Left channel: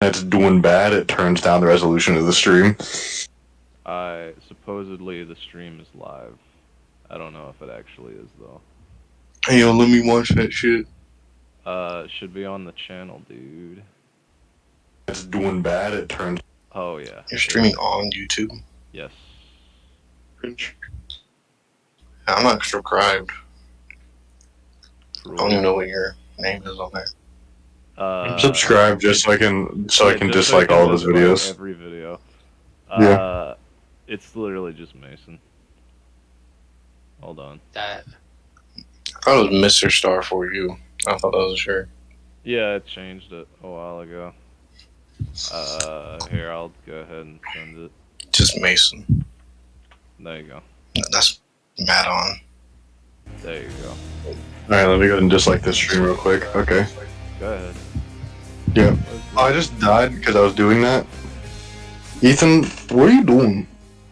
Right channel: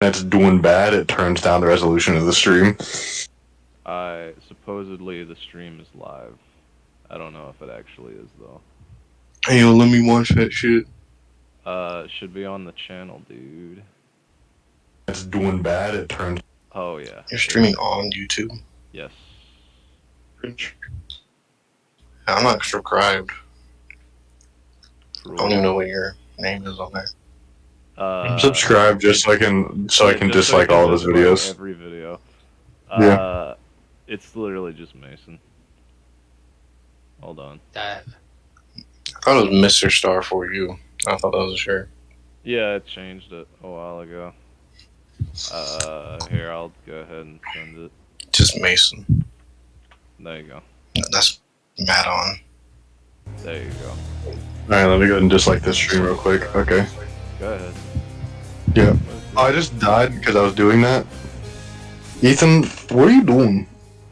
it's doing bad, it turns down the resolution of the stream. Supposedly the stream is live. I don't know if it actually is though. Hey, yo, let me watch that shit. It should be on the channel, dude. It's doing bad, it turns. Oh yeah. You're streaming on YouTube? Yes. I'm not subscribed. For I don't even know what your name is on there. Subscribe just so I can dislike all of his videos. Every video. Yeah. It's literally just Mason. Hold on. I thought it was Mr. Star for you. I thought that was a shirt. Yeah, I changed it a while ago. Here, I'll go ahead and send it. Just Mason. There you go. That's Matt on. There you go. Alright, let me go ahead and dislike this stream real quick. Okay. Go ahead. Yeah. Oh, I just died because I was doing that. Ethan, what are you doing?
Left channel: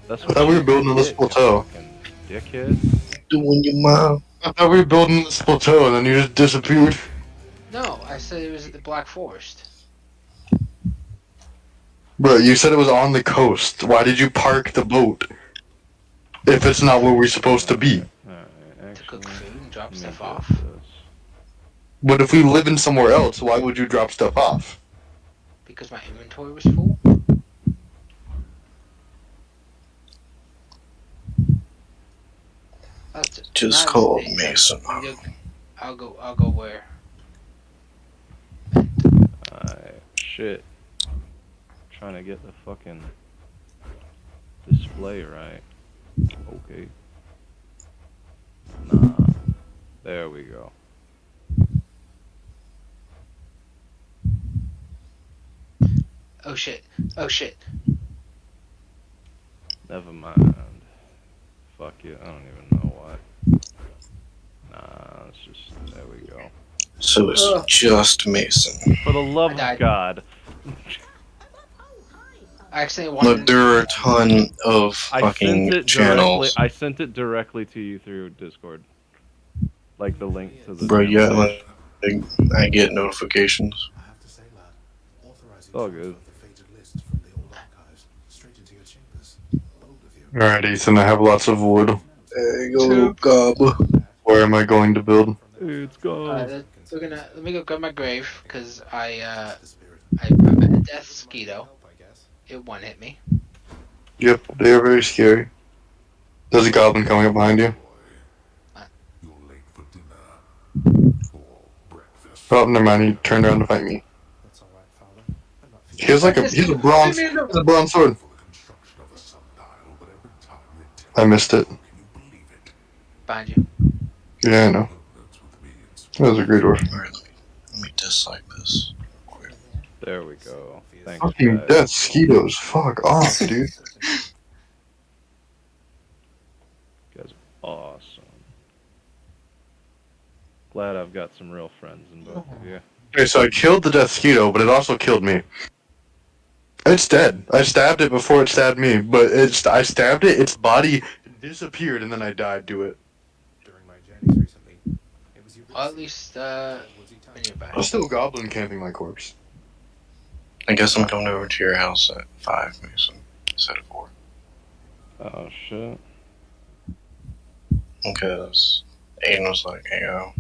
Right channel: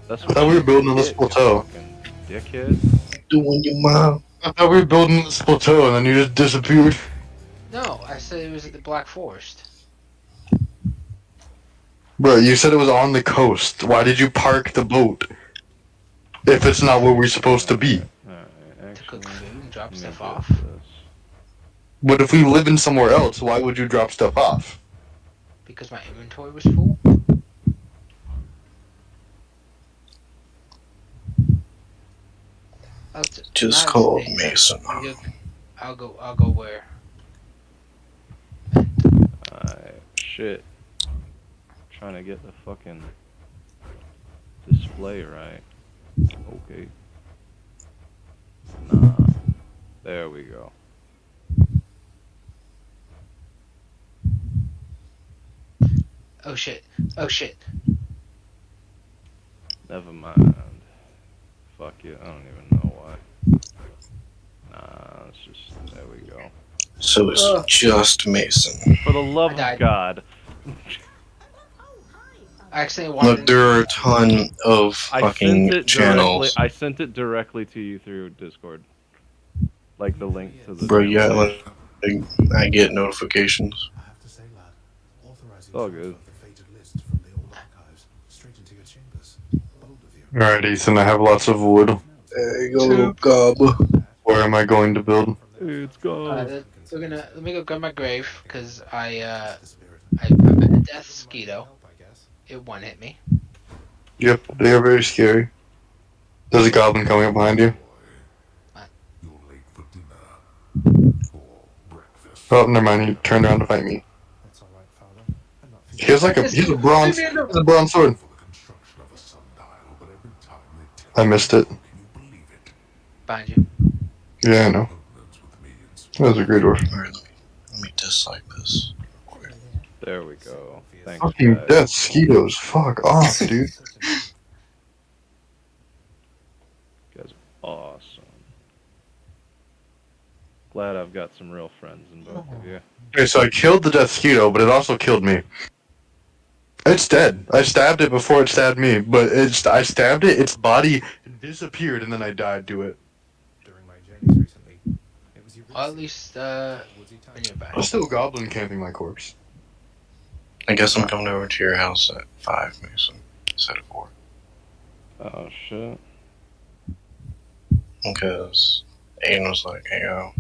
That's I what thought we were building this plateau. Fucking dickhead. Doing your mom. I thought we were building this plateau and then you just disappeared. No, I said it was at the Black Forest. Bro, you said it was on the coast. Why did you park the boat? If it's not where we're supposed to be. Alright, To actually. cook food and drop let me stuff get off. this. But if we live in somewhere else, why would you drop stuff off? Because my inventory was full. Just Not call today. Mason. I'll go where? Alright, shit. Trying to get the fucking display right. Okay. Nah. There we go. Oh shit. Oh shit. Never mind. Fuck it, I don't even know why. Nah, it's just, there we go. So it's Ugh. just Mason. For the love I of died. God. I accidentally wanted. Look, there are a ton of I fucking sent it directly. channels. I sent it directly to you through Discord, like the link to the. Bro, channel yeah, page. like, I get notifications. It's all good. Alright, Ethan, I have lots of wood. There you go, gob. Where am I going to build? It's gone. Let me go grab my grave because I met a death mosquito. It one hit me. Yep, they are very scary. There's a goblin coming up behind you. Oh, never mind, he turned around to fight me. He has like he's a bronze sword. I missed it. Behind you. Yeah, I know. That was a great order. Alright, let me dislike this. There we go. Thanks, Fucking guys. death mosquitoes. Fuck off, dude. You guys are awesome. Glad I've got some real friends in both of you. Okay, so I killed the death mosquito, but it also killed me. It's dead. I stabbed it before it stabbed me, but I stabbed it, its body disappeared, and then I died to it. Well, at least when you're back. I'm still goblin camping my corpse. I guess I'm coming over to your house at 5, Mason, instead of 4. Oh shit. Because Aiden was like, hey, yo.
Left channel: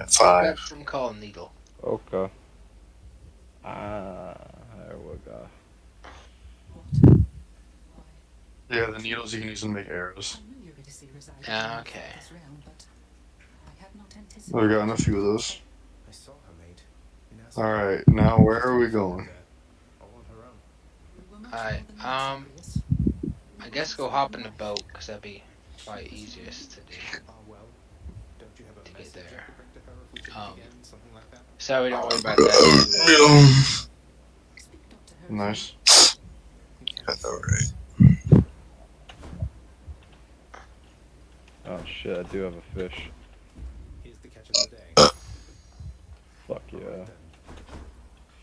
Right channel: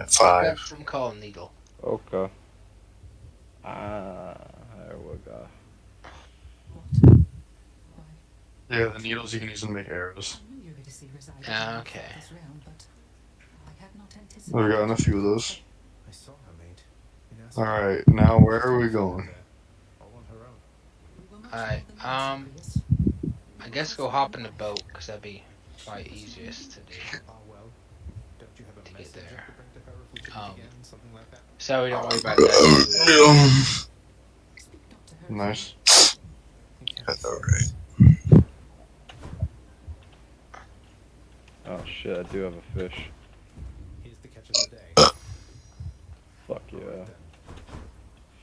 At 5. From calling Needle. Okay. Ah, there we go. Yeah, the needles you can use to make arrows. Okay. I've gotten a few of those. Alright, now where are we going? Alright, I guess go hop in the boat, because that'd be probably easiest to do. To get there. So we don't worry about that. Nice. Alright. Oh shit, I do have a fish. Fuck yeah.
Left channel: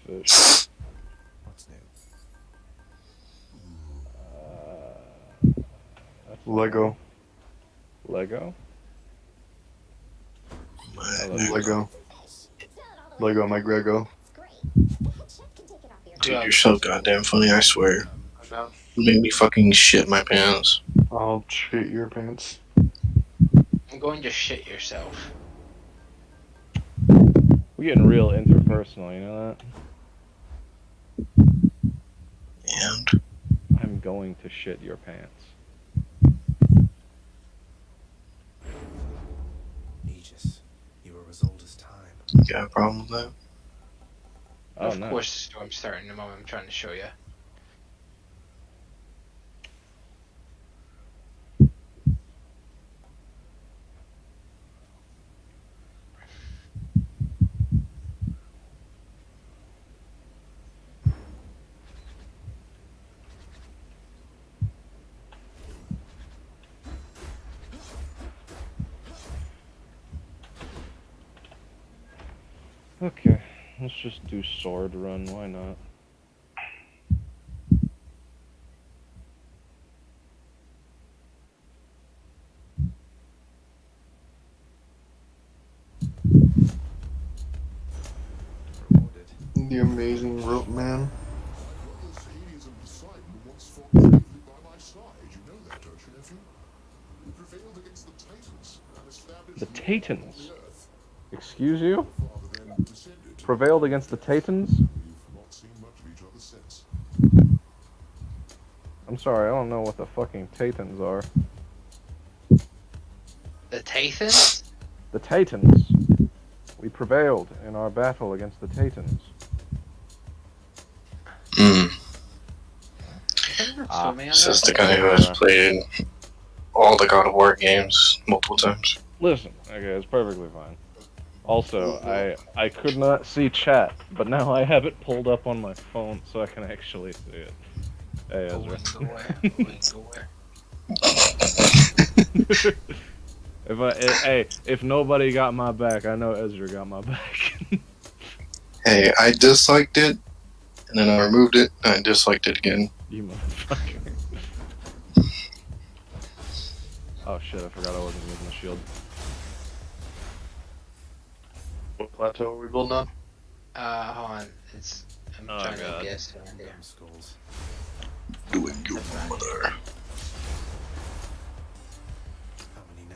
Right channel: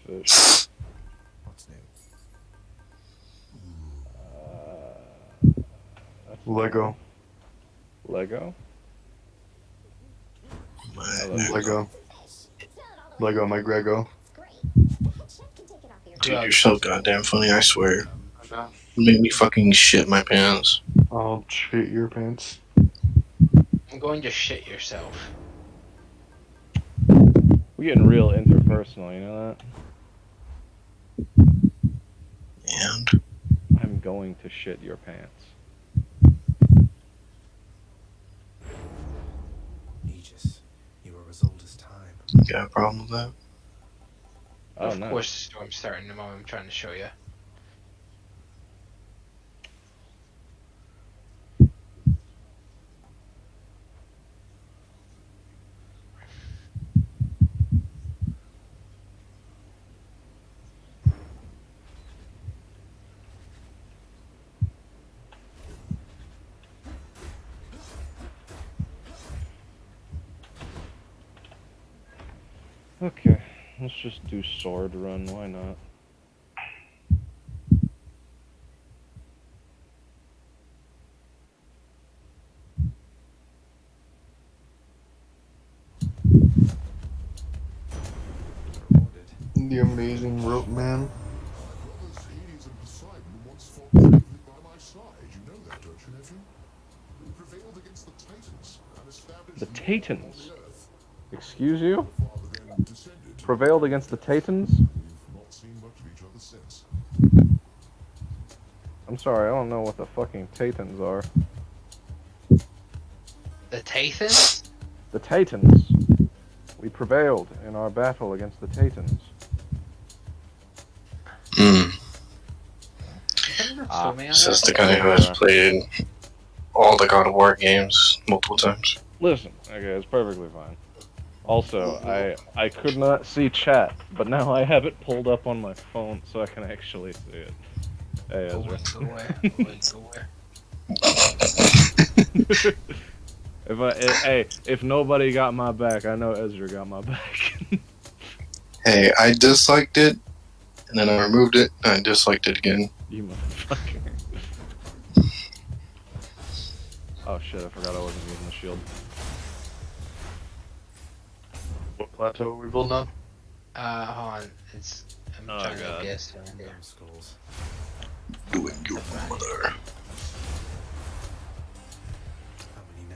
Fish. Lego. Lego? I love Lego. Lego, my Grego. Dude, you're so goddamn funny, I swear. You made me fucking shit my pants. I'll shit your pants. I'm going to shit yourself. We're getting real interpersonal, you know that? And I'm going to shit your pants. Aegis, you are as old as time. you got a problem with that? Oh, Of no. course, the storm's starting in the moment I'm trying to show you. Okay, let's just do sword run, why not? Recorded. The amazing rope man. The Titans? Excuse you? Prevailed against the Titans? I'm sorry, I don't know what the fucking Titans are. The Tathans? The Titans. We prevailed in our battle against the Titans. Mm. Ah, Says the guy who has played all the God of War games multiple times. Listen, okay, it's perfectly fine. Also, I could not see chat, but now I have it pulled up on my phone so I can actually see it. Hey, Ezra. If nobody got my back, I know Ezra got my back. Hey, I disliked it, and then I removed it, and I disliked it again. You motherfucker. Oh shit, I forgot I wasn't using the shield. What plateau are we building on? Hold on. I'm Oh, trying God. to guess around here. Damn skulls. Doing your mother. How many now?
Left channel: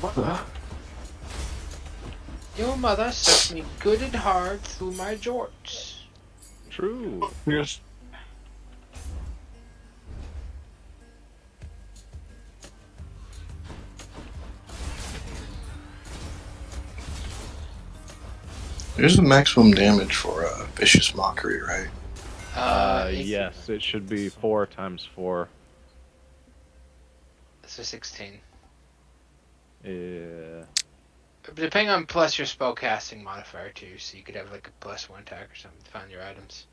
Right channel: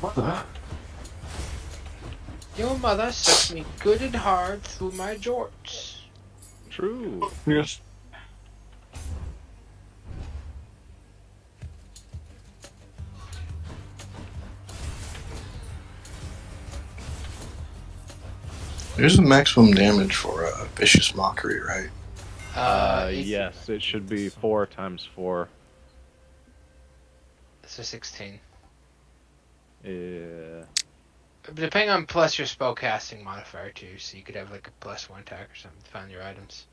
What the? Your mother sucked me good and hard through my jorts. True. Yes. There's a maximum damage for Vicious Mockery, right? Yes, it should be 4 times 4. It's a 16. Yeah. Depending on plus your spellcasting modifier too, so you could have like a +1 attack or something to find your items.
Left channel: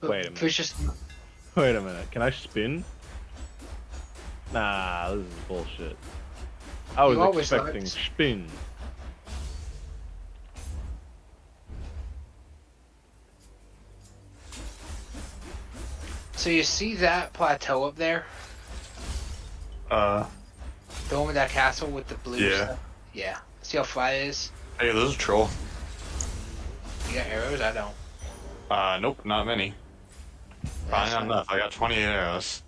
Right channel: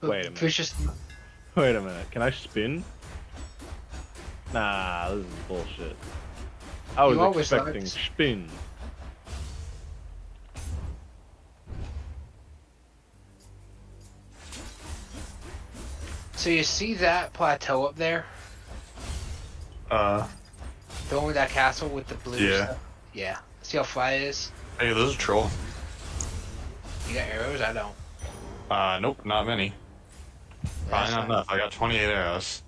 Wait a minute. Vicious, Wait a minute, can I spin? Nah, this is bullshit. I was You always expecting liked- spin. So you see that plateau up there? Uh, The one with that castle with the blue Yeah. stuff? Yeah. See how flat it is? hey, there's a troll. You got arrows? I don't. Nope, not many. Probably not enough. I got 28 arrows.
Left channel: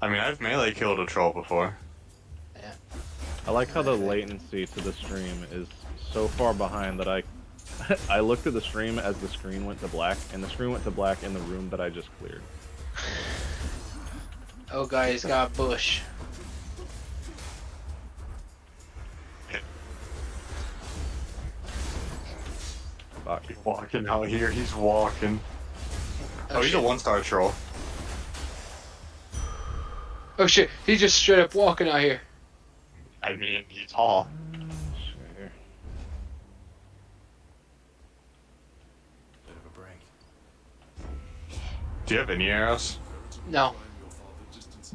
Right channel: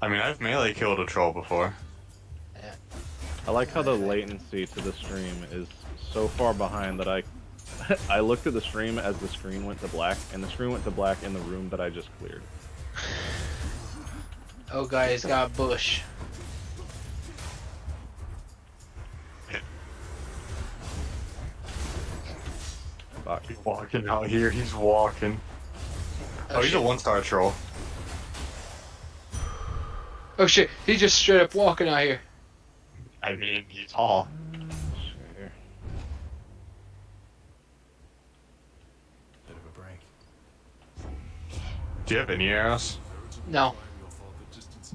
I mean, I've melee killed a troll before. I like how the latency to the stream is so far behind that I looked at the stream as the screen went to black, and the screen went to black in the room that I just cleared. Oh, guys, got a bush. Fuck. He's walking out here. He's walking. Oh, he's a shit. 1-star troll. Oh shit, he's just straight up walking out here. I mean, he's tall. Sure. Bit of a break. Do you have any arrows? No.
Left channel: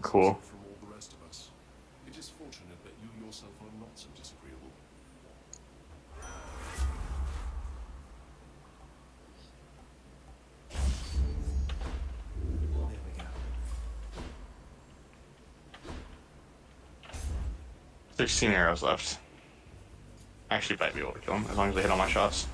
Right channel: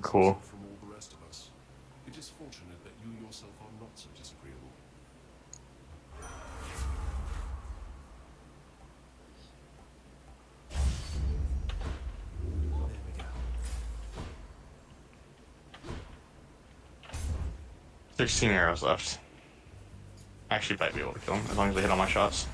Cool. It is fortunate that you yourself are not so disagreeable. There we go. 16 arrows left. Actually, might be able to kill him as long as they hit all my shots.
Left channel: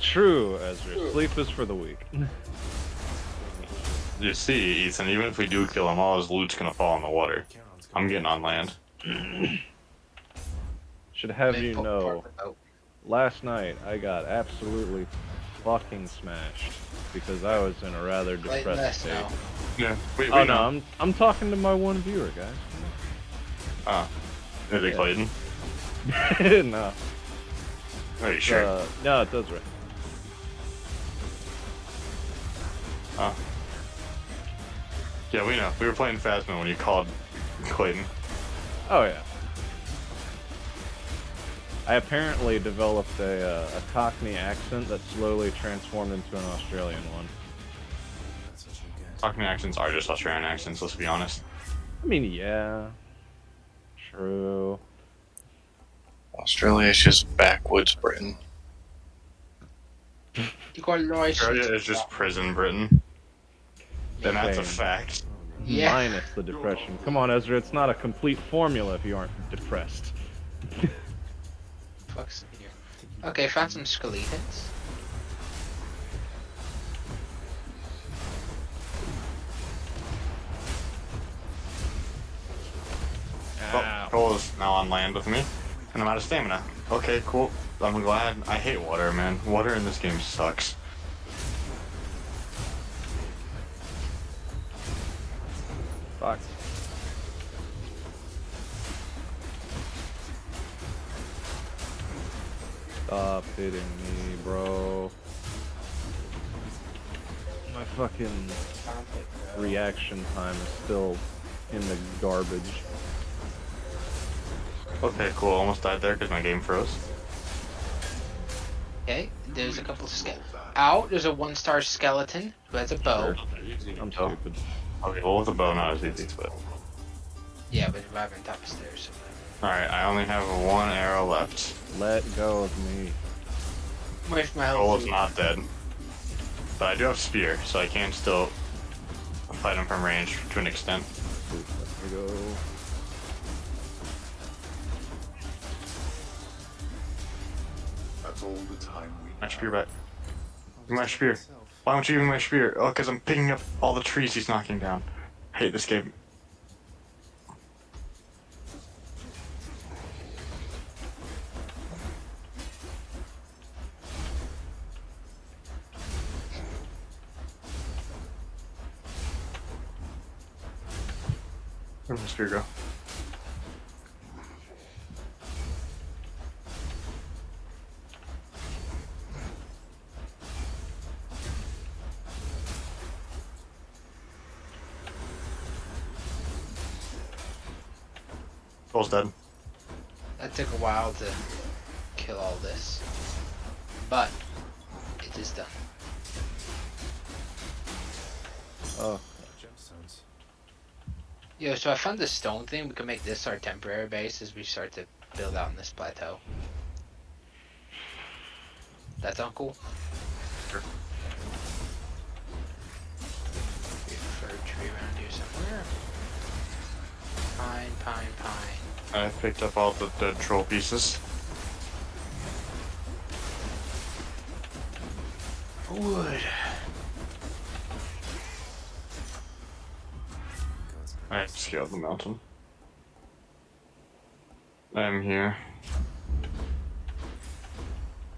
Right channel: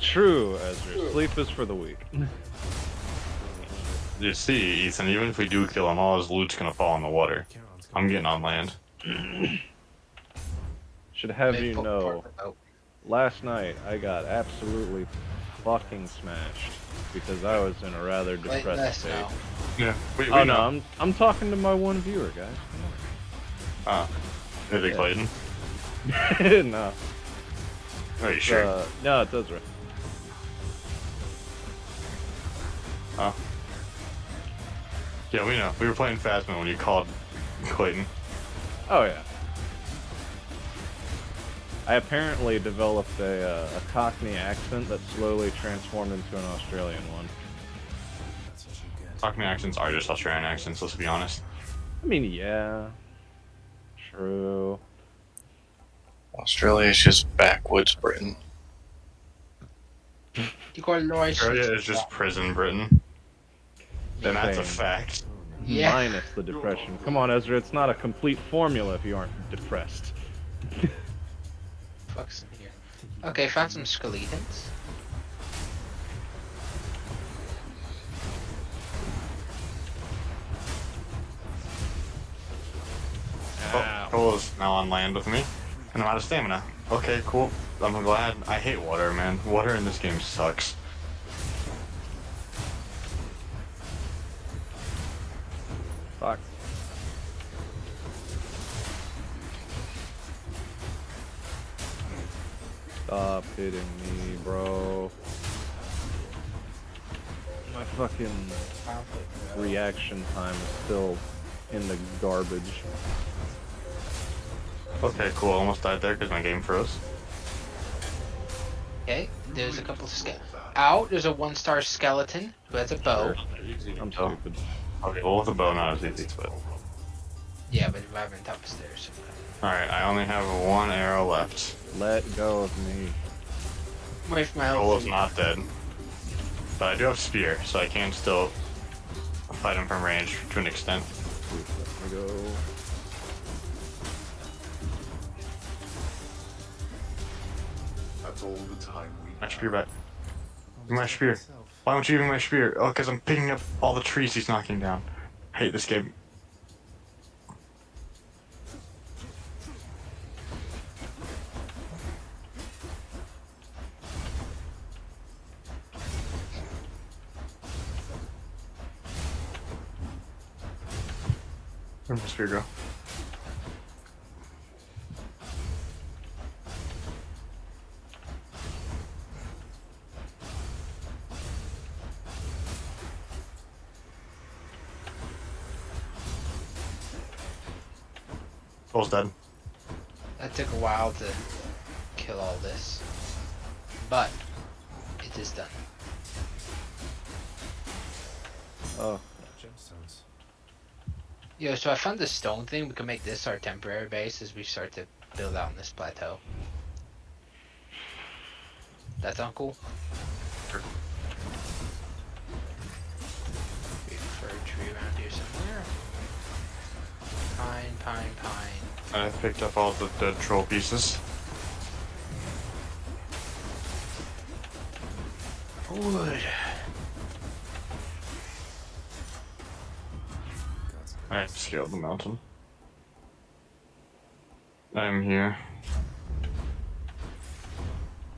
True, Ezra. Sleep is for the weak. You see, Ethan, even if we do kill him, all his loot's gonna fall in the water. Charon's I'm getting on land. Should have Maybe you put know, part of the boat. last night I got absolutely fucking smashed because I was in a rather Play depressed less state. now. Yeah. Wait, Oh no, I'm talking to my one viewer, guys. Ah. Is it Yeah. Clayton? Come on. No. Are you sure? No, it does right. Oh. Yeah, we know. We were playing Phasma when you called Clayton. Oh yeah. I apparently developed a Cockney accent that slowly transformed into an Australian one. That's what you get. Cockney accents are just Australian accents, let's be honest. I mean, yeah. True. Australia is just backwoods Britain. You got a noise. Australia is just prison Britain. Then that's a Same. fact. Yeah. Minus the depression. Come on, Ezra. It's not a complete formula if you aren't depressed. Fuck's in here. Okay, found some skeletons. Ow. Cole is now on land with me, and I'm out of stamina. Okay, cool. I'm glad. I hate water, man. Water in this game sucks. Fuck. Stop hitting me, bro. My fucking reaction time is still in the garbage. Okay, cool. Almost died there because my game froze. Okay, there's a couple of Ow, there's a 1-star skeleton who has a bow. Sure. I'm Oh. stupid. Okay, well, with a bow, not as easy, but. Yeah, but reviving upstairs. Alright, I only have one arrow left. Let go of me. Wait for my Cole health. is not dead. But I do have spear, so I can still fight him from range to an extent. Please let me go. That's all the time we My have. spear back. My spear. Why don't you give me my spear? Oh, because I'm picking up all the trees he's knocking down. I hate this game. Where'd my spear go? Cole's dead. That took a while to kill all this. But, it is done. Oh, Gemstones. Yo, so I found this stone thing. We can make this our temporary base as we start to build out on this plateau. That sound cool? Sure. Wait for a tree around here somewhere. Pine, pine, pine. I picked up all the dead troll pieces. Wood. I scaled the mountain. I'm here.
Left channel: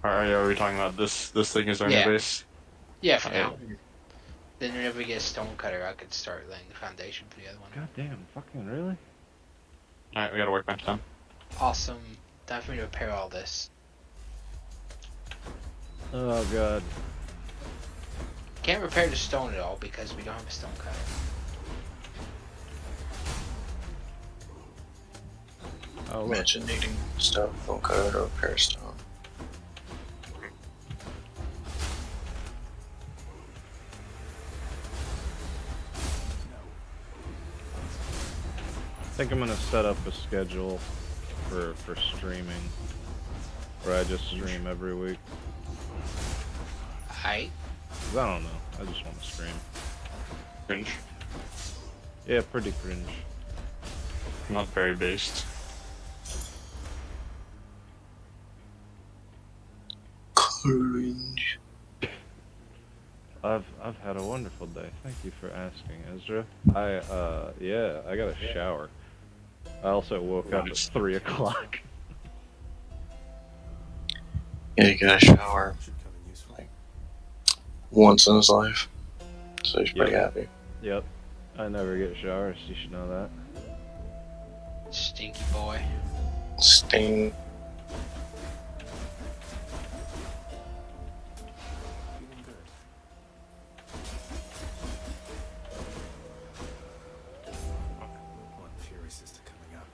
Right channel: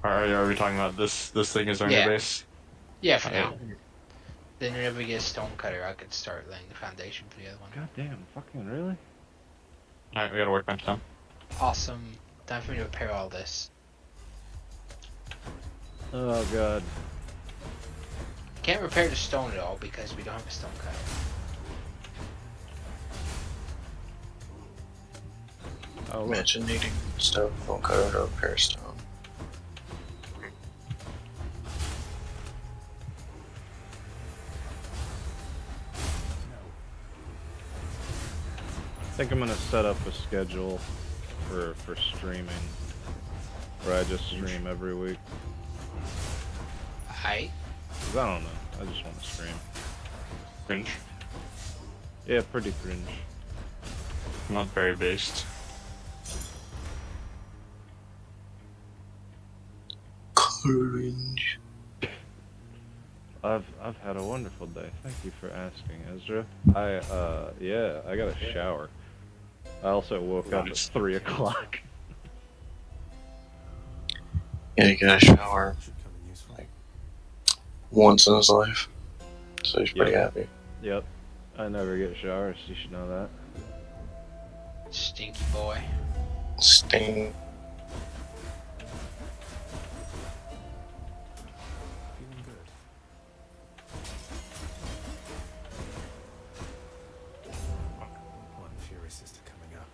Are we talking about this? This thing is our Yeah. new base. Yeah, for now. Then whenever we get a stone cutter, I could start laying the foundation for the other one. goddamn, fucking really? All right, we gotta work bench down. Awesome. Time for me to repair all this. Oh god. Can't repair the stone at all because we don't have a stone cutter. Oh look. Imagine needing stuff from code or repair stone. I think I'm gonna set up a schedule for streaming, where I just stream every week. I 'Cause I don't know. I just want to stream. Cringe. Yeah, pretty cringe. Not very based. Cringe. I've had a wonderful day. Thank you for asking, Ezra. Yeah, I got a shower. I also woke up at Nice. 3 o'clock. Yeah, he got a shower Should come in useful. once in his life, so he's pretty Yep. happy. Yep. I never get showers. You should know that. stinky boy. Sting. Feeling good. One Fury sister coming up.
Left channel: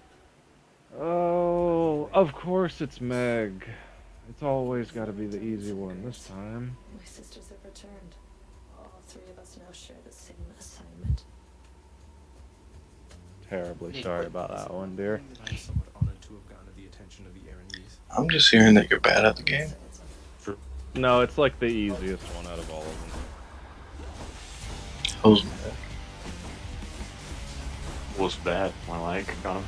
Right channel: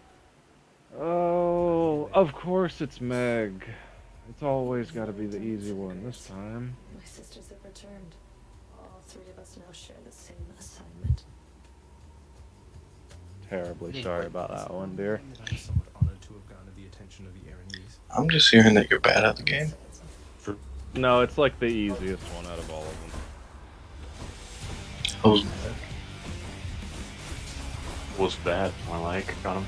Oh, of course it's Meg. It's always got to be the easy one this time. My sisters have returned. All three of us now share the same assignment. Terribly sorry about that one, dear. I'm somewhat honored to have garnered the attention of the Aranese. I'm just hearing that you're bad at the game. No, it's like the easiest one out of all of them. Oh, Was bad. I like. Got him.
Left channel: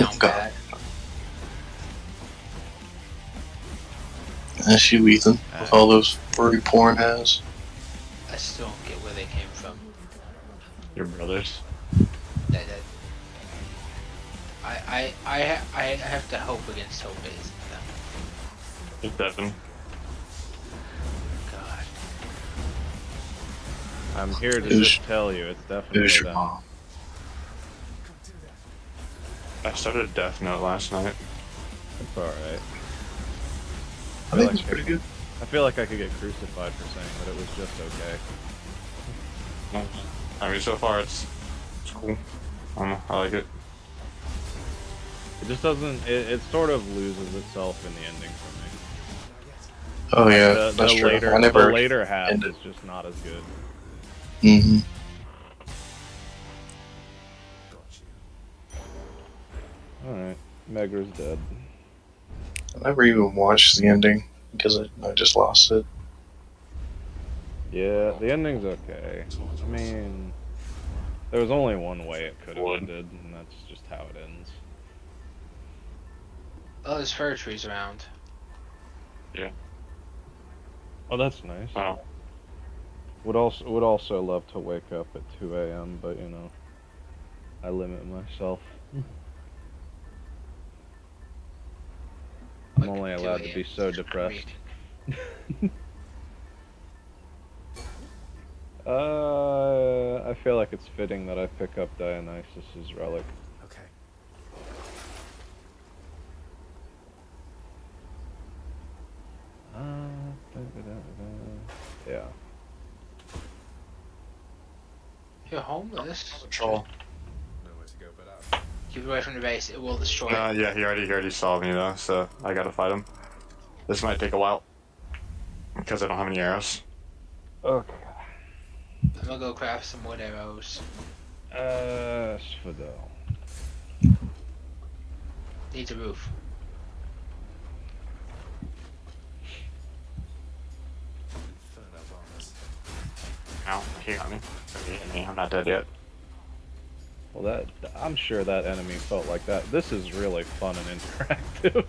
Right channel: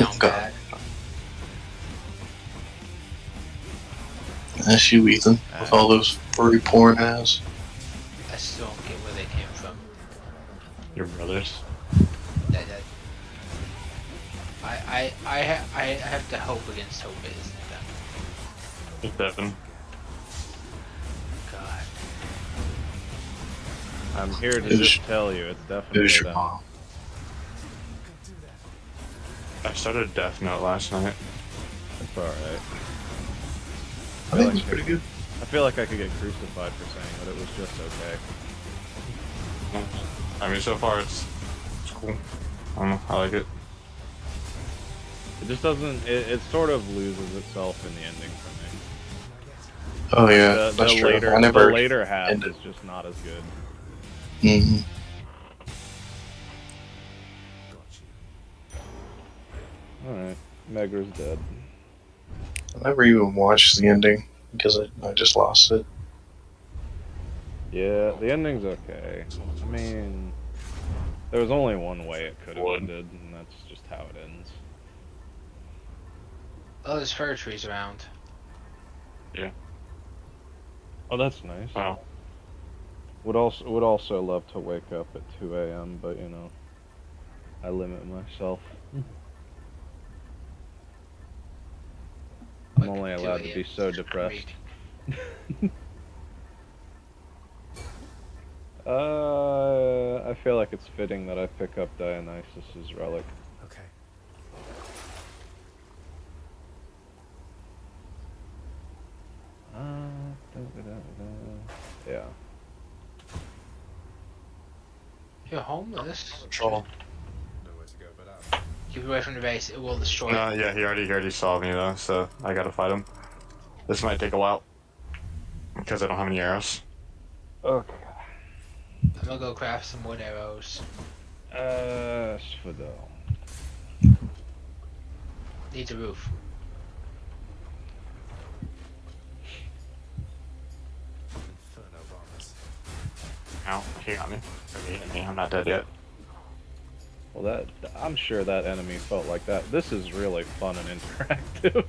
Not God. bad. That's you, Ethan, with all those furry porn ass. I still don't get where they came from. Your brothers. That I have to hope against hope it isn't them. It's Devin. God. I'm here to Who's- just tell you, it's definitely Who's your them. mom? I started Death Note last night. It's alright. I think it's pretty good. I feel like I could get crucified for saying that it was just okay. I mean, so far it's cool. I don't know. I like it. It just doesn't. It sort of loses itself in the ending for me. Oh Like, yeah, the that's true. later, I never. the later half ended. is just not as good. hmm Got you. All right, Megra's dead. I never even watched the ending because I just lost it. Yeah, the ending's okay. I mean, there was only one way it could have One. ended, and that's just how it ends. Oh, there's fir trees around. Oh, that's nice. Wow. Would also love to wake up at 2 a.m., but you know, I limit myself. I'm Like only 2 allowed to be a.m. so is depressed. great. I feel like it's fitting that I pick up Dionysus's relic. Okay. Yeah. You're homeless. Troll. Nowhere to go but up. Keep away from the base. It will destroy. Yeah, he already saw me though, so I gotta fight him. This might take a while because I don't have any arrows. Okay. I'm gonna go craft some wood arrows. Sfado. Needs a roof. Inferno bombs. Ow, he got me. He hit me. I'm not dead yet. Well, I'm sure that enemy felt like that. This is really fun and interactive.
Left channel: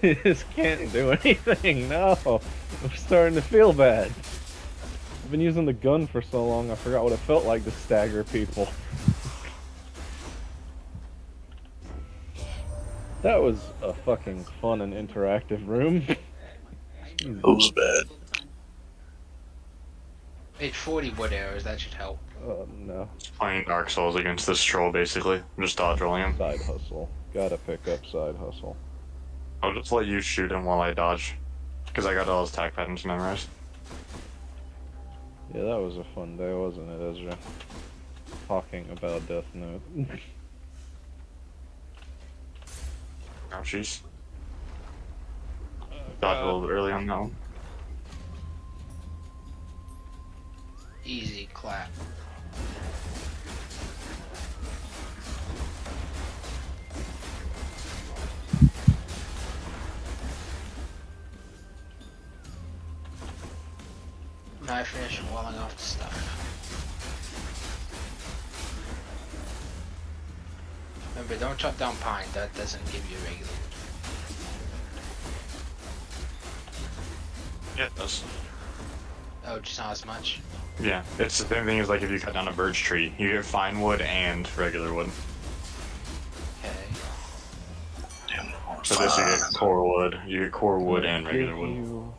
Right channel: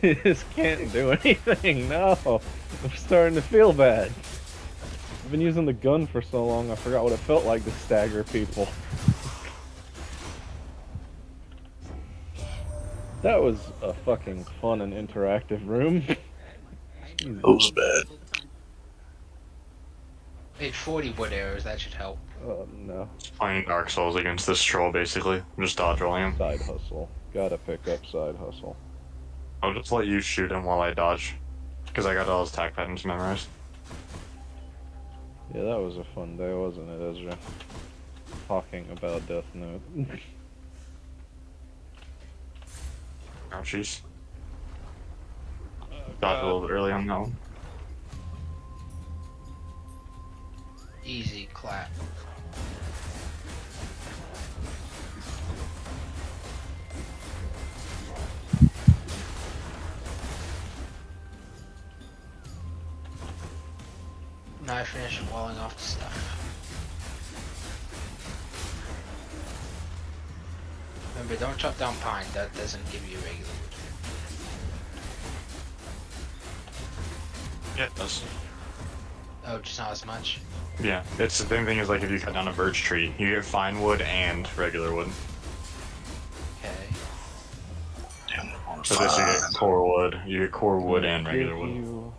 He just can't do anything. No, I'm starting to feel bad. I've been using the gun for so long, I forgot what it felt like to stagger people. That was a fucking fun and interactive room. Jesus. That was bad. Made 40 wood arrows. That should help. Oh no. Playing Dark Souls against this troll, basically. I'm just dodge rolling him. Side hustle. Gotta pick up side hustle. I'll just let you shoot him while I dodge. Because I got all his attack patterns memorized. Yeah, that was a fun day, wasn't it, Ezra? Talking about Death Note. Ouchies. Dodge a little bit early on that one. Easy clap. I finish walling off the stuff. Remember, don't chop down pine. That doesn't give you regular. Yeah, it does. Oh, just not as much. Yeah, it's the same thing as like if you cut down a birch tree, you get fine wood and regular wood. Okay. So this you get core wood, you get core wood and regular wood. You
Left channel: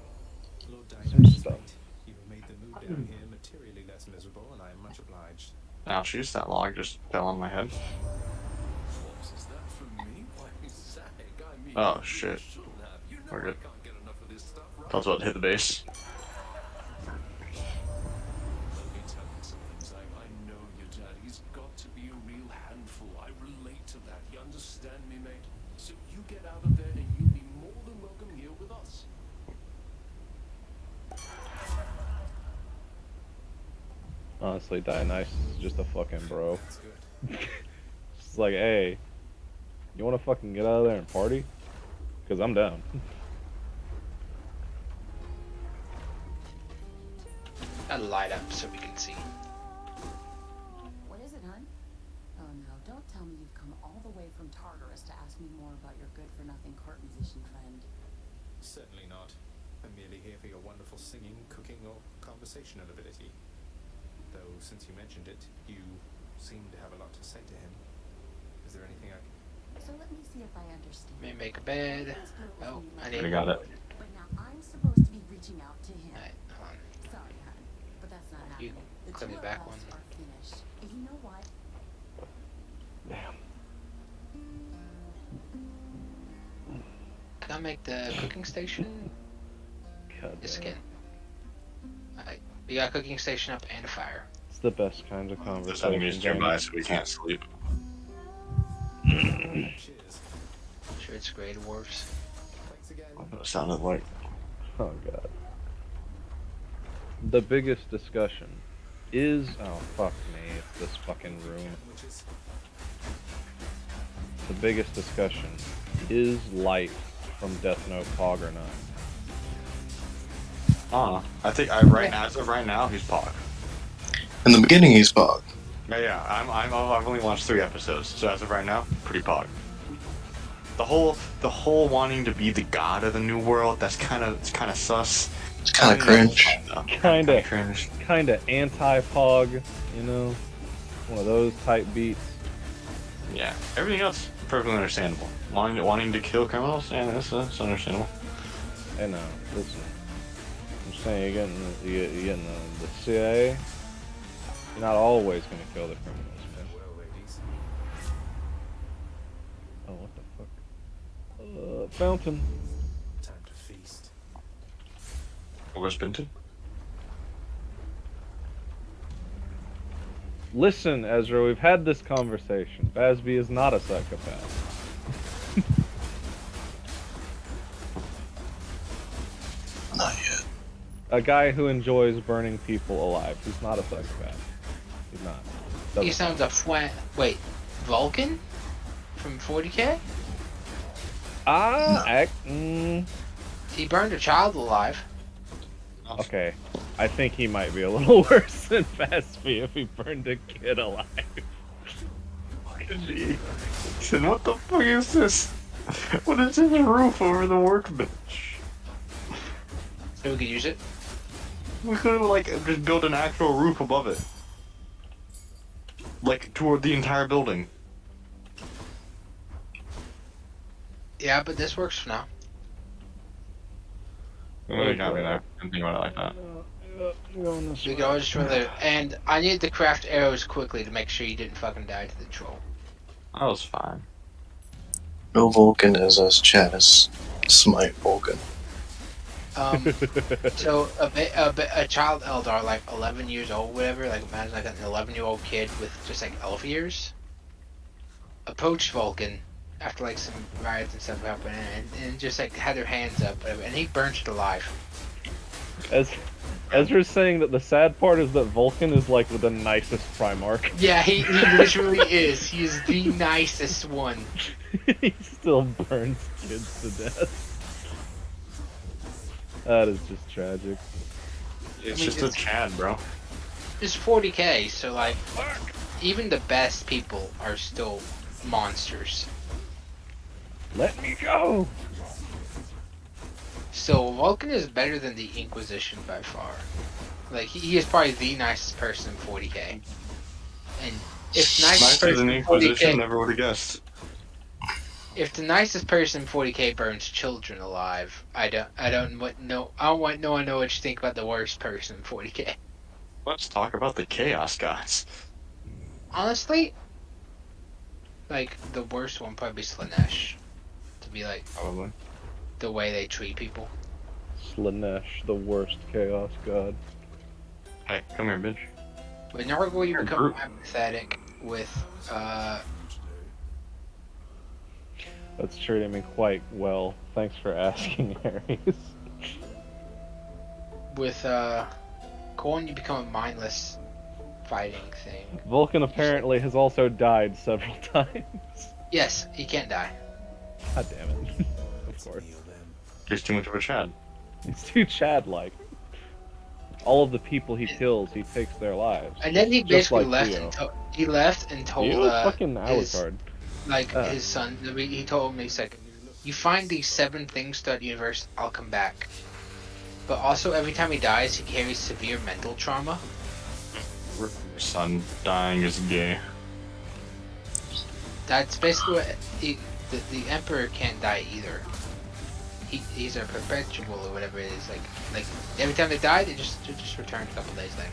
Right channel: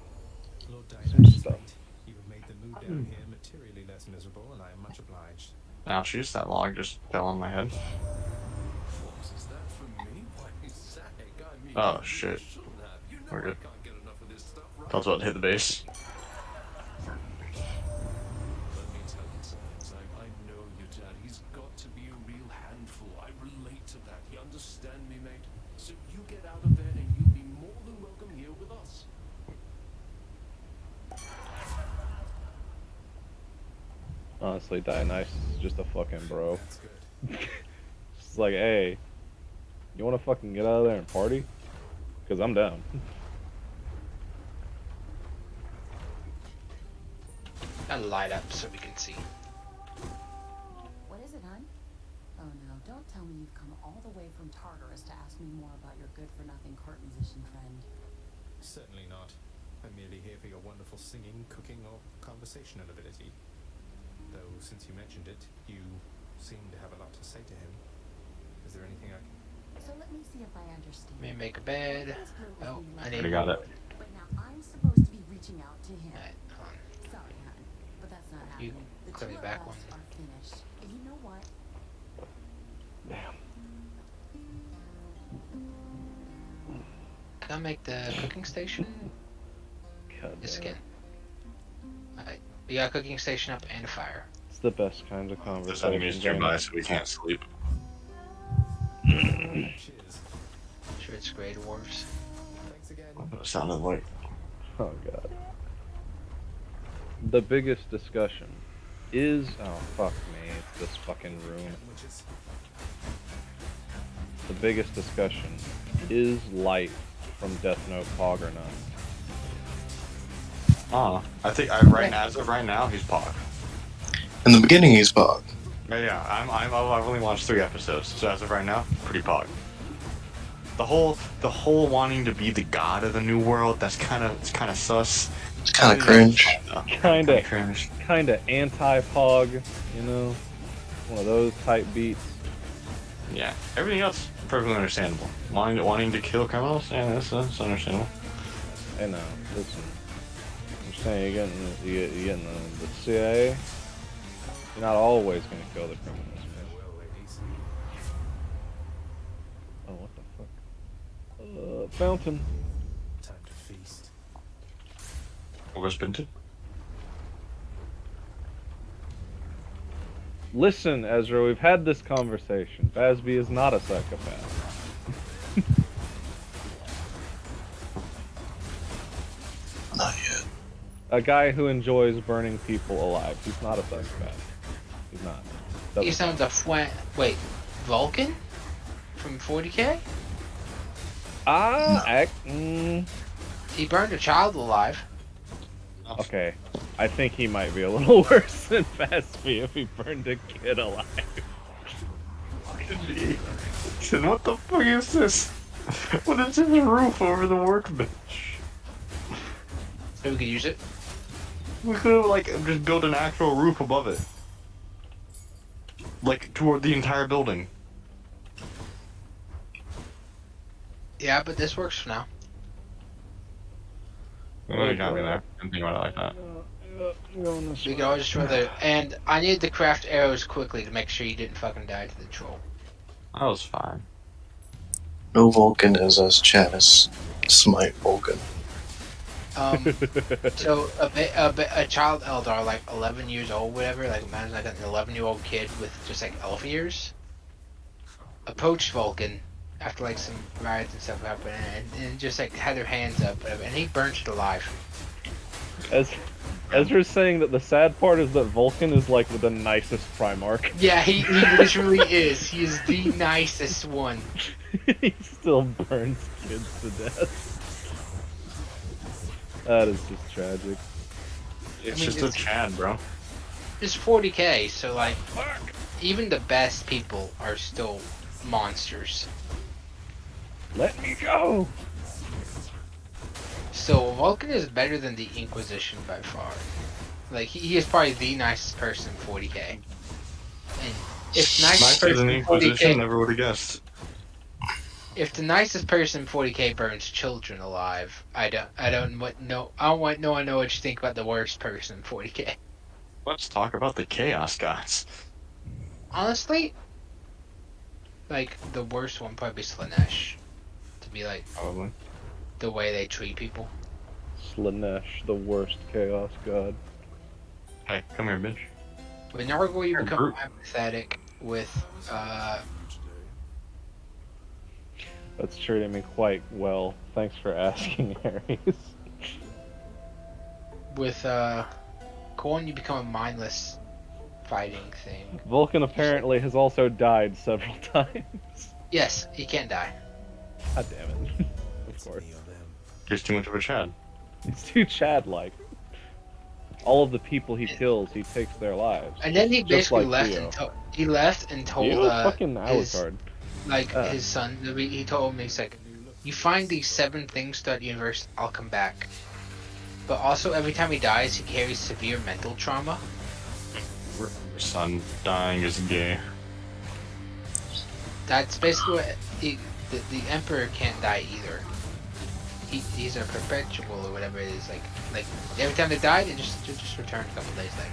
Lord some Dionysus, stuff. you have made the move down here materially less miserable, and I am much obliged. Ouch, jeez, that log just fell on my head. What is that from me? Why, Zach, I mean, Oh you shit. should have. You know We're I good. can't get enough of this stuff, right? I was about to hit the base. Let me tell you something, Zach. I know your dad. He's got to be a real handful. I relate to that. You understand me, mate? So you get out of bed and you'll be more than welcome here with us. Honestly, Dionysus is just a fucking bro. That's good. It's like, hey, you want to fucking get out of there and party? Because I'm down. Gotta light up so we can see. What is it, hon? Oh no, don't tell me you've come all the way from Tartarus to ask me more about your good-for-nothing court musician friend. Certainly not. I'm merely here for your wonderful singing, cooking, or conversational ability. Though, since you mentioned it, you seem to have a lot to say to him. Is there anything I can... So let me see if I understand. Let me make a bed. Oh, I need Already got it. But now I'm supposed to be reaching out to him. Alright, hold on. Sorry, hon, but that's not You happening. The click two me of back us one. are finished. And you know what? Damn. Can I make the cooking station? God Yes, damn again. it. Alright. We got a cooking station up and a fire. It's the best kinds of There's conversation. enemies nearby, so we can't sleep. Cheers. Sure, it's Grey Dwarves. Thanks again. It sounded like. Oh god. The biggest discussion is oh fuck me, it's this fucking room. Sandwiches. The biggest discussion is Light from Death Note Pog or not. I think right now, as of right now, he's Pog. In the beginning, he's Bog. Yeah, I've only watched 3 episodes, so as of right now, pretty Pog. The whole wanting to be the god of the new world, it's kind of sus. It's kind of cringe. Kinda Cringe. anti-Pog, you know? One of those type beats. Yeah, everything else perfectly understandable. Wanting to kill criminals, yeah, that's understandable. Hey now, listen. I'm saying you're getting the CIA. You're not always gonna kill the criminals, man. Well, ladies. Oh, what the fuck? Fountain. Time to feast. Where's Binton? Listen, Ezra, we've had this conversation. Basby is not a psychopath. Not yet. A guy who enjoys burning people alive. He's not a psychopath. He's not. Doesn't He sounds count. wait, Vulcan? From 40k? He burned a child alive. Okay. I think he might be a little worse than Basby if he burned a kid alive. Listen, what the fuck is this? What is this roof over the workbench? So we could use it. We could have like just built an actual roof above it, like toward the entire building. Yeah, but this works for now. Oh, you got me there. Didn't think about it like that. We could always destroy the. And I need to craft arrows quickly to make sure you didn't fucking die to the troll. That was fine. No Vulcan is as chat as Smite Vulcan. So a child Eldar, like 11 years old, whatever, like imagine like an 11-year-old kid with just like elf ears, approached Vulcan after like some riots and stuff happened, and just like had their hands up, whatever, and he burnt it alive. As Ezra's saying that the sad part is that Vulcan is like the nicest Primarch. Yeah, he literally is. He is the nicest one. He still burns kids to death. That is just tragic. It's mean, just a Chad, bro. It's 40k, so like, even the best people are still monsters. Let me go! So Vulcan is better than the Inquisition by far. Like he is probably the nicest person in 40k. And if the nicest Nicer than person the in Inquisition, 40k, never would have guessed. if the nicest person in 40k burns children alive, I don't want no one know what you think about the worst person in 40k. Let's talk about the Chaos Gods. Honestly, like the worst one probably Slanesh. To be like Probably. the way they treat people. Slanesh, the worst chaos god. Hey, come here, bitch. With Nargol, you Or become group. empathetic with That's treating me quite well. Thanks for asking, Ares. with Corn, you become a mindless fighting thing. Vulcan apparently has also died several times. Yes, he can't die. God damn it. Of course. He's too much of a Chad. He's too Chad-like. All of the people he kills, he takes their lives. And then he Just basically like left Theo. and told Theo's fucking his, Alucard. his son. He told me, he's like, you find these 7 things throughout the universe, I'll come back. But also, every time he dies, he carries severe mental trauma. Your son dying is gay. That's basically what the Emperor can't die either. He's a perpetual or whatever it is. Like every time they die, they just return a couple days later.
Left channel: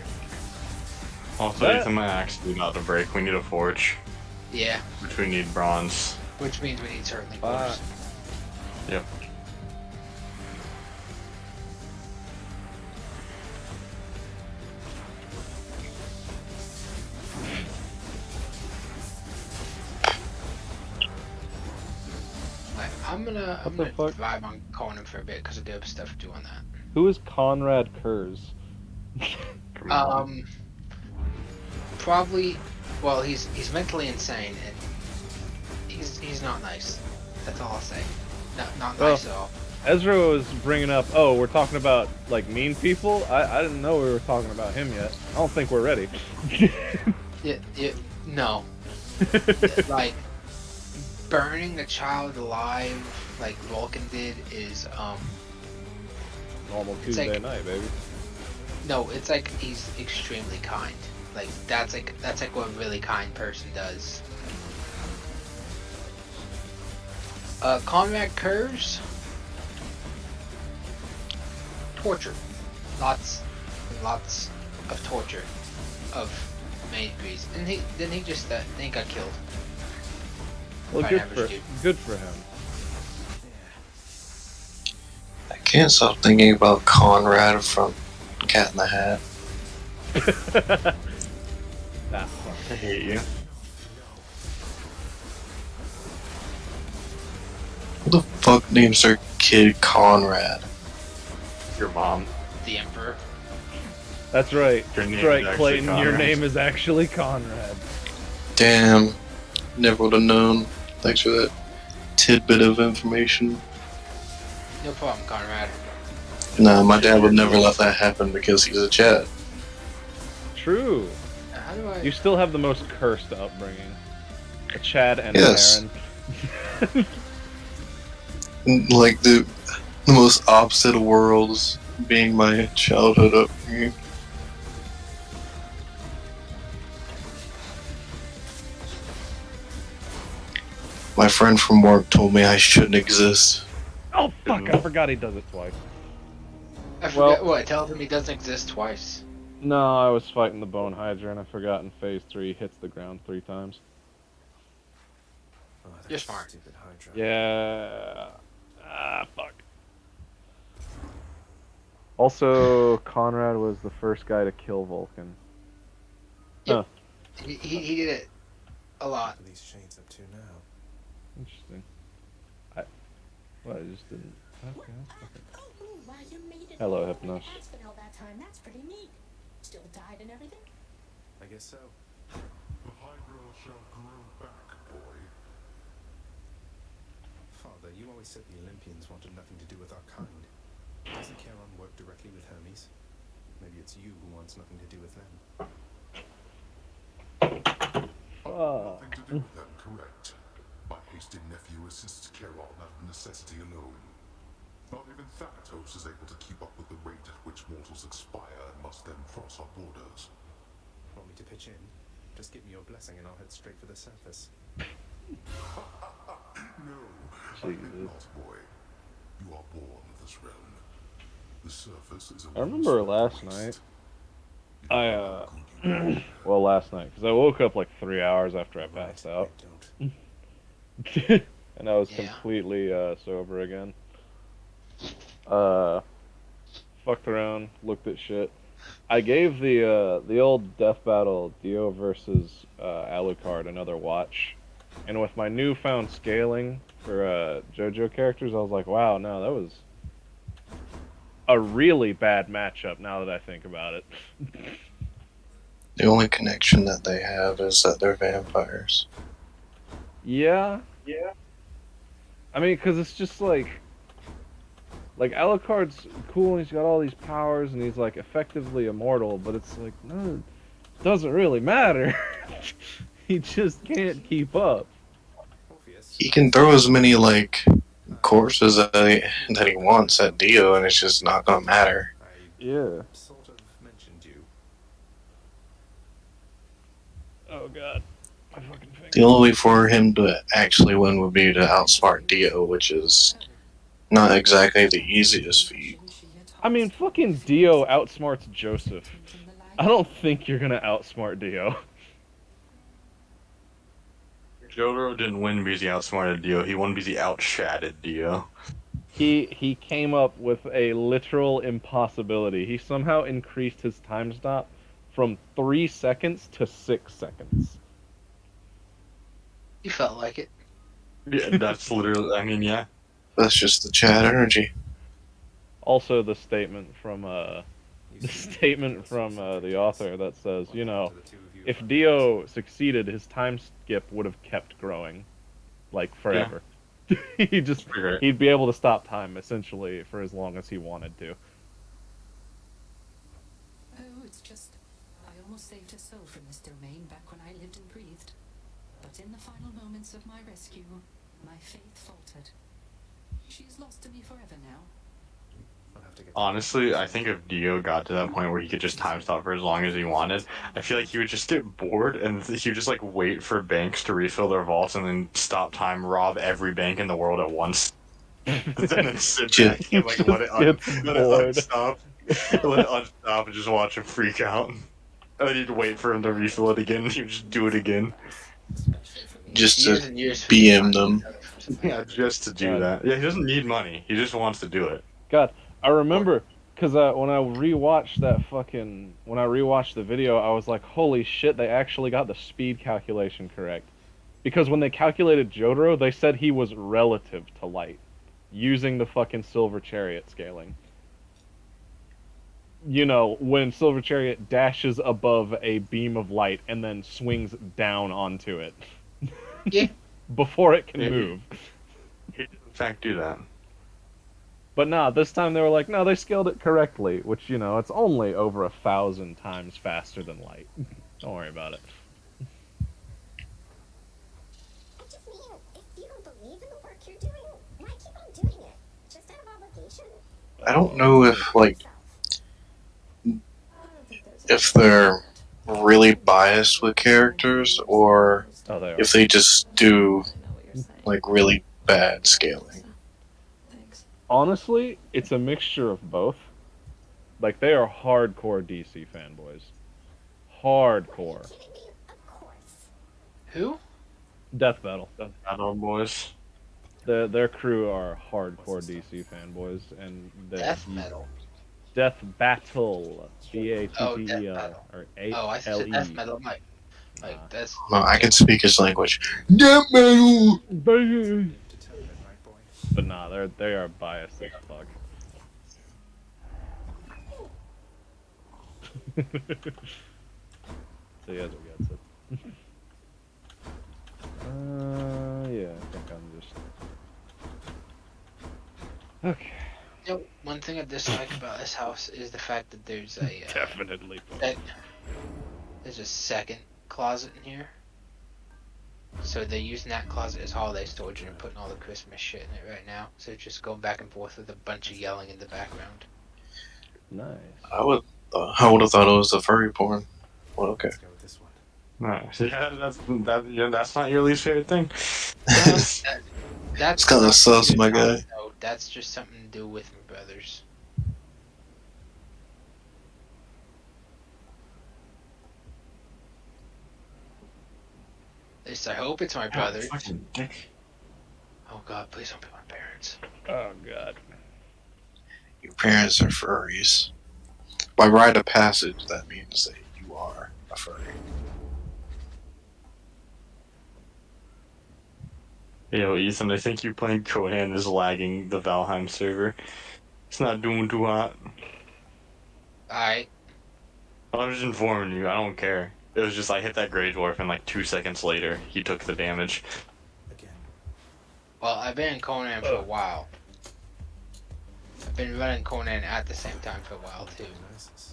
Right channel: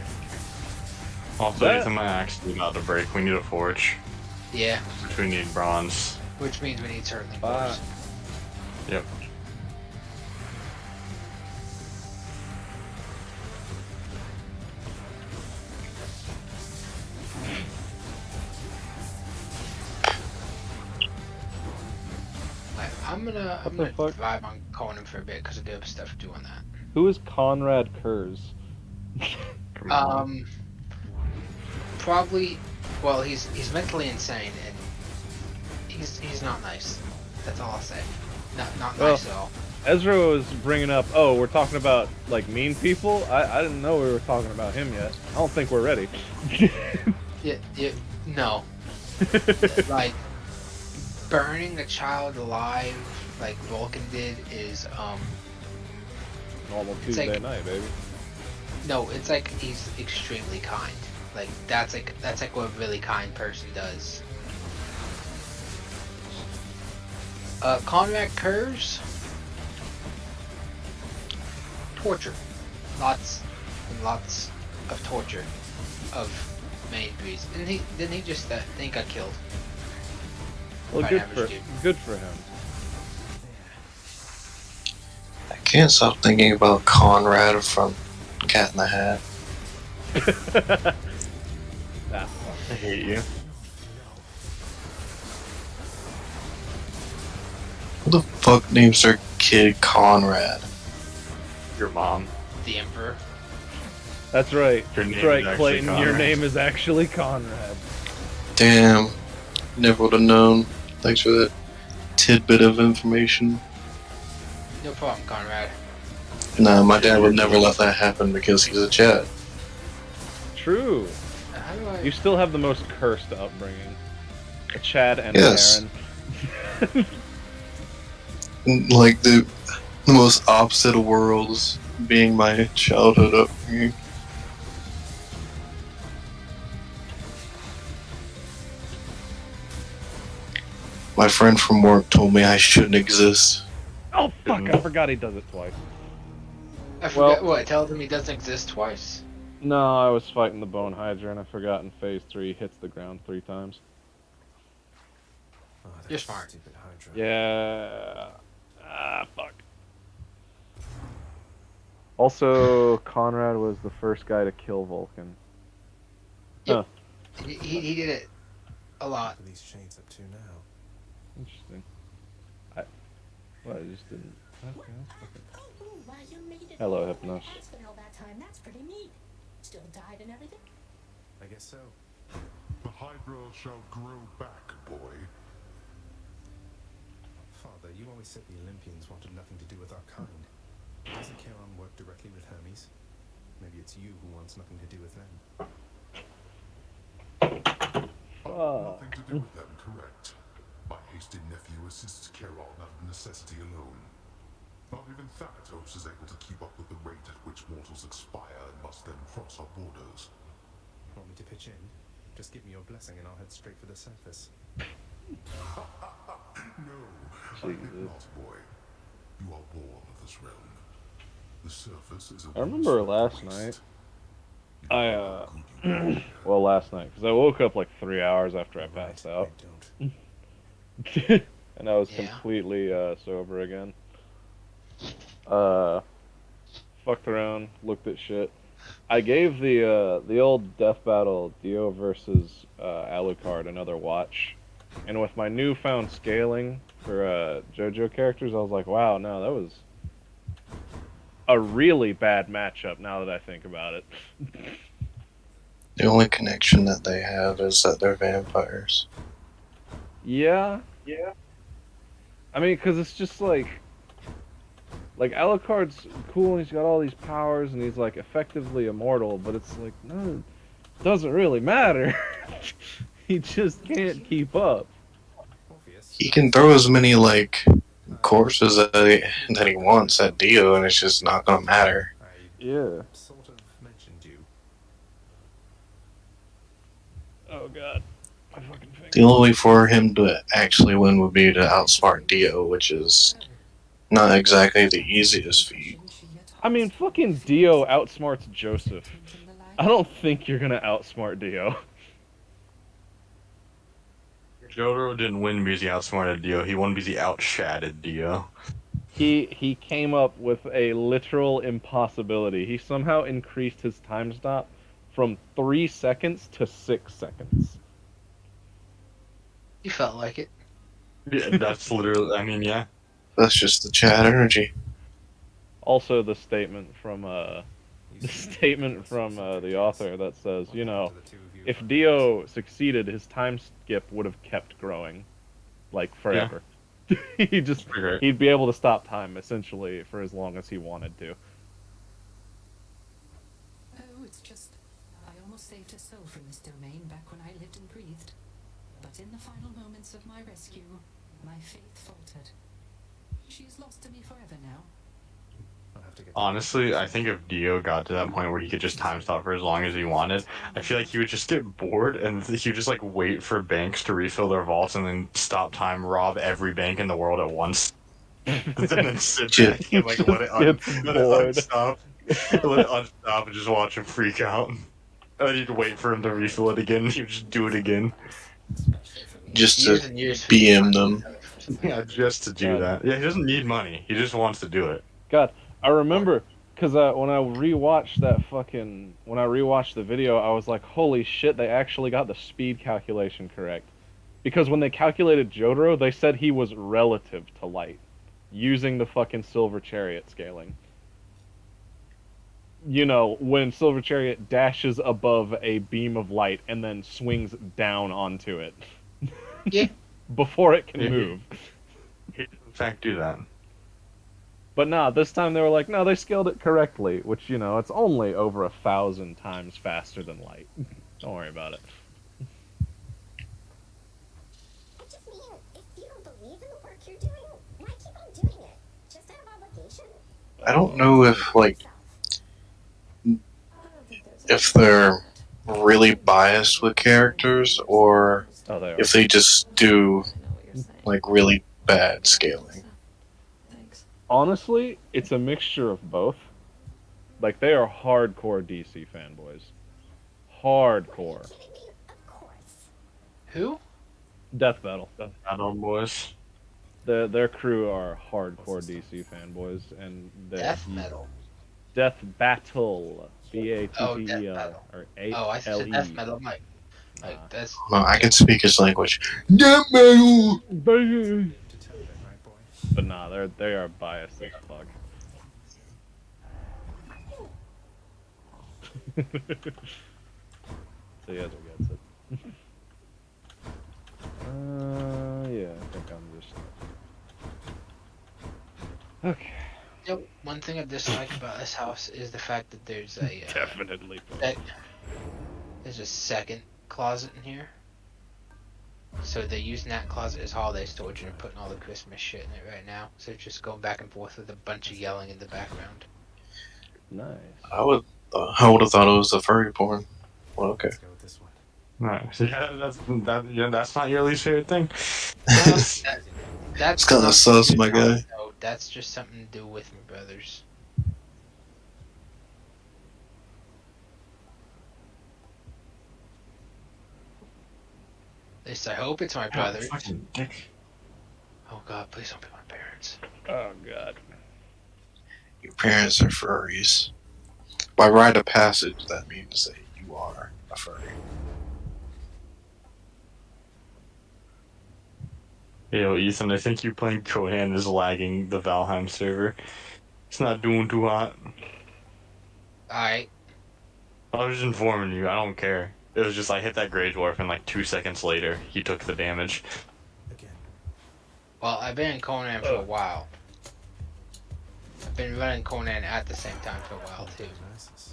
Also, That- every time my axe is about to break, we need a forge. Yeah, Which we need bronze. which means we need certainly Fuck. books. Yep. Like, I'm gonna What the fuck? vibe on Conan for a bit because I do have stuff to do on that. Who is Conrad Kurz? Come on. Probably. Well, he's mentally insane and he's not nice. That's all I'll say. Not Well, nice at all. Ezra was bringing up, oh, we're talking about, like, mean people? I didn't know we were talking about him yet. I don't think we're ready. No. Like burning a child alive, like Vulcan did, is Normal It's Tuesday like- night, baby. no. It's like he's extremely kind. Like that's like what a really kind person does. Conrad Kurz, torture, lots and lots of torture of many degrees, and he just then he got killed. Well, By good average for dude. him. I can't stop thinking about Conrad from Cat in the Hat. Ah, fuck. I hate you. Who the fuck names their kid Conrad? Your mom. The Emperor. That's right. Your name That's right, is actually Clayton. Your Conrad. name is actually Conrad. Damn. Never would have known. Thanks for that tidbit of information. No problem, Conrad. Nah, my dad would never let that happen because he's a Chad. True. How do I? You still have the most cursed upbringing. A Chad and Yes. a Karen. Like the most opposite of worlds being my childhood upbringing. My friend from work told me I shouldn't exist. Oh, fuck. I forgot he does it twice. I well- forget what. Tell them he doesn't exist twice. No, I was fighting the Bone Hydra and I forgot in phase 3 he hits the ground 3 times. Oh, that You're smart. stupid Hydra. Yeah. Ah, fuck. Also, Conrad was the first guy to kill Vulcan. He did it a lot. What are these chains up to now? Interesting. I just didn't. Okay, that's fucking. Oh, wow, you made it. Hello, Hypnos. It's been all that time. That's pretty neat. Still died and everything. I guess so. The Hydra shall grow back, boy. Father, you always said the Olympians wanted nothing to do with our kind. Does Acheron work directly with Hermes? Maybe it's you who wants nothing to do with them. Nothing to do with them, correct. My hasty nephew assists Charon out of necessity alone. Not even Thanatos is able to keep up with the rate at which mortals expire and must then cross our borders. Want me to pitch in? Just give me your blessing and I'll head straight for the surface. No, I think Jesus. not, boy. You are born of this realm. The surface is a I remember well-served last waste. night, well, last night, because I woke up like 3 hours after I passed out. Don't. And I was Yeah. completely sober again. Fucked around, looked at shit. I gave the old Death Battle Dio versus Alucard another watch, and with my newfound scaling for JoJo characters, I was like, wow, no, that was a really bad matchup. Now that I think about it. The only connection that they have is that they're vampires. Yeah. I mean, because it's just like Alucard's cool and he's got all these powers and he's like effectively immortal, but it's like, no, it doesn't really matter. He just can't keep up. Obvious. He can throw as many like courses that he wants at Dio, and it's just not gonna matter. I Yeah. sort of mentioned you. Oh god. My fucking finger. The only way for him to actually win would be to outsmart Dio, which is not exactly the easiest feat. I mean, fucking Dio outsmarts Joseph. I don't think you're gonna outsmart Dio. Jotaro didn't win because he outsmarted Dio. He won because he outshatted Dio. He came up with a literal impossibility. He somehow increased his time stop from 3 seconds to 6 seconds. You felt like it. Yeah, that's literally. I mean, yeah. That's just the chat energy. Also, the statement from the author that says, you know, if Dio succeeded, his time skip would have kept growing, like forever. He'd be able to stop time essentially for as long as he wanted to. Oh, it's just, I almost saved her soul from this domain back when I lived and breathed. But in the final moments of my rescue, my faith faltered. She is lost to me forever now. I'll have to get Honestly, I think if Dio got to that point where he could just time stop for as long as he wanted, I feel like he would just get bored and he would just like wait for banks to refill their vaults and then stop time, rob every bank in the world at once, and then sit back and like let it unstop, let it unstop and just watch him freak out. And he'd wait for him to refill it again. He'd just do it again. Just Years to and years. BM them. Yeah, just to do that. Yeah, he doesn't need money. He just wants to do it. God, I remember because when I rewatched the video, I was like, holy shit, they actually got the speed calculation correct. Because when they calculated Jotaro, they said he was relative to light, using the fucking Silver Chariot scaling. You know, when Silver Chariot dashes above a beam of light and then swings down onto it. Yeah. Before it can Yeah. move. He did in fact do that. But nah, this time they were like, no, they scaled it correctly, which, you know, it's only over 1,000 times faster than light. Don't worry about it. I just mean, if you don't believe in the work you're doing, why keep on doing it? Just out of obligation? I don't know if like if they're really biased with characters or Oh, they are. if they just do like really bad scaling. Honestly, it's a mixture of both. Like, they are hardcore DC fanboys. Hardcore. Of course. Who? Death Battle. Battle boys. Their crew are hardcore DC fanboys, and Death metal. Death Battle. BATTEL. Oh, Death Battle. Or Oh, I said ALE. death metal. Like Nah. that's. No, I can speak his language. Death metal! determined, right, boy? But nah, they are biased as fuck. So he has what gets it. Yeah, I think I'm just okay. Yep. One thing I dislike about this house is the fact that there's a Definitely. there's a second closet in here. So they're using that closet as holiday storage and they're putting all the Christmas shit in it right now. So it's just going back and forth with a bunch of yelling in the background. Nice. I would have thought it was the furry porn. Well, okay. Let's go with this one. Nice. Yeah, that's not your least favorite thing. That's It's kinda nothing to sus, do with my Tom, guy. though. That's just something to do with my brothers. At least I hope it's my brothers. Fucking dick. Oh god, please don't be my parents. Oh god. Your parents are furries. By rite of passage, that means that you are a furry. Yo, Ethan, I think you playing Conan is lagging the Valheim server. It's not doing too hot. Alright. I was just informing you, I don't care. It was just I hit that Grey Dwarf and like 2 seconds later, he took the damage. Again. Well, I've been in Conan for a while. I've been running Conan at the same time for a while, too. Diagnosis.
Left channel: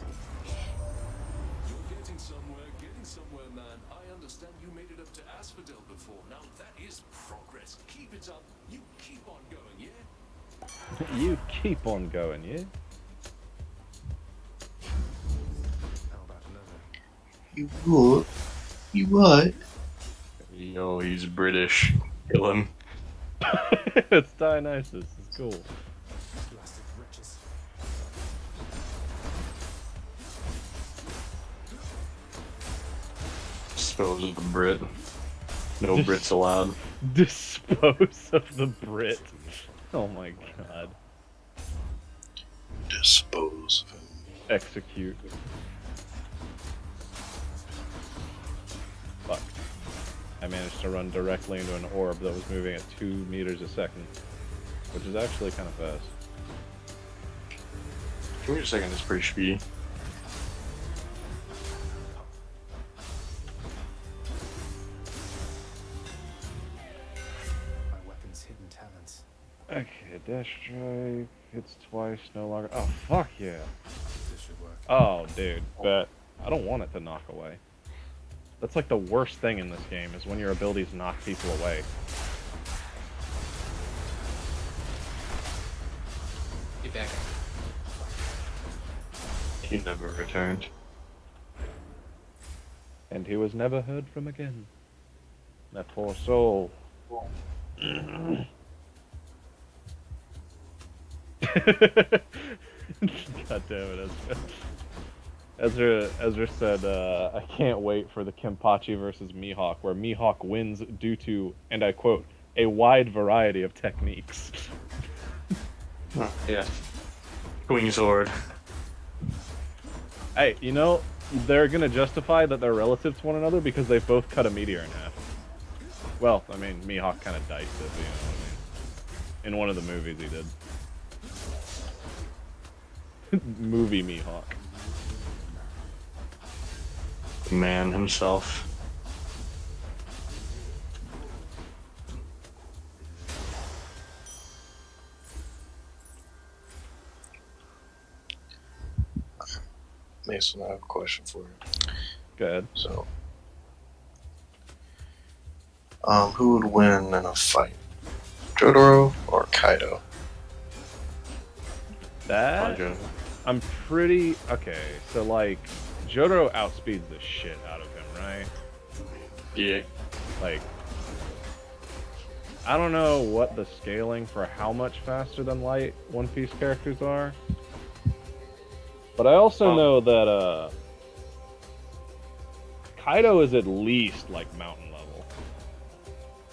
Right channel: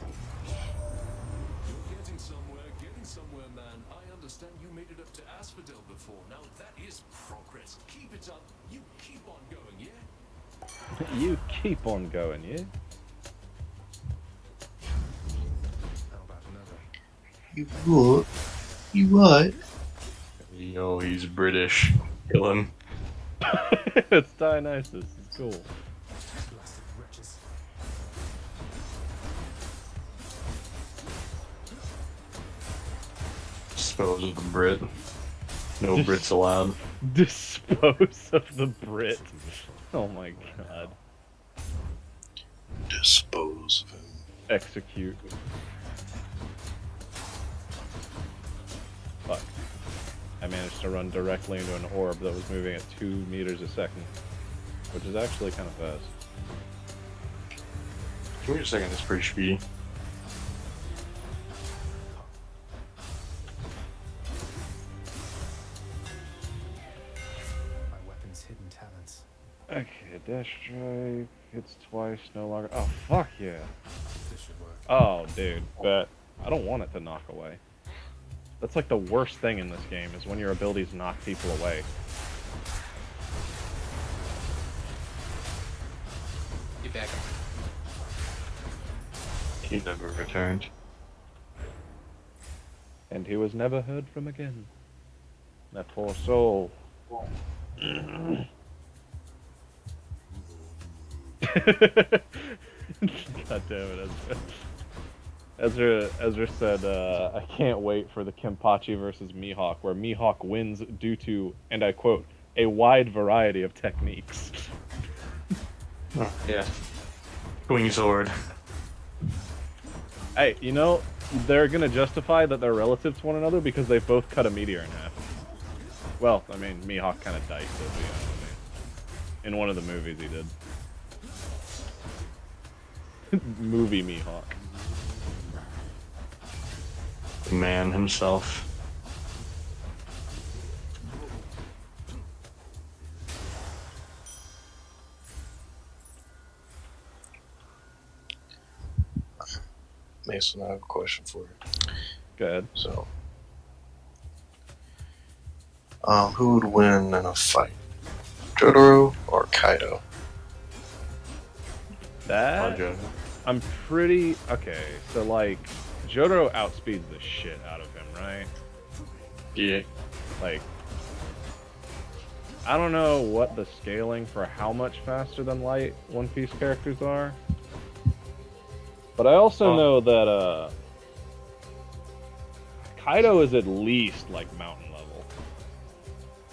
You're getting somewhere, man. I understand you made it up to Asphodel before. Now that is progress. Keep it up. You keep on going, yeah? You keep on going, yeah? How about another? You what? You what? Yo, he's British. Kill him. It's Dionysus. It's cool. Blasted wretches. Dispose of the Brit. No Brits allowed. Dispose of the Brit. Oh my god. Dispose of him. Execute. Fuck. I managed to run directly into an orb that was moving at 2 meters a second, which is actually kind of fast. Give me a second, it's pretty speedy. My weapon's hidden talents. Okay, dash strike, hits twice, no longer. Oh, fuck yeah. This should work. Oh, dude, but I don't want it to knock away. That's like the worst thing in this game, is when your abilities knock people away. Get back. He never returned. And he was never heard from again. That poor soul. God damn it, Ezra. Ezra said, I can't wait for the Kenpachi versus Mihawk, where Mihawk wins due to, and I quote, a wide variety of techniques. Yeah. Wing sword. Hey, you know, they're gonna justify that they're relative to one another because they both cut a meteor in half. Well, I mean, Mihawk kind of diced it, but you know what I mean. In one of the movies he did. Movie Mihawk. Man himself. Mason, I have a question for you. Go ahead. So, who would win in a fight? Jotaro or Kaido? That I'm pretty okay. So like, Jotaro outspeeds the shit out of him, right? Yeah. Like, I don't know what the scaling for how much faster than Light One Piece characters are, but I also know that Kaido is at least like mountain level,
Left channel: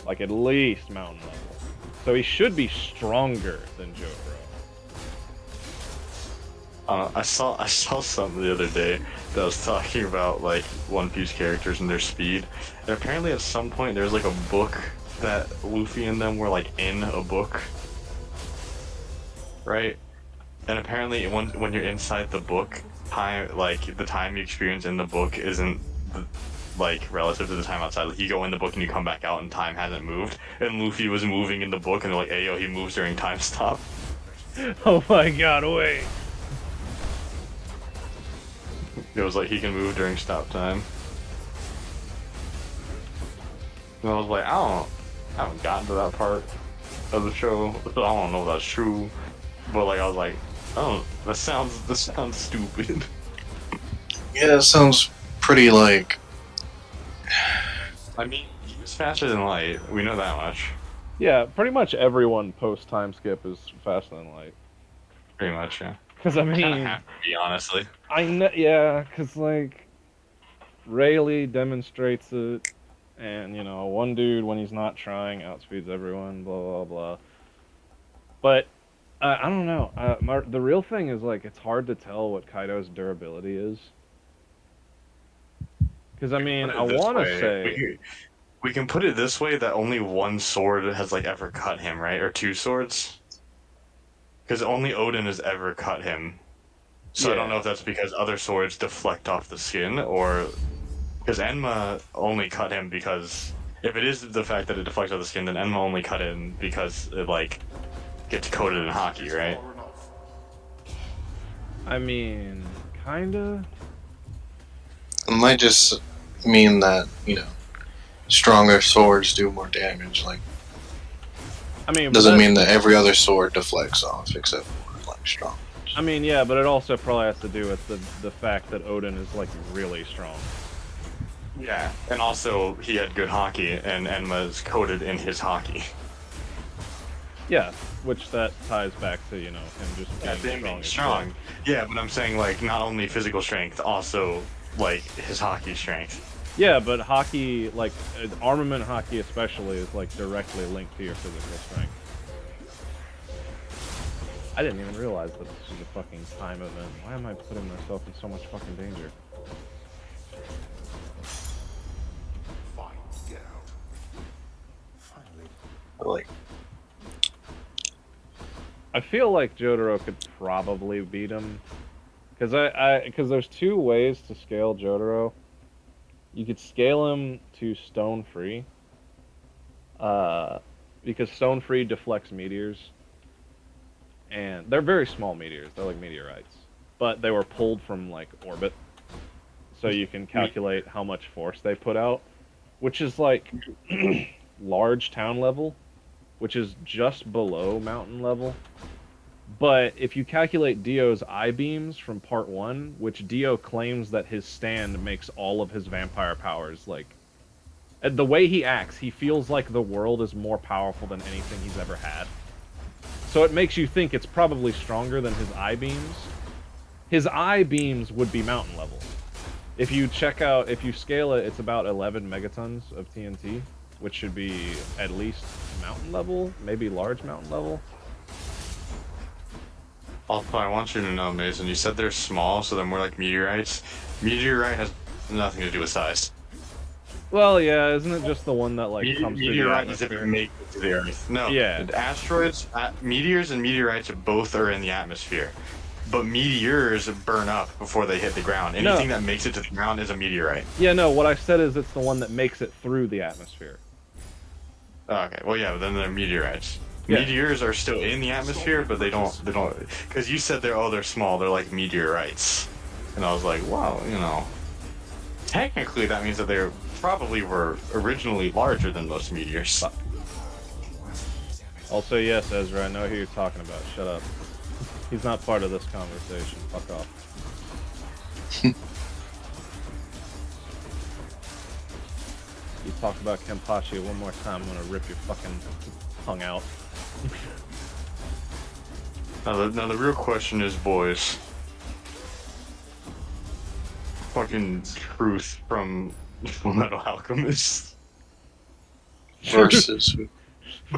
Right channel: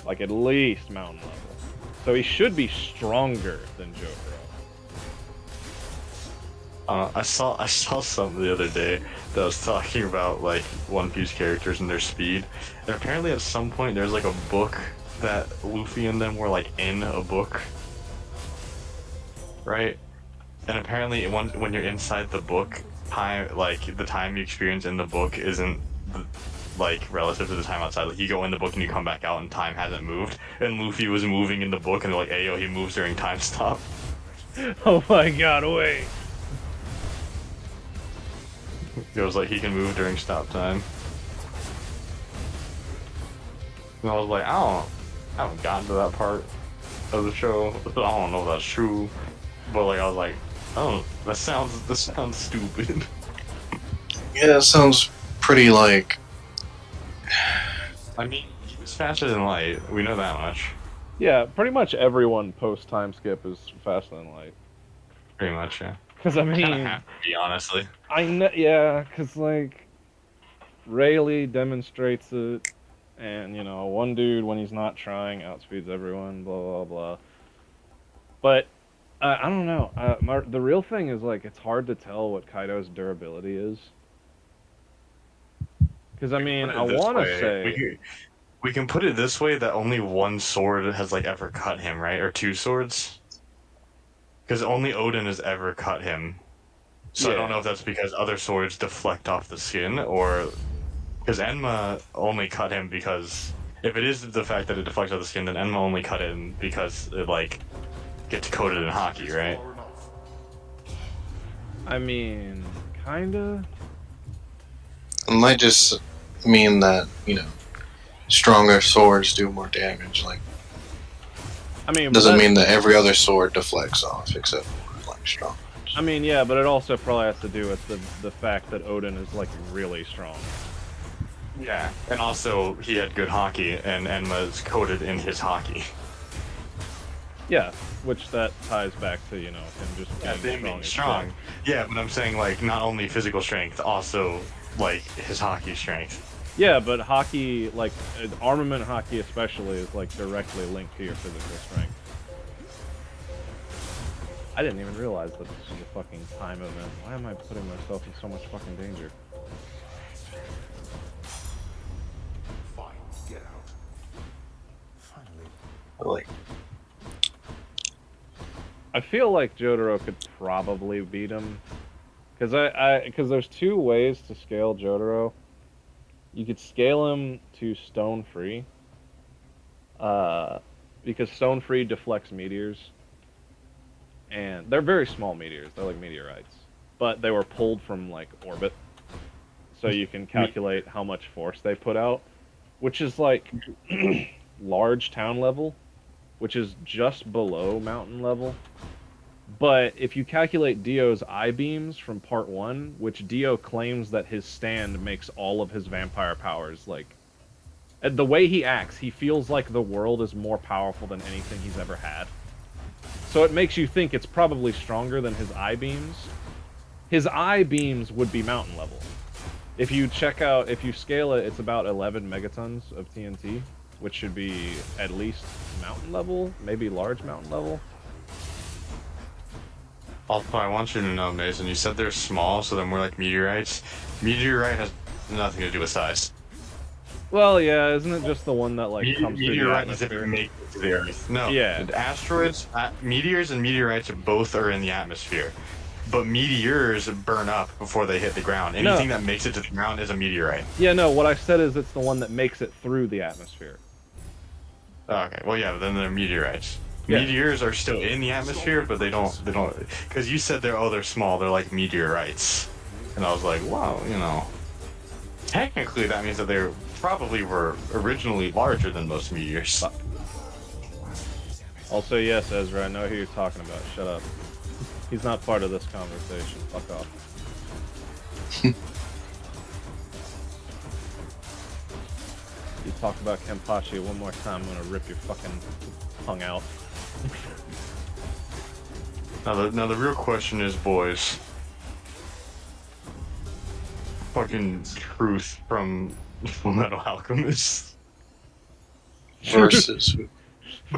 like at least mountain level, so he should be stronger than Jotaro. I saw something the other day that was talking about like One Piece characters and their speed. And apparently at some point there's like a book that Luffy and them were like in a book. Right? And apparently when you're inside the book, the time you experience in the book isn't like relative to the time outside. Like you go in the book and you come back out and time hasn't moved. And Luffy was moving in the book and they're like, hey yo, he moves during time stop. Oh my god, wait. It was like he can move during stop time. And I was like, I haven't gotten to that part of the show. I don't know if that's true. But like I was like, oh, that sounds stupid. Yeah, that sounds pretty like. I mean, he's faster than light. We know that much. Yeah, pretty much everyone post time skip is faster than light. Pretty much, yeah. Because I Kinda mean, have to be, honestly. I know, yeah, because like Rayleigh demonstrates it, and you know, one dude when he's not trying outspeeds everyone, blah blah blah. But I don't know. The real thing is like it's hard to tell what Kaido's durability is. Because I mean, I Put it this want to way, say we can put it this way that only one sword has like ever cut him, right? Or two swords. Because only Odin has ever cut him. So I Yeah. don't know if that's because other swords deflect off the skin, or because Enma only cut him because if it is the fact that it deflects off the skin, then Enma only cut him because it like gets coated in hockey, right? Far enough. I mean, kinda. It might just mean that, stronger swords do more damage. Like, I mean, but doesn't that's- mean that every other sword deflects off except for, like, strong. I mean, yeah, but it also probably has to do with the fact that Odin is like really strong. Yeah, and also he had good hockey, and Enma's coated in his hockey. Yeah, which that ties back to him just Yeah, being being strong. as strong. shit. Yeah, but I'm saying like not only physical strength, also like his hockey strength. Yeah, but hockey, like armament hockey especially, is like directly linked to your physical strength. I didn't even realize that this was a fucking time event. Why am I putting myself in so much fucking danger? Fine, get out. Finally. Like, I feel like Jotaro could probably beat him, because there's two ways to scale Jotaro. You could scale him to stone free, because stone free deflects meteors, and they're very small meteors. They're like meteorites, but they were pulled from like orbit, so you can calculate how much force they put out, which is like large town level, which is just below mountain level. But if you calculate Dio's I-beams from part 1, which Dio claims that his stand makes all of his vampire powers, like, the way he acts, he feels like the world is more powerful than anything he's ever had. So it makes you think it's probably stronger than his I-beams. His I-beams would be mountain level. If you scale it, it's about 11 megatons of TNT, which should be at least mountain level, maybe large mountain level. Also, I want you to know, Mason, you said they're small, so they're more like meteorites. Meteorite has nothing to do with size. Well, yeah, isn't it just the one that like comes through the Meteorite is if it atmosphere? makes it to the Earth. No. Yeah. Asteroids, meteors and meteorites both are in the atmosphere. But meteors burn up before they hit the ground. No. Anything that makes it to the ground is a meteorite. Yeah, no, what I said is it's the one that makes it through the atmosphere. Okay, well, yeah, then they're meteorites. Yeah. Meteors are still in the atmosphere, but they don't, because you said they're small, they're like meteorites. And I was like, wow, technically that means that they probably were originally larger than most meteors. Also, yes, Ezra, I know who you're talking about. Shut up. He's not part of this conversation. Fuck off. You talk about Kenpachi one more time, I'm gonna rip your fucking tongue out. Now the real question is, boys. Fucking Truth from Fullmetal Alchemist. versus who?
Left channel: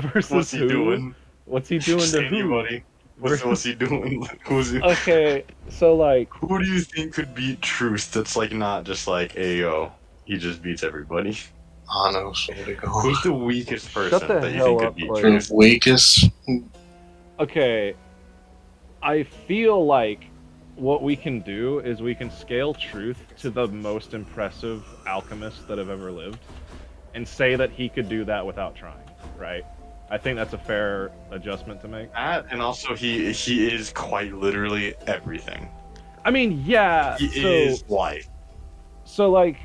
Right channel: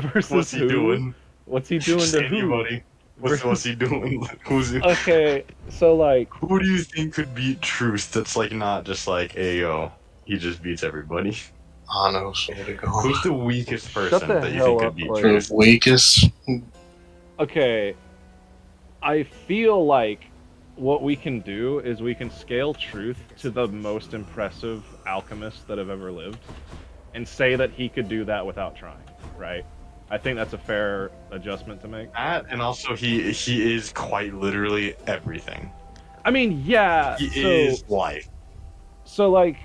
Versus What's he who? doing? What's he doing Just to who? anybody. What's he doing? Okay, so like, Who do you think could beat Truth? That's like not just like Ayo. He just beats everybody. Ano, so to go. Who's the weakest person Shut the that you hell think up, could beat Clay. Truth? Weakest? okay, I feel like what we can do is we can scale Truth to the most impressive alchemist that have ever lived, and say that he could do that without trying, right? I think that's a fair adjustment to make. That, and also he is quite literally everything. I mean, yeah. He So is life. so like,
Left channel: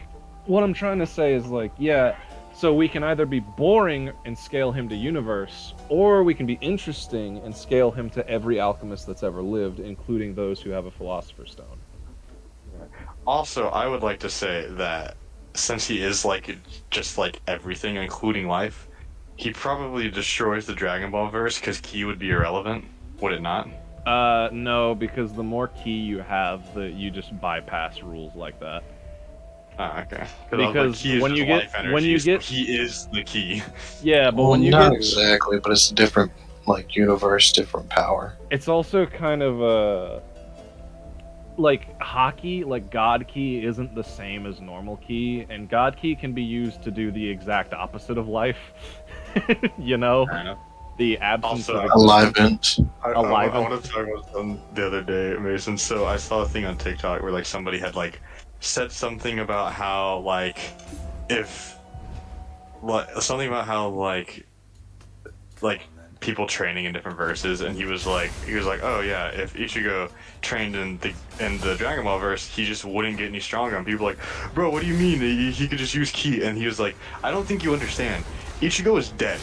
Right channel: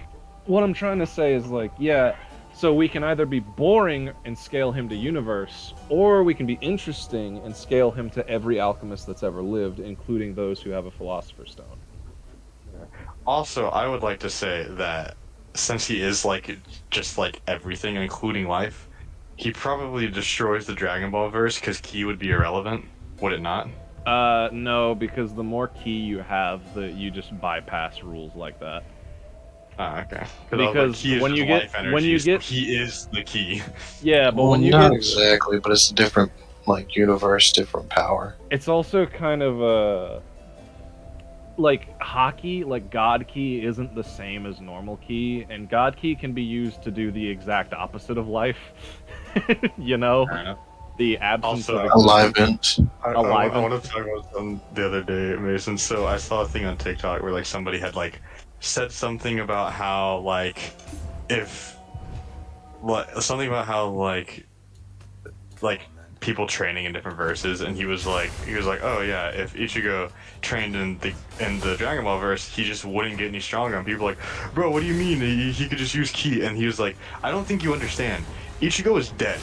what I'm trying to say is like, yeah. So we can either be boring and scale him to universe, or we can be interesting and scale him to every alchemist that's ever lived, including those who have a Philosopher's Stone. Also, I would like to say that since he is like just like everything, including life, he probably destroys the Dragon Ball verse because Ki would be irrelevant, would it not? No, because the more key you have, you just bypass rules like that. Oh, okay. Because Ki is when just you get- life energy, when you so get- he is the key. Yeah, but Well, when you not get, exactly, but it's a different like universe, different power. it's also kind of like hockey, like God Key isn't the same as normal Key, and God Key can be used to do the exact opposite of life. You know, the absence Also, of existence. Alignment. I Alive. want to talk about something the other day, Mason. So I saw a thing on TikTok where like somebody had like said something about how like if something about how like people training in different verses, and he was like, oh yeah, if Ichigo trained in the Dragon Ball verse, he just wouldn't get any stronger. And people were like, bro, what do you mean? He could just use Ki. And he was like, I don't think you understand. Ichigo is dead.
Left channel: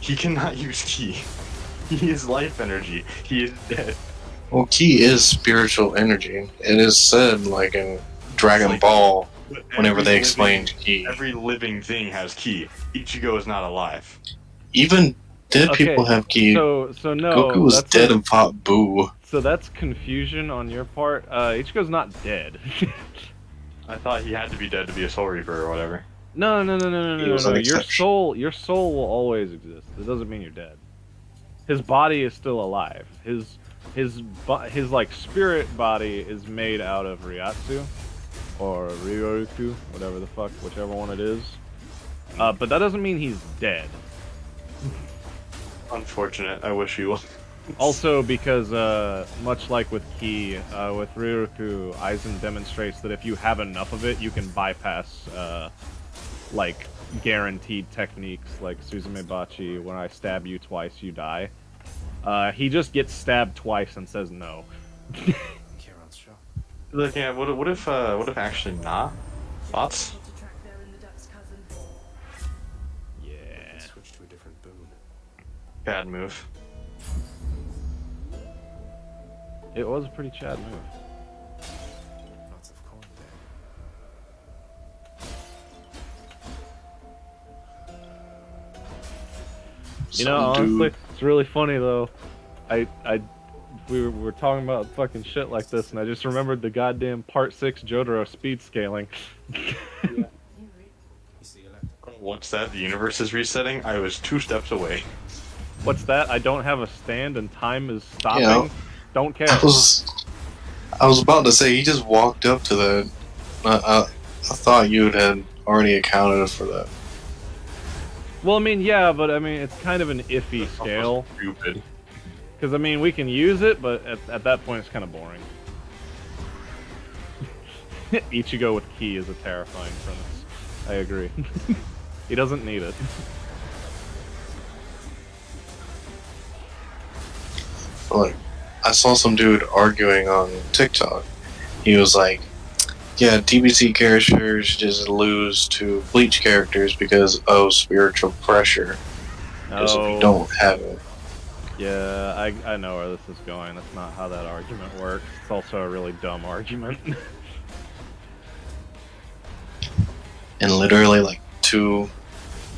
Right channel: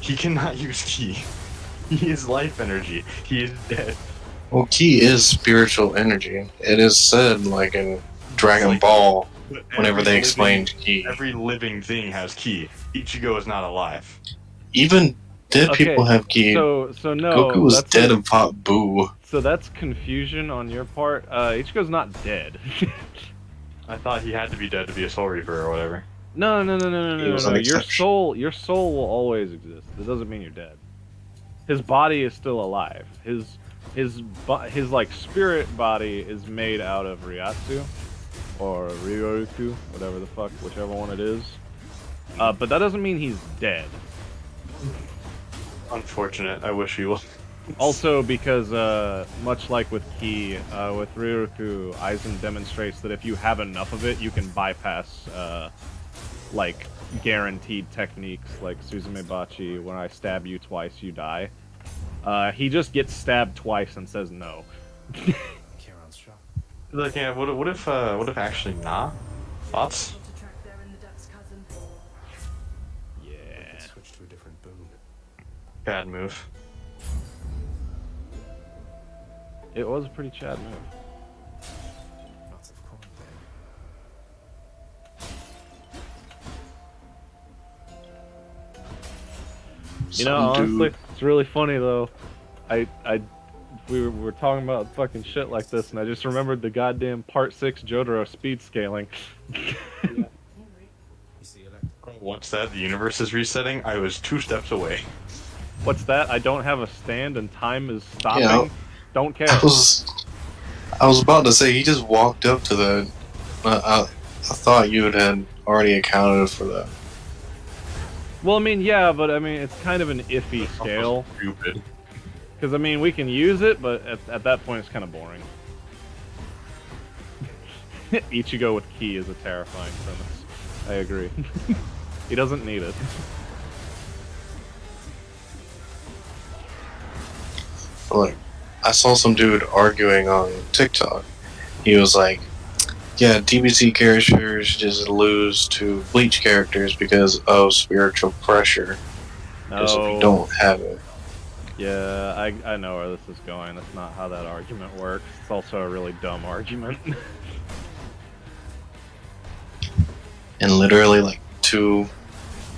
He cannot use Ki. He is life energy. He is dead. Well, Ki is spiritual energy. It is said like in Dragon Like, Ball But whenever every they explained Ki. every living thing has Ki. Ichigo is not alive. Even dead Okay, people have Ki. So no, Goku was that's dead and fought Boo. so that's confusion on your part. Ichigo's not dead. I thought he had to be dead to be a Soul Reaper or whatever. No. He was an Your exception. your soul will always exist. It doesn't mean you're dead. His body is still alive. His like spirit body is made out of Ryatsu or Ryoku, whatever the fuck, whichever one it is. But that doesn't mean he's dead. Unfortunate. I wish he was. Also, because much like with Ki, with Ryoku, Aizen demonstrates that if you have enough of it, you can bypass like guaranteed techniques like Suzume Bachi. When I stab you twice, you die. He just gets stabbed twice and says no. Kieran's shop. Look, yeah. What if actually nah? Thoughts? To track there in the ducks, cousin. Yeah. Switch to a different boon. Bad move. It was a pretty Chad move. Lots of corn there. You know, Some honestly, dude- it's really funny though. We were talking about fucking shit like this, and I just remembered the goddamn Part 6 Jotaro speed scaling. You see, Electric. Once that the universe is resetting, I was 2 steps away. What's that? I don't have a stand and time is stopping? Yeah. Don't care. I was about to say he just walked up to the. I thought you had already accounted for that. Well, I mean, yeah, but I mean, it's kind of an iffy scale. Stupid. Because, I mean, we can use it, but at that point, it's kind of boring. Ichigo with Ki is a terrifying premise. I agree. He doesn't need it. Like, I saw some dude arguing on TikTok. He was like, "Yeah, DBZ characters just lose to Bleach characters because of spiritual pressure. Because if you No. don't have it." Yeah, I know where this is going. That's not how that argument works. It's also a really dumb argument. And literally, like 2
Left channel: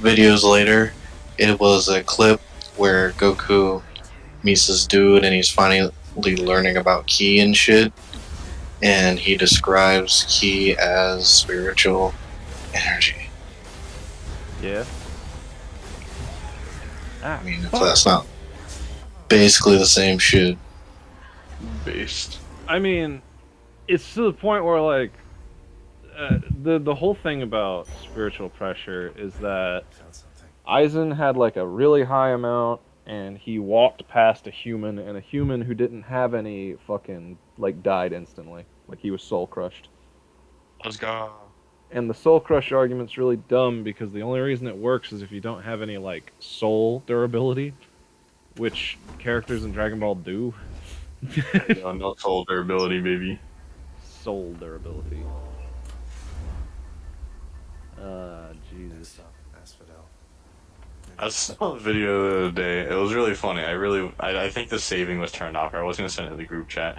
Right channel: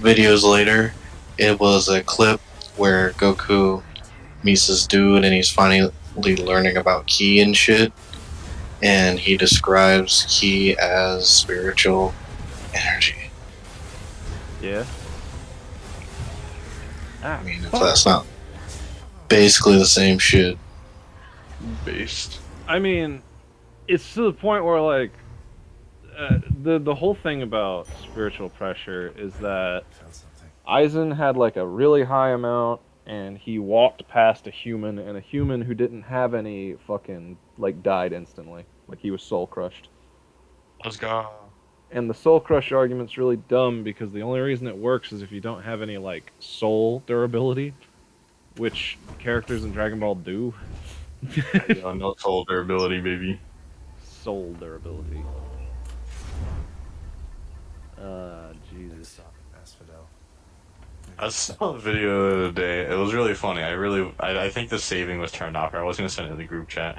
videos later, it was a clip where Goku meets this dude and he's finally learning about Ki and shit. And he describes Ki as spiritual energy. Yeah. Ah, I mean, if fuck. that's not basically the same shit. Based. I mean, it's to the point where like the whole thing about spiritual pressure is that Found something. Aizen had like a really high amount, and he walked past a human, and a human who didn't have any fucking like died instantly, like he was soul crushed. Let's go. And the Soul Crush argument's really dumb because the only reason it works is if you don't have any like soul durability, which characters in Dragon Ball do. Yo, no soul durability, baby. Soul durability. Jesus. Stop, Asphodel. I saw a video the other day. It was really funny. I think the saving was turned off. I was gonna send it in the group chat.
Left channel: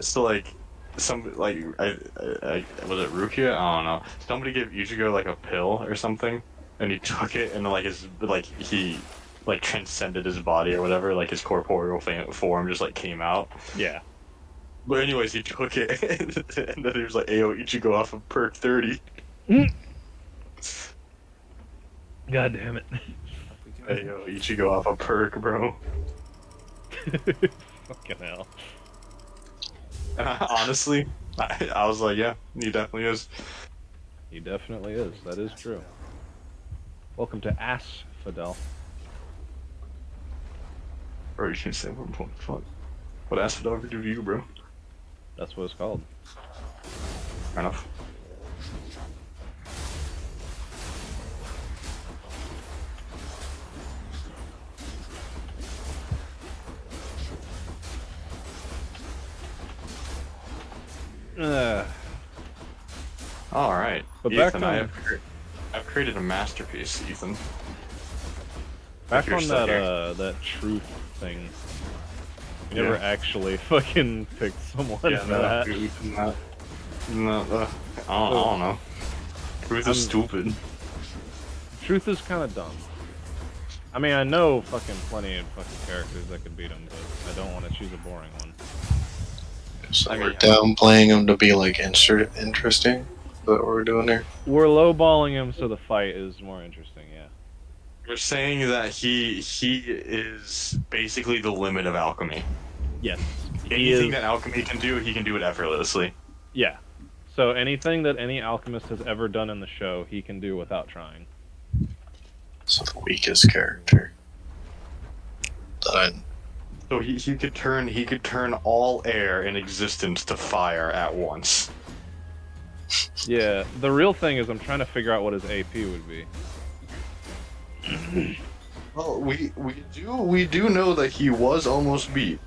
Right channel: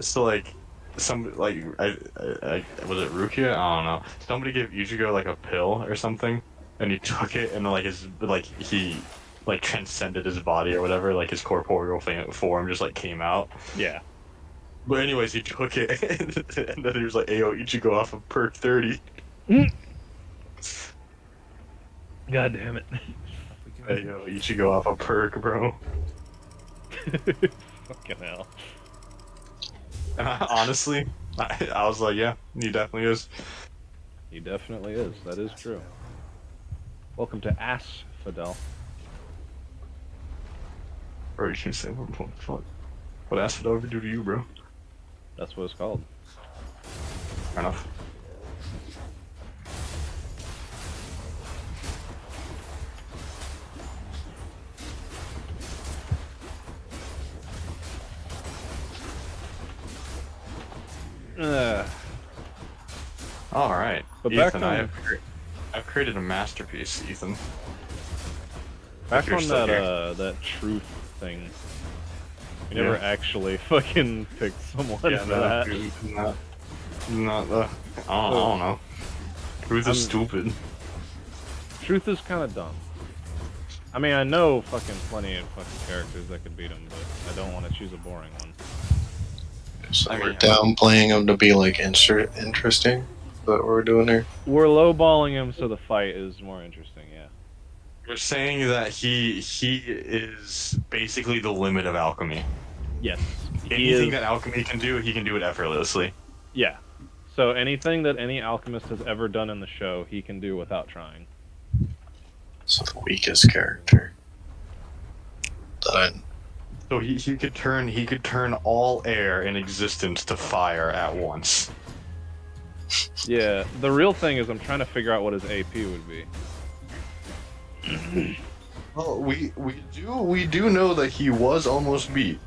So like, I was it Rukia? I don't know. Somebody gave Ichigo like a pill or something, and he took it, and he transcended his body or whatever. Like his corporeal form just like came out. Yeah. But anyways, he took it, and then he was like, "Ayo, Ichigo off of perk 30." God damn it. Ayo, Ichigo off of perk, bro. Fucking hell. Honestly, I was like, yeah, he definitely is. He definitely is. That is true. Welcome to Asphodel. Or you can say, what the fuck? What Asphodel ever do to you, bro? That's what it's called. Fair enough. All right. But Ethan, back on- I've created a masterpiece, Ethan. Back You're on still that here. that truth thing. We never actually fucking picked someone for that. I don't know. Truth is stupid. Truth is kind of dumb. I mean, I know fucking plenty of fucking characters that could beat him, but I don't want to choose a boring one. So I we're mean- downplaying him to be like interesting. Is that what we're doing here? We're lowballing him so the fight is more interesting, yeah. You're saying that he is basically the limit of alchemy. Yes. He Anything is, that alchemy can do, he can do it effortlessly. yeah. So anything that any alchemist has ever done in the show, he can do without trying. So the weakest character. That I So he could turn all air in existence to fire at once. Yeah, the real thing is I'm trying to figure out what his AP would be. Well, we do know that he was almost beat.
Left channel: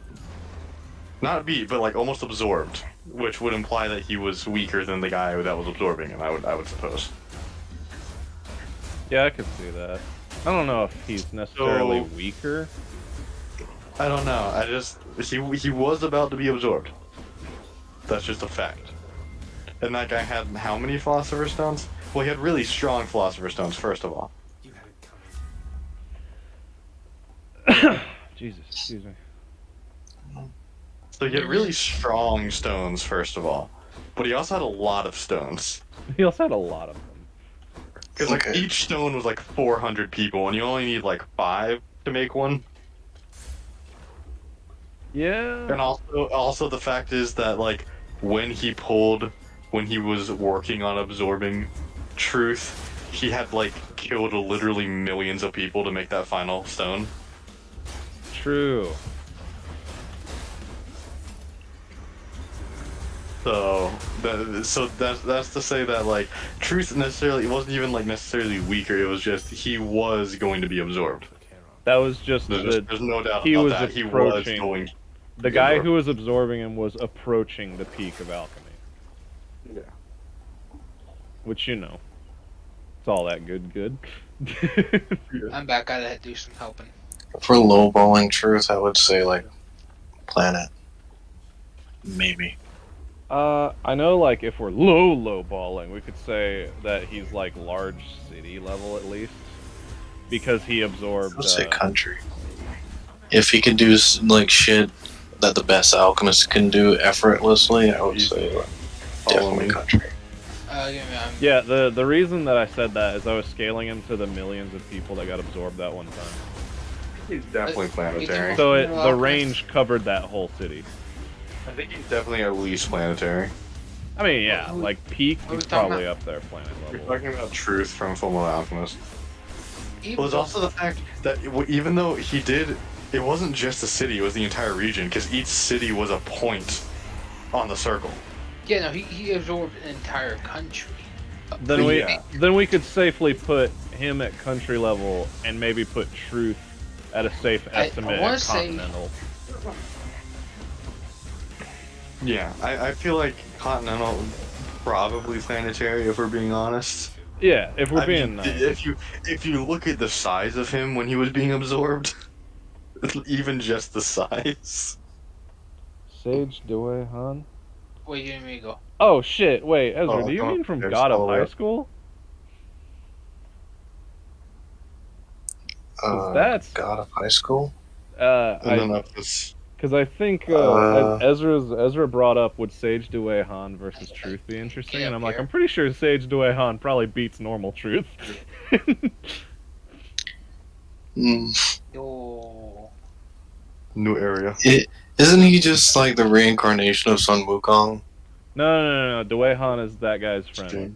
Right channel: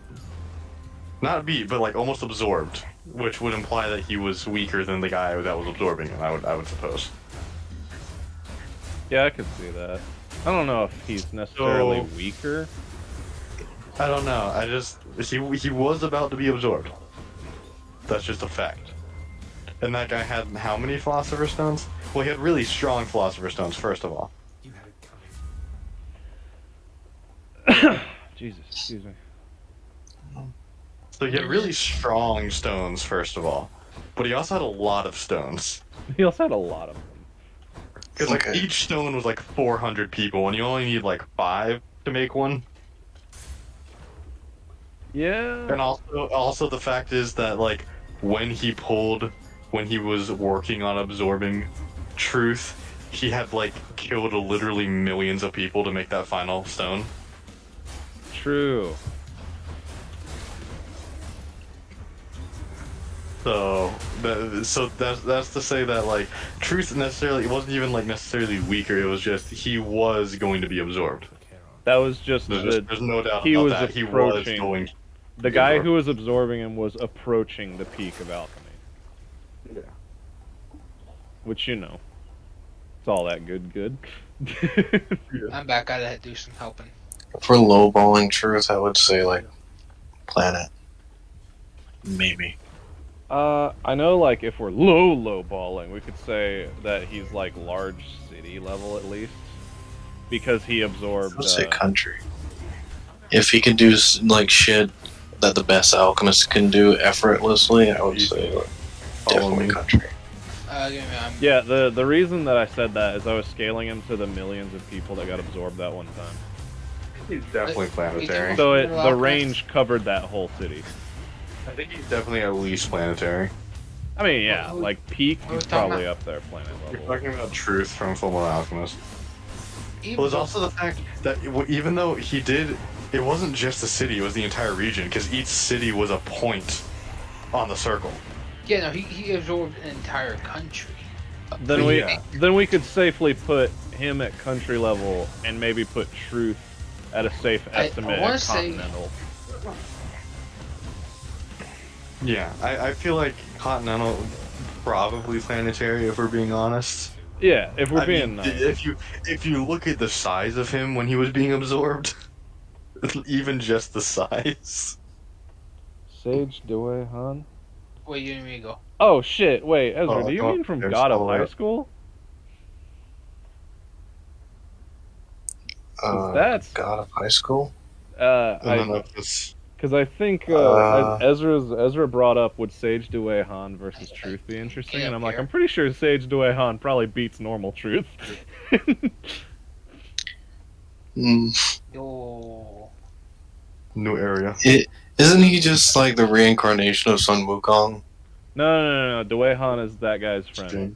Not beat, but like almost absorbed, which would imply that he was weaker than the guy that was absorbing him. I would suppose. Yeah, I could see that. I don't know if he's necessarily So- weaker. I don't know. He was about to be absorbed. That's just a fact. And that guy had how many Philosopher's Stones? Well, he had really strong Philosopher's Stones, first of all. You had it coming. Jesus, excuse me. So he had really strong stones, first of all. But he also had a lot of stones. He also had a lot of them. Because like Okay. each stone was like 400 people, and you only need like 5 to make one. Yeah. And also the fact is that like when he was working on absorbing truth, he had like killed literally millions of people to make that final stone. True. So that's to say that like truth necessarily, it wasn't even like necessarily weaker. It was just he was going to be absorbed. That was just There's no doubt he about was that. He was approaching- going. the guy who was absorbing him was approaching the peak of alchemy. Yeah. Which, you know, it's all that good. I'm back. Gotta do some helping. if we're lowballing truth, I would say like planet. Maybe. I know, like, if we're low balling, we could say that he's, like, large city level at least. Because he I absorbed, would say country. If he can do like shit that the best alchemist can do effortlessly, I would say like, definitely country. Give me, yeah, the reason that I said that is I was scaling him to the millions of people that got absorbed that one time. He's definitely planetary. So the range covered that whole city. I think he's definitely at least planetary. I mean, yeah, like peak, What are we he's talking probably about? up there planet We're level. talking about truth from Fullmetal Alchemist. even Well, there's though- also the fact that even though he did, it wasn't just the city; it was the entire region. Because each city was a point on the circle. Yeah, no, he absorbed an entire country. Then we Yeah. then we could safely put him at country level and maybe put Truth at a safe I estimate wanna at say- continental. Yeah, I feel like Continental probably sanitary if we're being honest. Yeah, if we're I being mean, nice. if you look at the size of him when he was being absorbed, even just the size. Sage Dewey Han. Wait, you and me go. Oh shit! Wait, Ezra, Oh, do you oh, mean from there's God of all High that. School? 'Cause that's God of High School. And then I up this. because I think Ezra brought up would Sage Dewey Han versus Truth be interesting, Yeah, and I'm like, here. I'm pretty sure Sage Dewey Han probably beats normal Truth. Yo. New area. Isn't he just like the reincarnation of Sun Wukong? No. Dewey Han is that guy's friend.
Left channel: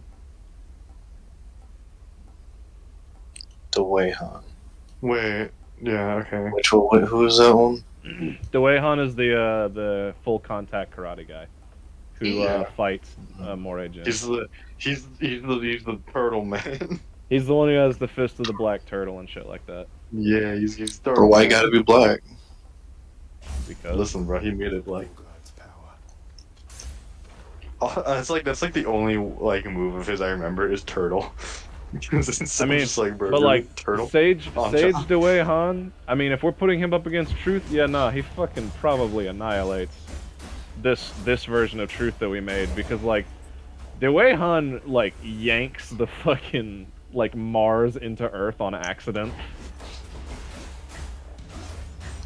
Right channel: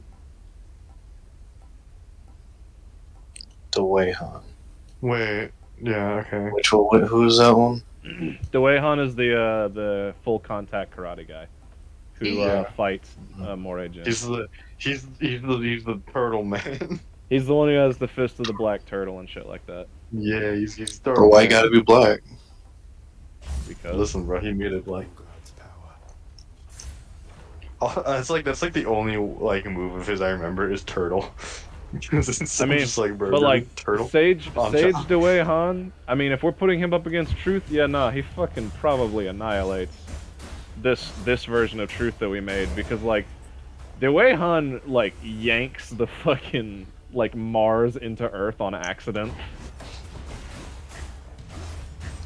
The Wei-Han. Wait, yeah, okay. Which one? Who is that one? Dewey Han is the full contact karate guy who Yeah. fights Moray Jin. He's the turtle man. He's the one who has the fist of the black turtle and shit like that. Yeah, he's Or turtle. why you man. gotta be black? Because Listen, bro, he made it like. It's like that's like the only like move of his I remember is turtle. It's I mean, just like, bro, but like turtle. Sage on Sage top. Dewey Han. I mean, if we're putting him up against Truth, yeah, nah, he fucking probably annihilates this version of Truth that we made because like Dewey Han like yanks the fucking like Mars into Earth on accident.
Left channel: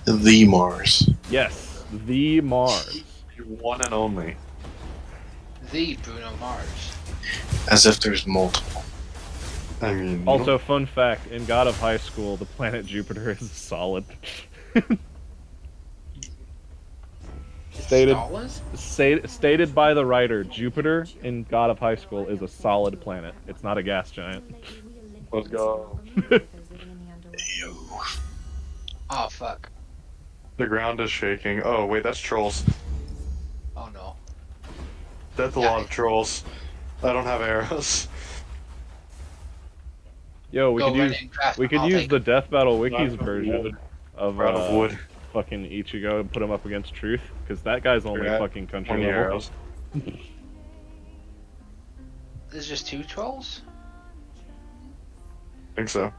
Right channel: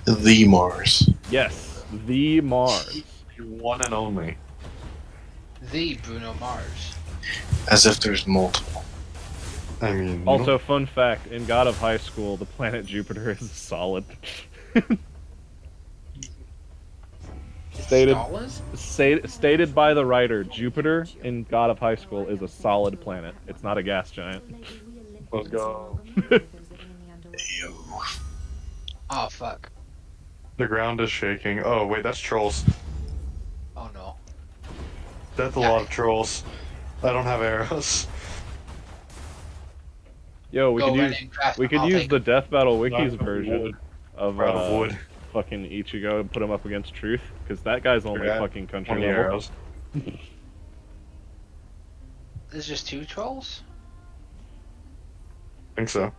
The Mars. Yes, the Mars. One and only. The Bruno Mars. As if there's multiple. I mean, Also, fun fact: in God of High School, the planet Jupiter is solid. Stated Dollars? stated by the writer, Jupiter in God of High School is a solid planet. It's not a gas giant. let's go. Oh fuck. The ground is shaking. Oh wait, that's trolls. Oh no. That's a lot of trolls. I don't have arrows. Yo, we Go could right use in, craft we them, could I'll use take the them. Death Battle Wiki's Out of version wood. of Out of wood. fucking Ichigo and put him up against Truth, because that guy's only Yeah, fucking country 20 level. arrows. There's just 2 trolls? I think so.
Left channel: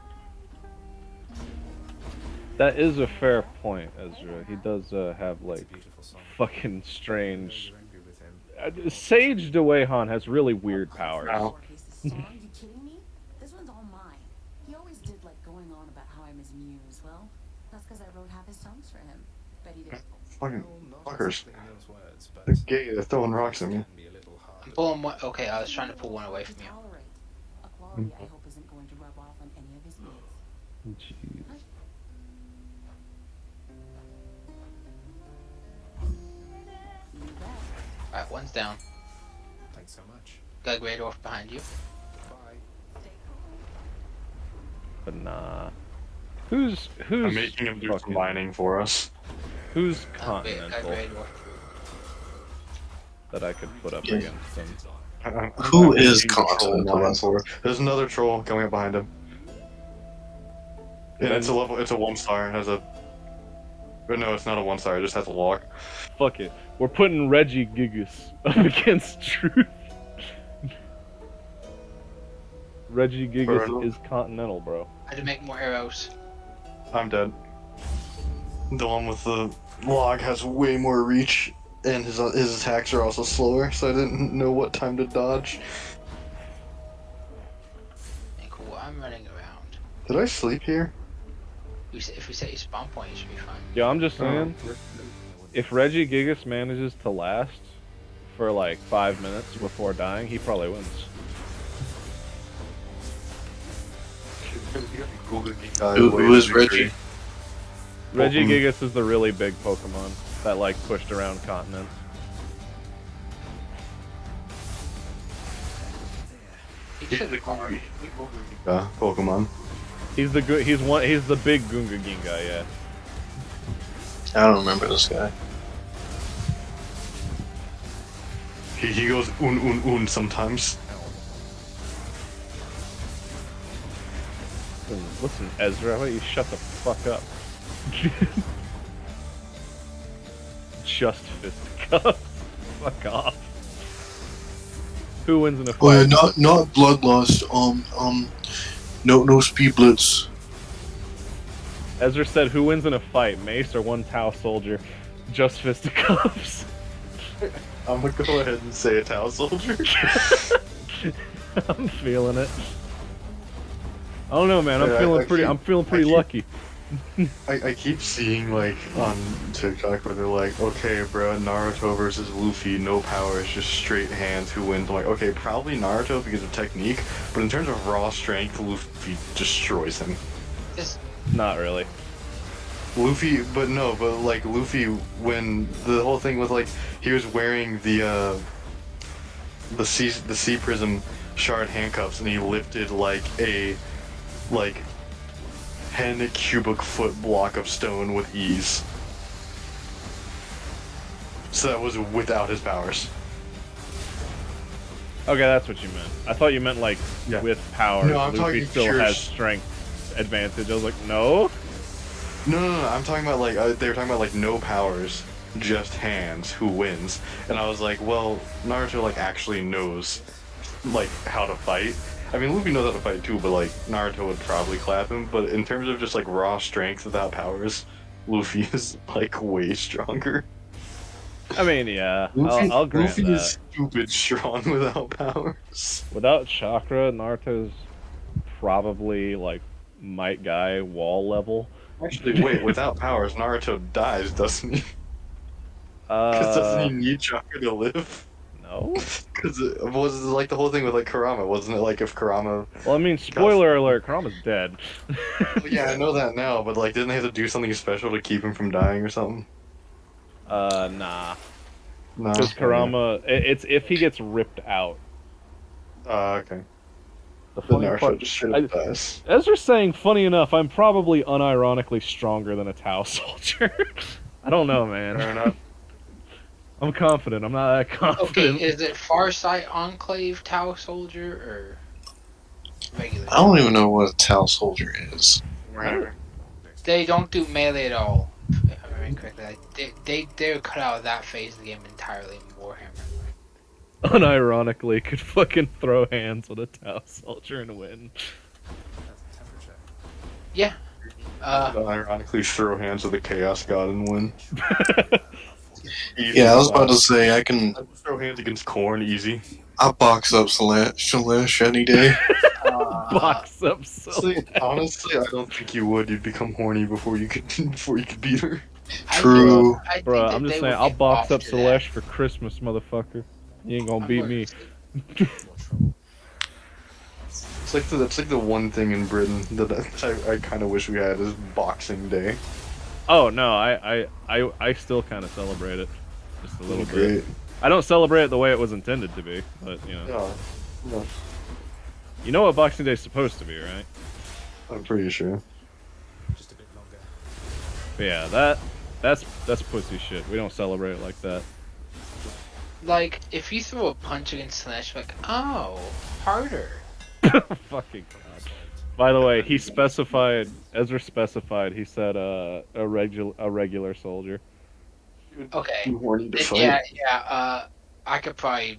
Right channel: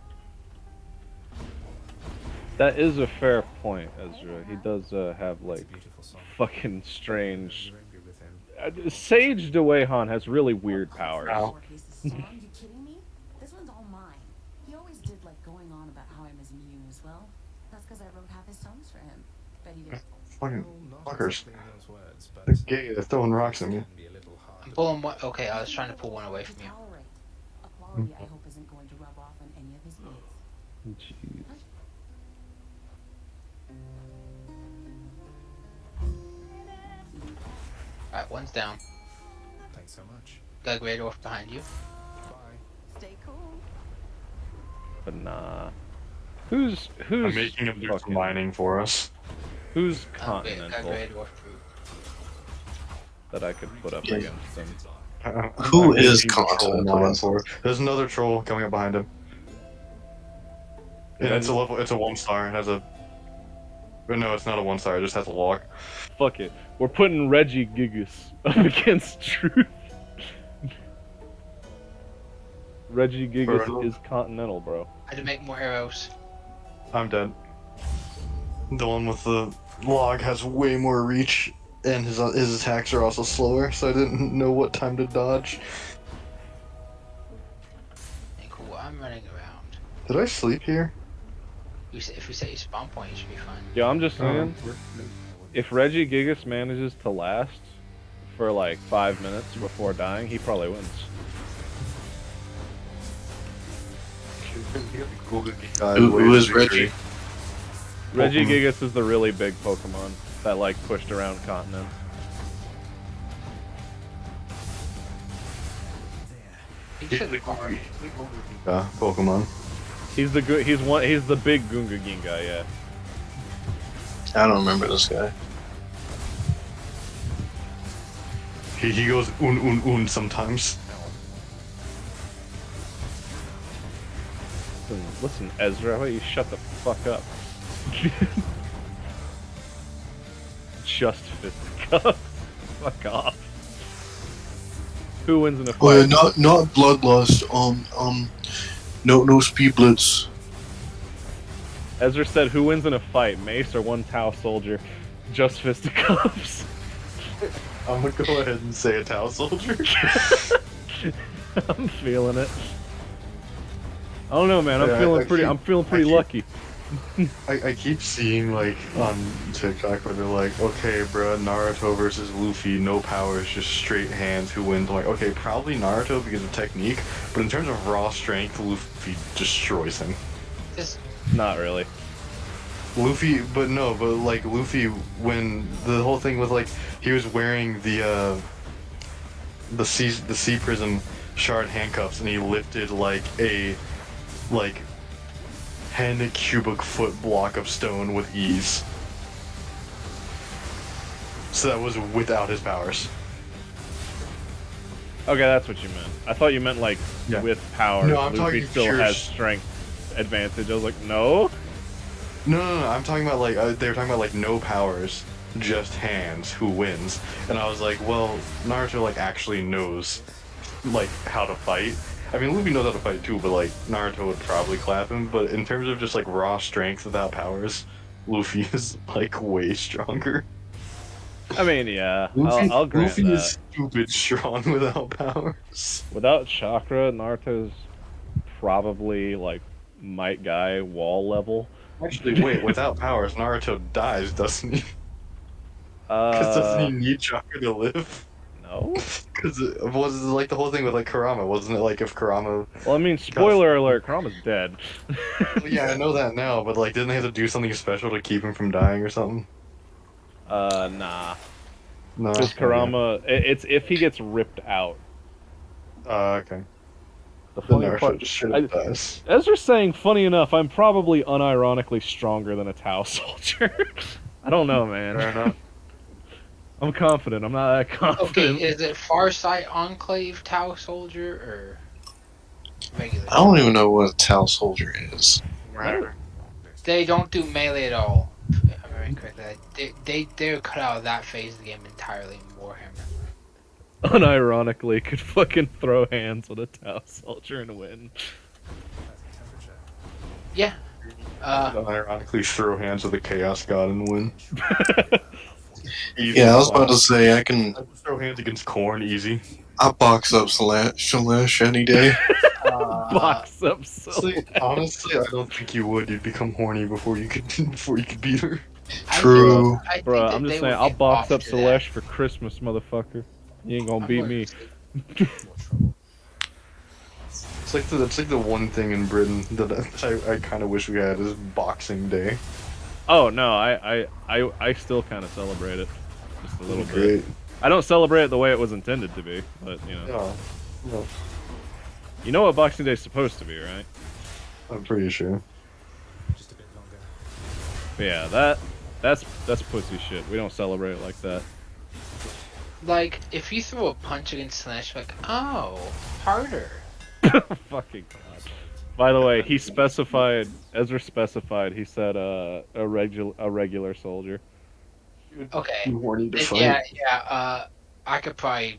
That is a fair point, Ezra. He does have like fucking strange. Sage Dewey Han has really weird powers. Ow. Are you kidding me? This one's all mine. He always did like going on about how I'm his muse. Well, that's because I wrote half his songs for him. Bet he did. Fucking Not fuckers. exactly those words, but They're gay. They're throwing rocks at me. can be a little hard. I'm pulling one. Okay, I was trying to pull one away from you. Tolerate. A quality I hope isn't going to rub off on any of his mates. Jeez. Alright, one's down. Thanks so much. Got a great orc behind you. Bye. Stay cool. But nah. Who's I'm making him do some fucking- mining for us. Who's Got a continental great orc. that I could put up Yeah. against him? Who is making troll continental? mine for us. There's another troll coming up behind him. And it's a level. It's a 1-star. It has a. But no, it's not a 1-star. It just has a log. Fuck it. We're putting Reggie Gigas up against Truth. Reggie Gigas Brutal. is continental, bro. I had to make more arrows. I'm dead. The one with the log has way more reach, and his attacks are also slower, so I didn't know what time to dodge. And cool, I'm running around. Did I sleep here? If we set your spawn point, you should be fine. Yo, I'm just saying, if Reggie Gigas manages to last for like 5 minutes before dying, he probably wins. Who is Reggie? Reggie Gigas is the really big Pokemon that like pushed around continents. He should Pokemon. He's the big Gunga Ginga, yeah. I don't remember this guy. He goes un sometimes. Listen, Ezra, how about you shut the fuck up? Just fisticuffs. Fuck off. Who wins in a Oh yeah, fight? not bloodlust. No speed blitz. Ezra said, "Who wins in a fight, Mace or one Tau soldier?" Just fisticuffs. I'm gonna go ahead and say a Tau soldier. I'm feeling it. I don't know, man. I'm Yeah, feeling I pretty. keep- I'm feeling pretty I keep- lucky. I keep seeing like on TikTok where they're like, okay, bro, Naruto versus Luffy, no powers, just straight hands. Who wins? I'm like, okay, probably Naruto because of technique, but in terms of raw strength, Luffy destroys him. Just Not really. Luffy, but like Luffy, when the whole thing with like he was wearing the sea prism shard handcuffs and he lifted like a 10 cubic foot block of stone with ease. So that was without his powers. Okay, that's what you meant. I thought you meant like Yeah. with powers. No, I'm Luffy talking still pure has s- strength advantage. I was like, no. No, I'm talking about like they were talking about like no powers, just hands. Who wins? And I was like, well, Naruto like actually knows like how to fight. I mean, Luffy knows how to fight too, but like Naruto would probably clap him. But in terms of just like raw strength without powers, Luffy is like way stronger. I mean, yeah, Luffy, I'll grant Luffy that. is stupid strong without powers. Without chakra, Naruto's probably like might guy wall level. Actually, wait, without powers, Naruto dies, doesn't he? Because doesn't he need chakra to live? No. Because it was like the whole thing with like Kurama, wasn't it? Like if Kurama, Well, I mean, spoiler alert: Kurama's dead. yeah, I know that now, but like, didn't they have to do something special to keep him from dying or something? Nah. No. Because Kurama, it's if he gets ripped out. Okay. The Then funny Naruto part, just straight up dies. Ezra's saying, funny enough, I'm probably unironically stronger than a Tau soldier. I don't know, man. Fair enough. I'm confident. I'm not that okay. confident. Is it Farsight Enclave Tau Soldier or regular? I don't even know what a Tau soldier is. Whatever. They don't do melee at all. If I remember correctly. Like, they're cut out of that phase of the game entirely in Warhammer. Unironically, could fucking throw hands with a Tau soldier and win. Temperature. Yeah. Ironically, throw hands with the Chaos God and win. Easy. Yeah, I was about to say I can. Throw hands against Korn, easy. I box up Shalash any day. Box up so. Honestly, I don't think you would. You'd become horny before you could beat her. True. I think Bro, that I'm they just saying, would I'll get box off up to that. Celeste for Christmas, motherfucker. You ain't gonna beat me. It's like the one thing in Britain that I kind of wish we had is Boxing Day. Oh no, I still kind of celebrate it, just a little bit. Great. I don't celebrate it the way it was intended to be, but you know. Yeah, yeah, You know what Boxing Day is supposed to be, right? I'm pretty sure. Just a bit longer. But yeah, that's pussy shit. We don't celebrate it like that. Like, if you throw a punch against Slash, like, oh, harder. Fucking god. By the way, Ezra specified. He said a regular soldier. Okay. Too horny to Then fight. yeah. I could probably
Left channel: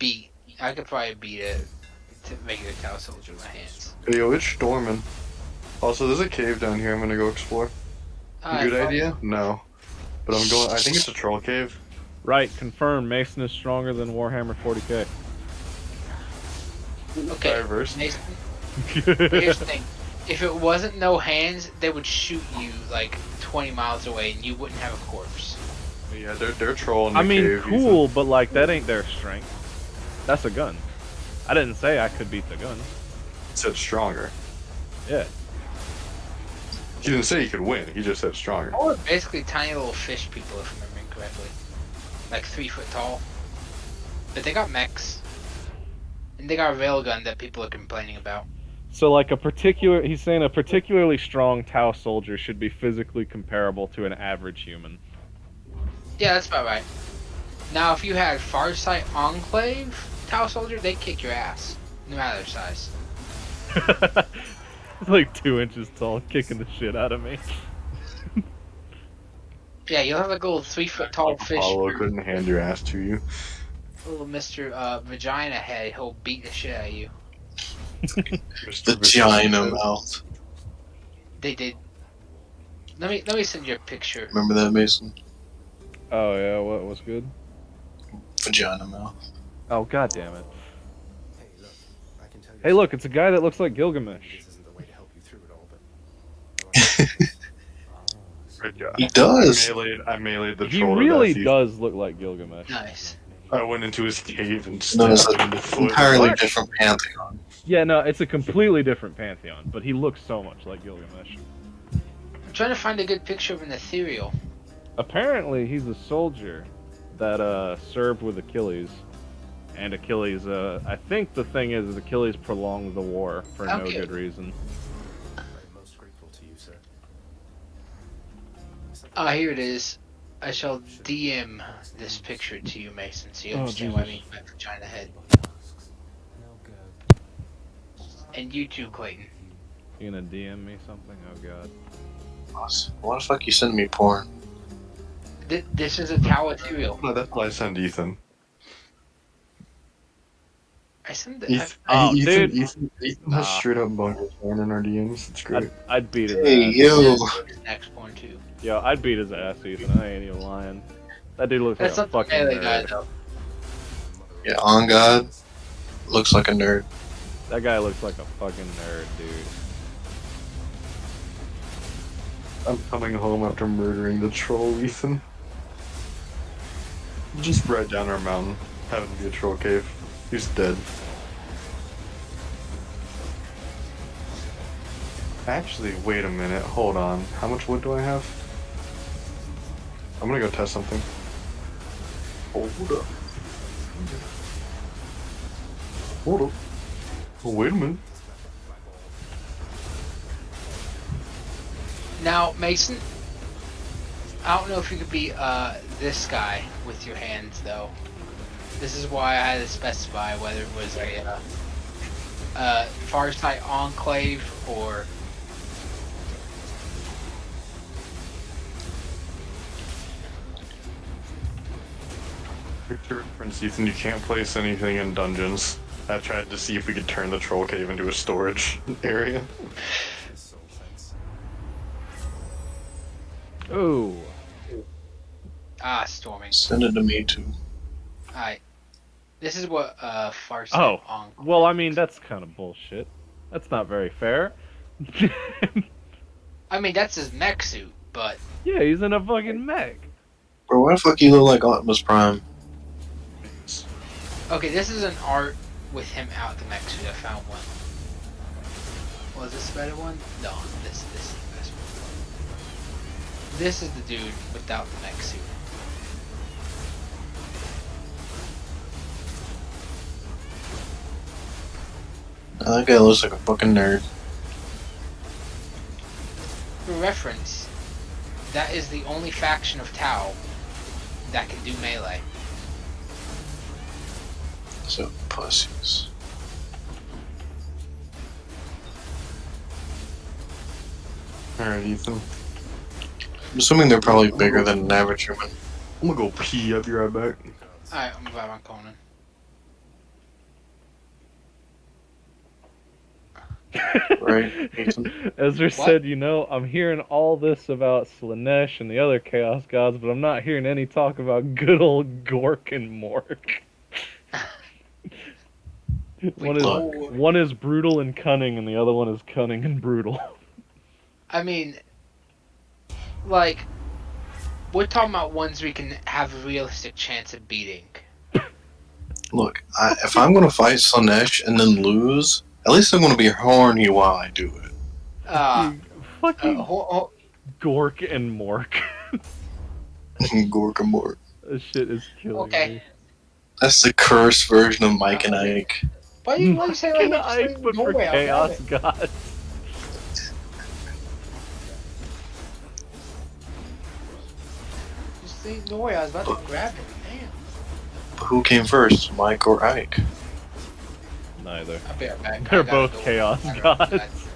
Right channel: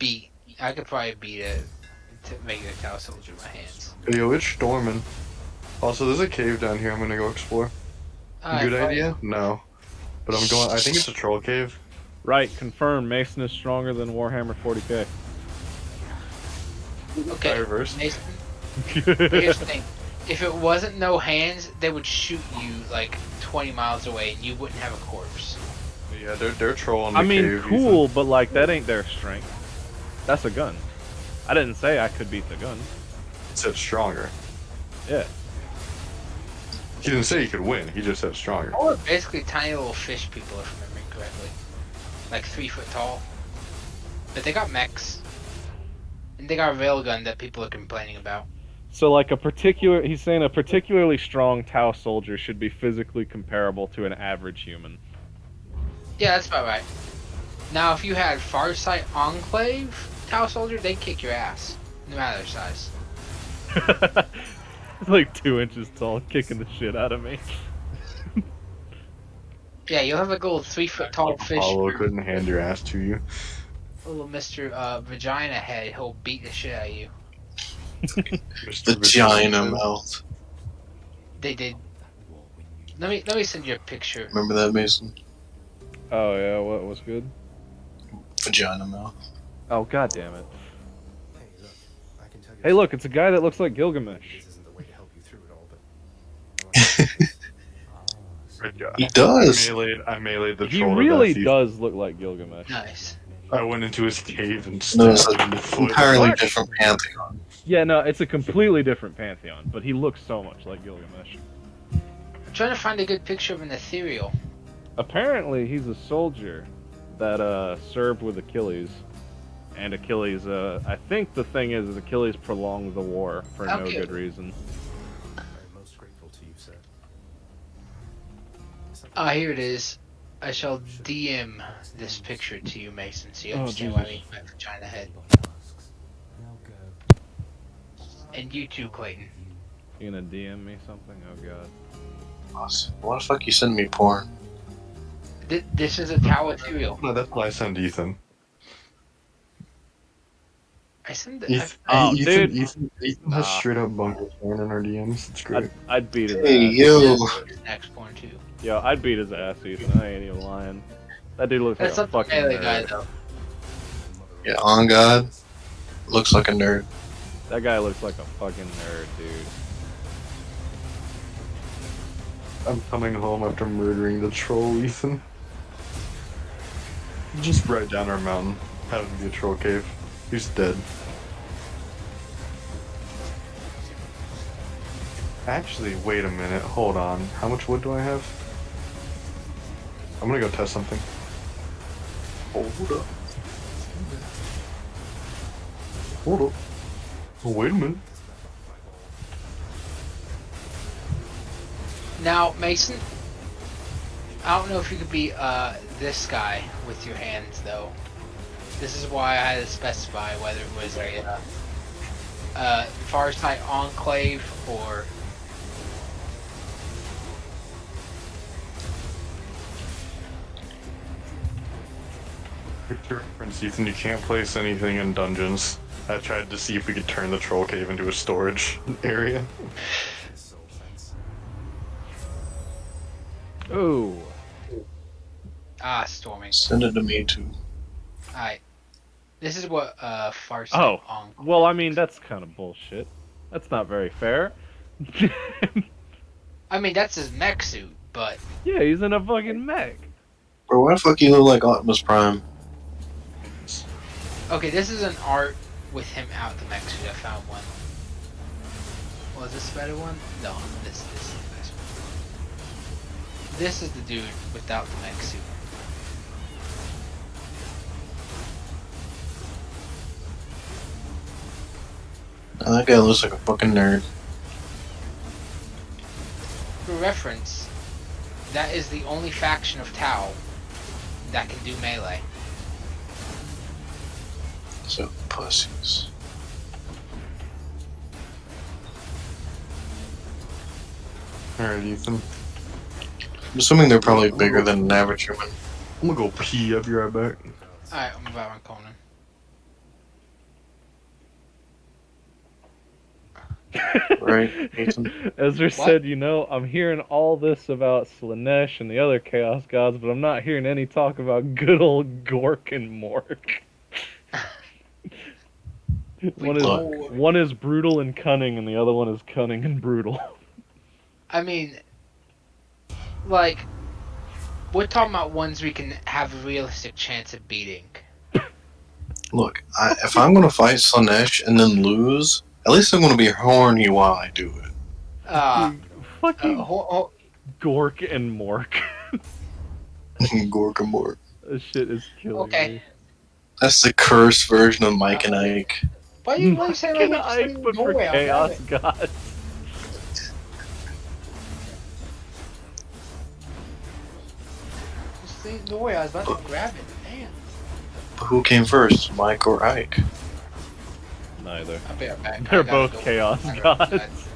beat a regular Tau Soldier with my hands. Hey, yo, it's storming. Also, there's a cave down here I'm gonna go explore. Good idea? No. But I'm going. I think it's a troll cave. Right, confirmed. Mason is stronger than Warhammer 40k. Okay, Diverse. Mason, here's the thing. If it wasn't no hands, they would shoot you like 20 miles away and you wouldn't have a corpse. Yeah, they're trolling. I mean, cool, but like that ain't their strength. That's a gun. I didn't say I could beat the gun. Said stronger. Yeah. He didn't say he could win. He just said stronger. Or basically tiny little fish people, if I'm remembering correctly. Like 3 foot tall. But they got mechs. And they got a railgun that people are complaining about. So like he's saying a particularly strong Tau soldier should be physically comparable to an average human. Yeah, that's about right. Now, if you had Farsight Enclave Tau Soldier, they'd kick your ass. No matter their size. He's like 2 inches tall, kicking the shit out of me. Yeah, you'll have like a little 3-foot tall fish. Apollo couldn't hand your ass to you. Little Mr. Vagina Head, he'll beat the shit out of you. The Vagina mouth. They did. Let me send you a picture. Remember that, Mason? Oh yeah, what was good? Vagina mouth. Oh god damn it. Hey, look, I can tell you Hey look, it's a guy that looks like Gilgamesh. this isn't the way to help you through it all, but Good guy. He does. I meleeed the He troll to really death. does look like Gilgamesh. Nice. I went into his cave and No, it's stabbed him in the an foot. entirely What? different pantheon. Yeah, no, it's a completely different pantheon, but he looks so much like Gilgamesh. I'm trying to find a good picture of an ethereal. Apparently, he's a soldier that served with Achilles, and Achilles. I think the thing is Achilles prolonged the war for no Okay. good reason. I'm most grateful to you, sir. Ah, here it is. I shall DM this picture to you, Mason, so you Oh, understand what I Jesus. mean by Vagina Head. Now go. And you too, Clayton. You gonna DM me something? Oh god. Why the fuck you sending me porn? This is a Tau ethereal. No, that's why I sent Ethan. I sent it. Ethan, Oh, Ethan, dude. Ethan has Nah. straight up bunker porn in our DMs. It's great. I'd beat his Hey, ass. yo. Next one too. Yo, I'd beat his ass, Ethan. I ain't even lying. That dude looks like That's a not the fucking melee guy nerd. though. Yeah, on God. Looks like a nerd. That guy looks like a fucking nerd, dude. I'm coming home after murdering the troll, Ethan. Just right down our mountain. Happened to be a troll cave. He's dead. Actually, wait a minute. Hold on. How much wood do I have? I'm gonna go test something. Hold up. Hold up. Oh, wait a minute. Now, Mason, I don't know if you could be this guy with your hands though. This is why I had to specify whether it was a Farsight Enclave or For reference, Ethan, you can't place anything in dungeons. I tried to see if we could turn the troll cave into a storage area. Soul fence. Oh. storming. Send it to me too. Alright. This is what Farsight Oh. Enclave. Well, I mean, that's kind of bullshit. That's not very fair. I mean, that's his mech suit, but Yeah, he's in a fucking mech. Bro, why the fuck you look like Optimus Prime? okay, this is an art with him out the mech suit. I found one. Was this a better one? No, this is the best one. This is the dude without the mech suit. That guy looks like a fucking nerd. For reference, that is the only faction of Tau that can do melee. So pussies. Alright, Ethan. I'm assuming they're probably bigger than an average human. I'm gonna go pee. I'll be right back. Alright, I'm about on Conan. Right, Ethan? Ezra said, you know, I'm hearing all this about Slanesh and the other Chaos Gods, but I'm not hearing any talk about good old Gork and Mork. One is brutal and cunning, and the other one is cunning and brutal. I mean, like, we're talking about ones we can have a realistic chance of beating. Look, if I'm gonna fight Slanesh and then lose, at least I'm gonna be horny while I do it. Fucking Gork and Mork. Gork and Mork. This shit is killing me. That's the cursed version of Mike and Ike. Why you want to say Fucking like Ike, but for Norway, I Chaos got it. Gods. Just think Norway, I was about to grab it. Damn. But who came first, Mike or Ike? Neither. I'll be right back. They're I gotta both go. Chaos I gotta go. Gods.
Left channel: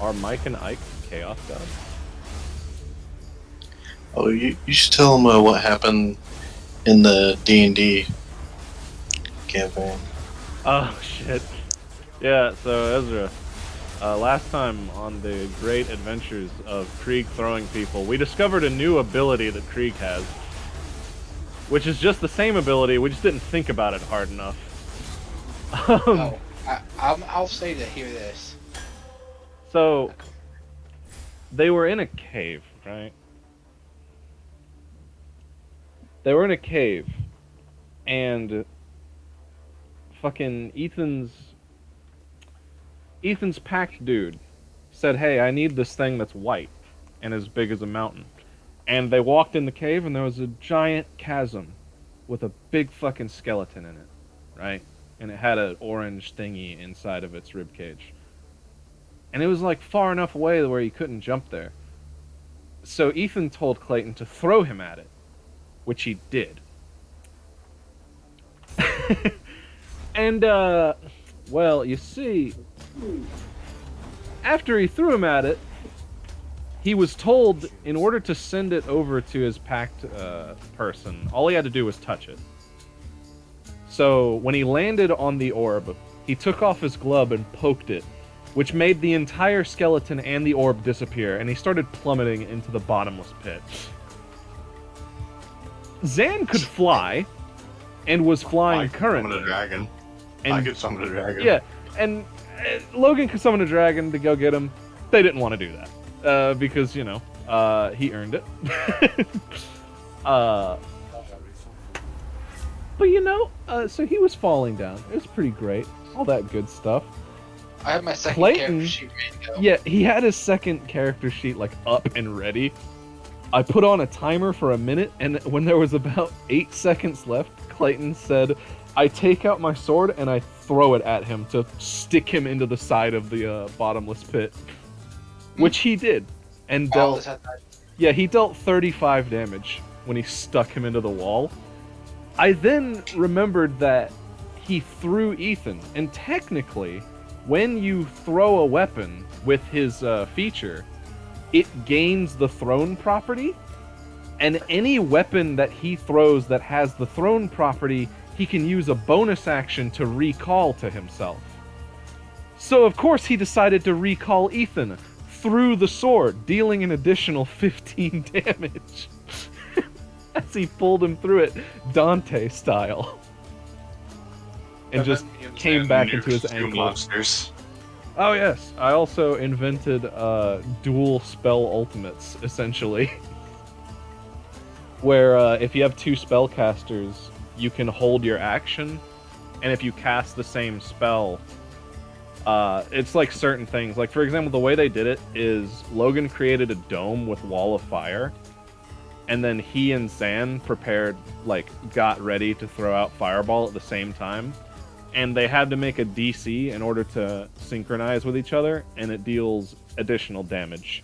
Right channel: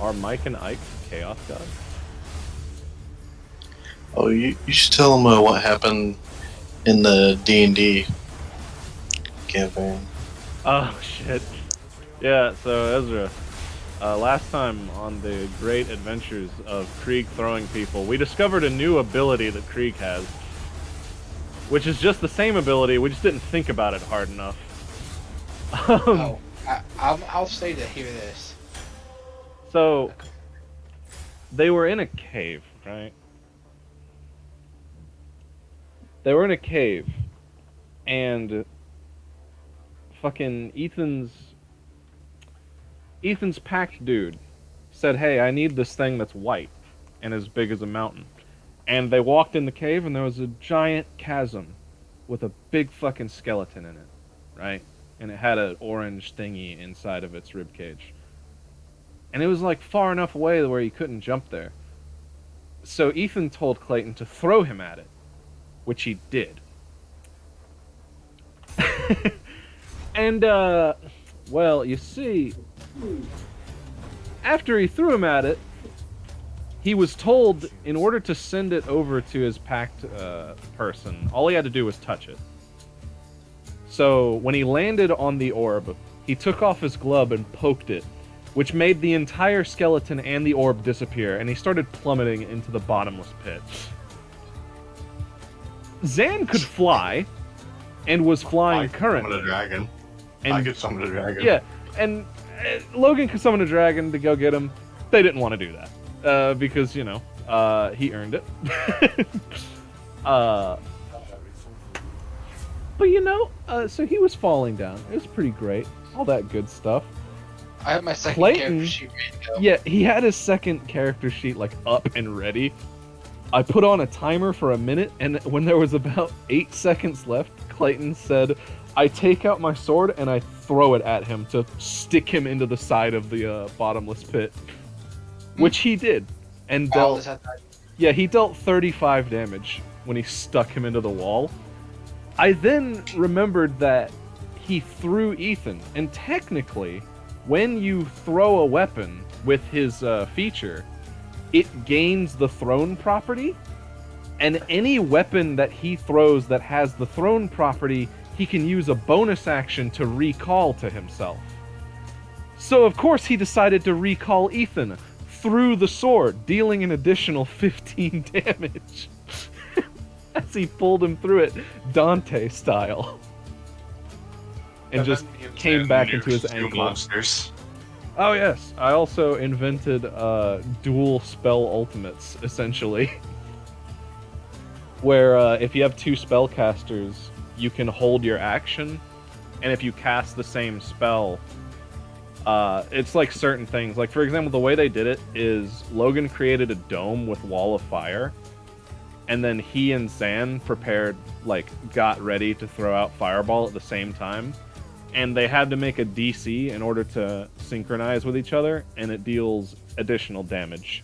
Are Mike and Ike Chaos Gods? Oh, you should tell them what happened in the D&D campaign. Oh shit. Yeah, so Ezra, last time on the great adventures of Krieg throwing people, we discovered a new ability that Krieg has, which is just the same ability, we just didn't think about it hard enough. I'll say to hear this. So, they were in a cave, right? They were in a cave, and fucking Ethan's packed dude said, "Hey, I need this thing that's white and as big as a mountain." And they walked in the cave, and there was a giant chasm with a big fucking skeleton in it, right? And it had an orange thingy inside of its ribcage. And it was like far enough away where he couldn't jump there. So Ethan told Clayton to throw him at it, which he did. And, well, you see, after he threw him at it, he was told in order to send it over to his packed person, all he had to do was touch it. So when he landed on the orb, he took off his glove and poked it, which made the entire skeleton and the orb disappear, and he started plummeting into the bottomless pit. Zan could fly, and was flying currently. Summon a dragon. And, I could summon a dragon. Yeah, and Logan could summon a dragon to go get him. They didn't want to do that, because, you know, he earned it. But, you know, so he was falling down. It was pretty great. All that good stuff. I have my second Clayton, character sheet ready to go. yeah, he had his second character sheet, like, up and ready. I put on a timer for a minute, and when there was about 8 seconds left, Clayton said, I take out my sword and I throw it at him to stick him into the side of the bottomless pit. Which he did. And dealt... Yeah, he dealt 35 damage when he stuck him into the wall. I then remembered that he threw Ethan, and technically, when you throw a weapon with his feature, it gains the throne property, and any weapon that he throws that has the throne property, he can use a bonus action to recall to himself. So of course he decided to recall Ethan through the sword, dealing an additional 15 damage as he pulled him through it Dante style. And just came back into his ankle. Monsters. Oh yes, I also invented dual spell ultimates, essentially. Where if you have two spellcasters, you can hold your action, and if you cast the same spell, it's like certain things. Like, for example, the way they did it is Logan created a dome with Wall of Fire, and then he and Zan got ready to throw out Fireball at the same time. And they had to make a DC in order to synchronize with each other, and it deals additional damage.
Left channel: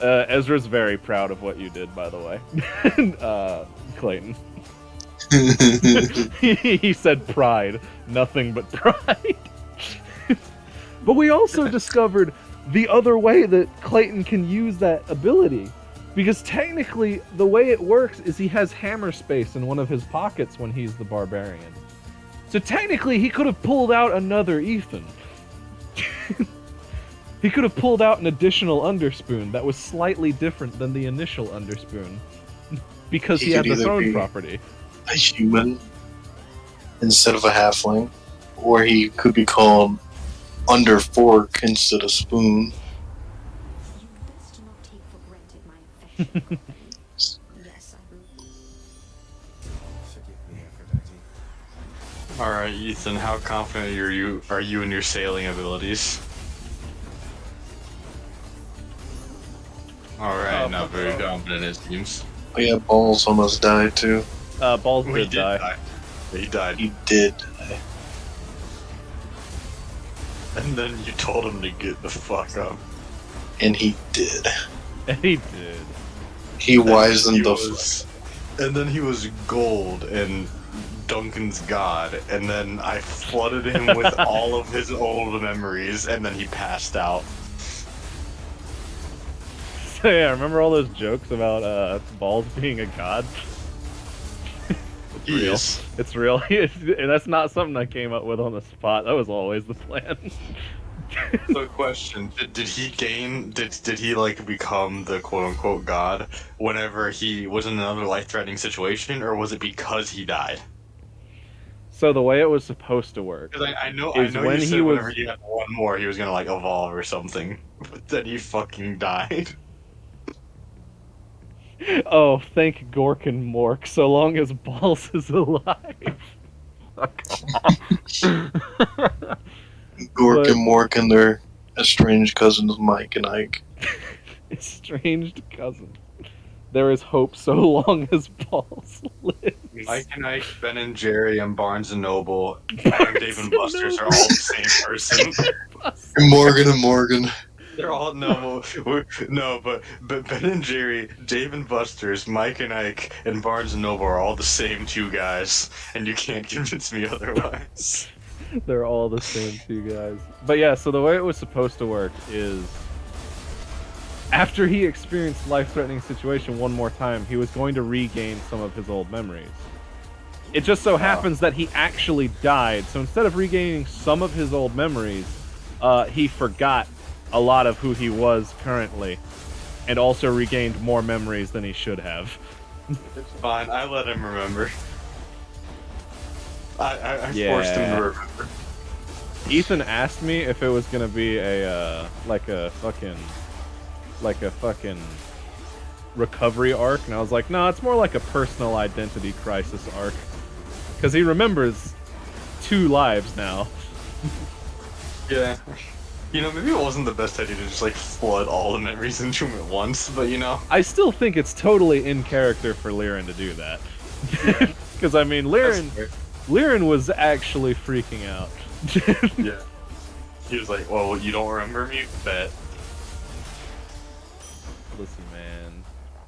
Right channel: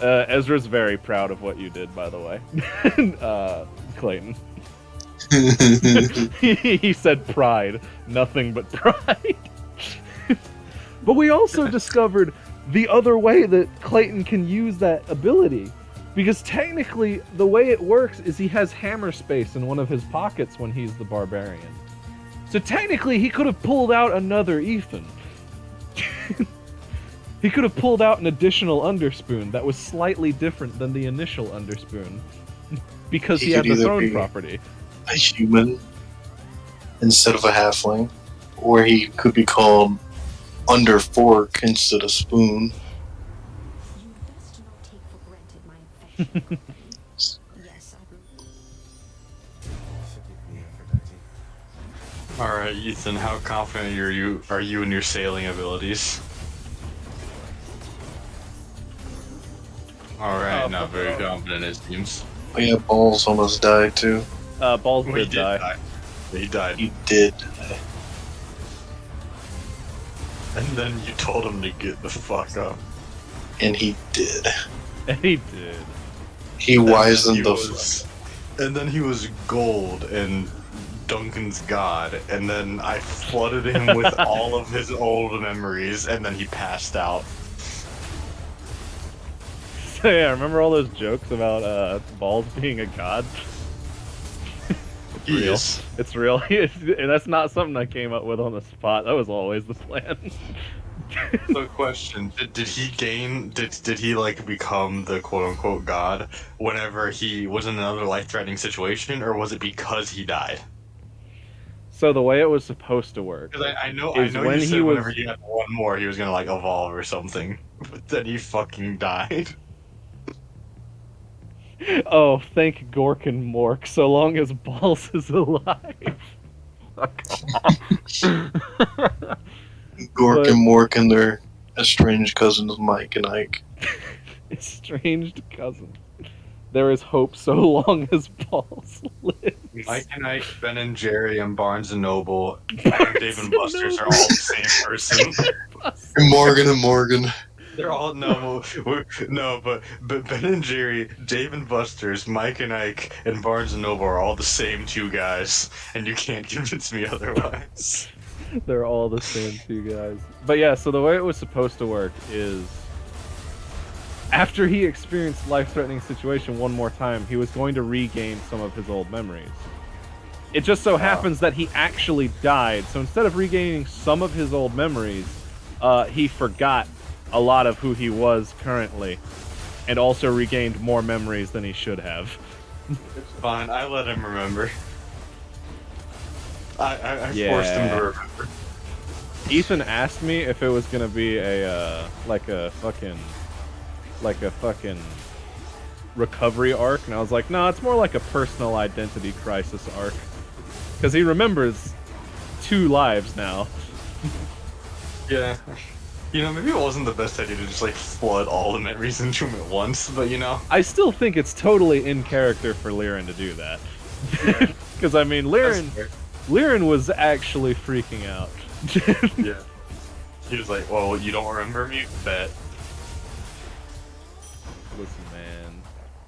Ezra's very proud of what you did, by the way. Clayton. He said pride. Nothing but pride. But we also discovered the other way that Clayton can use that ability. Because technically, the way it works is he has hammer space in one of his pockets when he's the barbarian. So technically, he could have pulled out another Ethan. He could have pulled out an additional Underspoon that was slightly different than the initial Underspoon. Because he had the throne property. A human instead of a halfling. Or he could be called Underfork instead of Spoon. Yes, Alright, Ethan, how confident are you in your sailing abilities? Alright, not very confident it seems. Oh yeah, Balls almost died too. Balls He did die. He died. He did. And then you told him to get the fuck up. And he did. And he did. He wisened the And then he was gold and Duncan's god, and then I flooded him with all of his old memories, and then he passed out. So yeah, remember all those jokes about Balls being a god? It's real. Yes. It's real. And that's not something I came up with on the spot. That was always the plan. So question, did he gain, did he like become the quote-unquote god whenever he was in another life-threatening situation, or was it because he died? So the way it was supposed to work Because I know is when you said he was whenever you had one more, he was gonna like evolve or something, but then he fucking died. Oh, thank Gork and Mork, so long as Balls is alive. Fuck off. Gork But- and Mork and their estranged cousins Mike and Ike. Estranged cousin. There is hope so long as Balls lives. Mike and Ike, Ben and Jerry, and Barnes and Noble, and Dave and Buster's are all the same person. And Morgan. They're all but Ben and Jerry, Dave and Buster's, Mike and Ike, and Barnes and Noble are all the same two guys, and you can't convince me otherwise. They're all the same two guys. But yeah, so the way it was supposed to work is after he experienced life-threatening situation one more time, he was going to regain some of his old memories. It just so happens that he actually died, so instead of regaining some of his old memories, he forgot a lot of who he was currently, and also regained more memories than he should have. It's fine, I let him remember. I forced him Yeah. to remember. Ethan asked me if it was gonna be a like a fucking recovery arc, and I was like, no, it's more like a personal identity crisis arc, because he remembers 2 lives now. Yeah. You know, maybe it wasn't the best idea to just like flood all the memories into him at once, but you know. I still think it's totally in character for Liren to do that, because I mean, Liren was actually freaking out. Yeah. He was like, well, you don't remember me? Bet. Listen, man,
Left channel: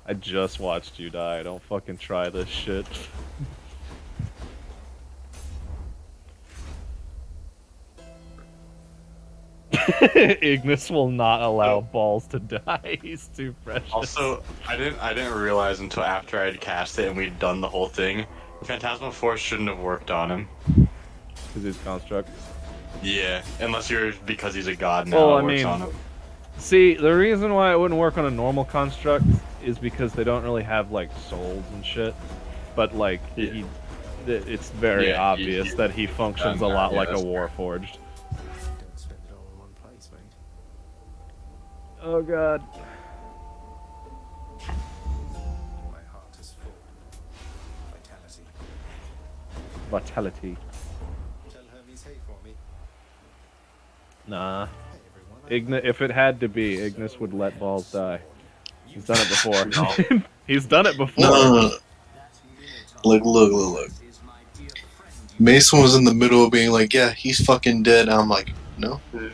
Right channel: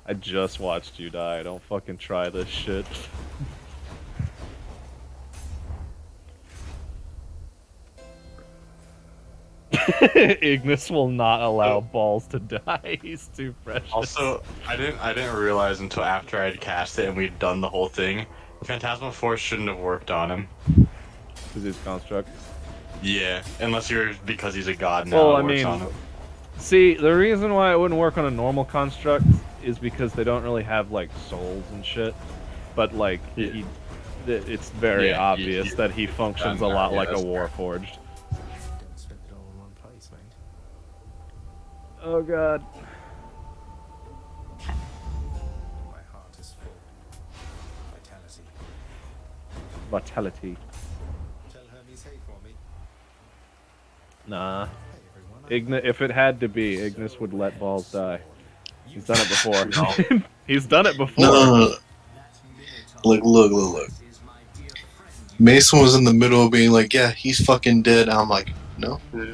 I just watched you die. Don't fucking try this shit. Ignis will not allow Balls to die. He's too precious. Also, I didn't realize until after I'd cast it and we'd done the whole thing, Phantasmal Force shouldn't have worked on him. Because he's construct. Yeah, unless you're because he's a god now. Well, it I works mean, on him. see, the reason why it wouldn't work on a normal construct is because they don't really have like souls and shit. But like, Yeah. it's very Yeah, obvious that he functions a lot yeah, like a that's fair. Warforged. Don't spend it all in one place, mate. Oh god. My heart is full. Vitality. Vitality. Tell her he's hey for me. Nah. Hey everyone. If it had to be, Ignis would let Balls die. He's done it before. He's done it before. No. Look. Mason was in the middle of being like, yeah, he's fucking dead. And I'm like, no. No,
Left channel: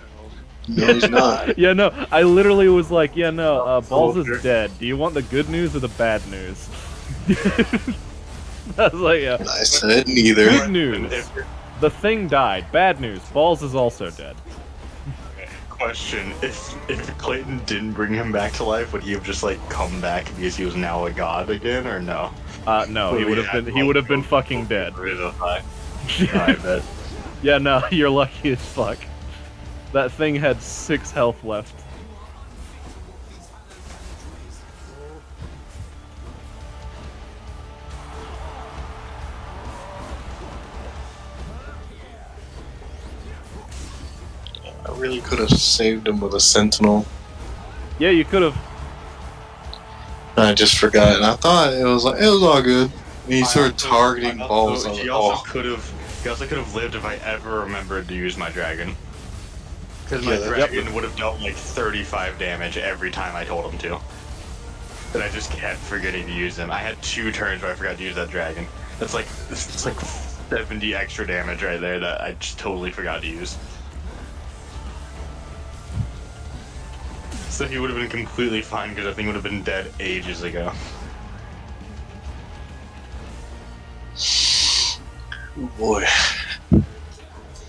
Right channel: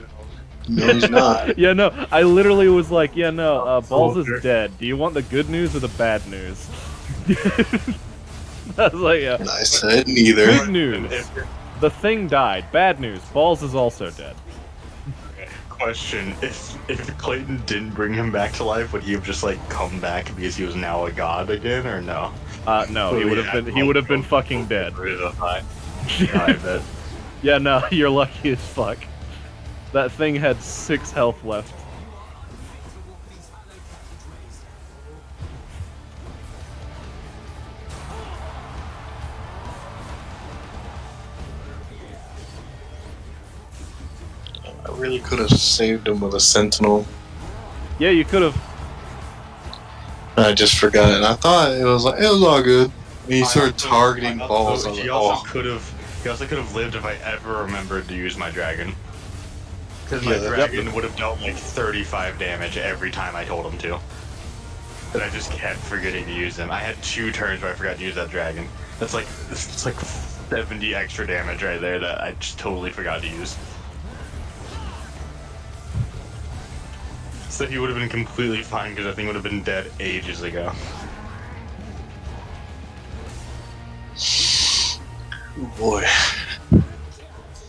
he's not. Yeah, no, I literally was like, yeah, no, Balls is dead. Do you want the good news or the bad news? I was like, yeah. And I said neither. Good news. The thing died. Bad news. Balls is also dead. Question: If Clayton didn't bring him back to life, would he have just like come back because he was now a god again, or no? No, he would have been fucking dead. I bet. Yeah, no, you're lucky as fuck. That thing had 6 health left. I really could have saved him with a sentinel. Yeah, you could have. I just forgot, and I thought it was all good. And he started targeting balls. I was He like, also oh, could have lived if I ever remembered to use my dragon. Because my Yeah, dragon would have dealt like 35 damage every time I told him to. And I just kept forgetting to use them. I had 2 turns where I forgot to use that dragon. It's like 70 extra damage right there that I just totally forgot to use. So he would have been completely fine because the thing would have been dead ages ago. Boy.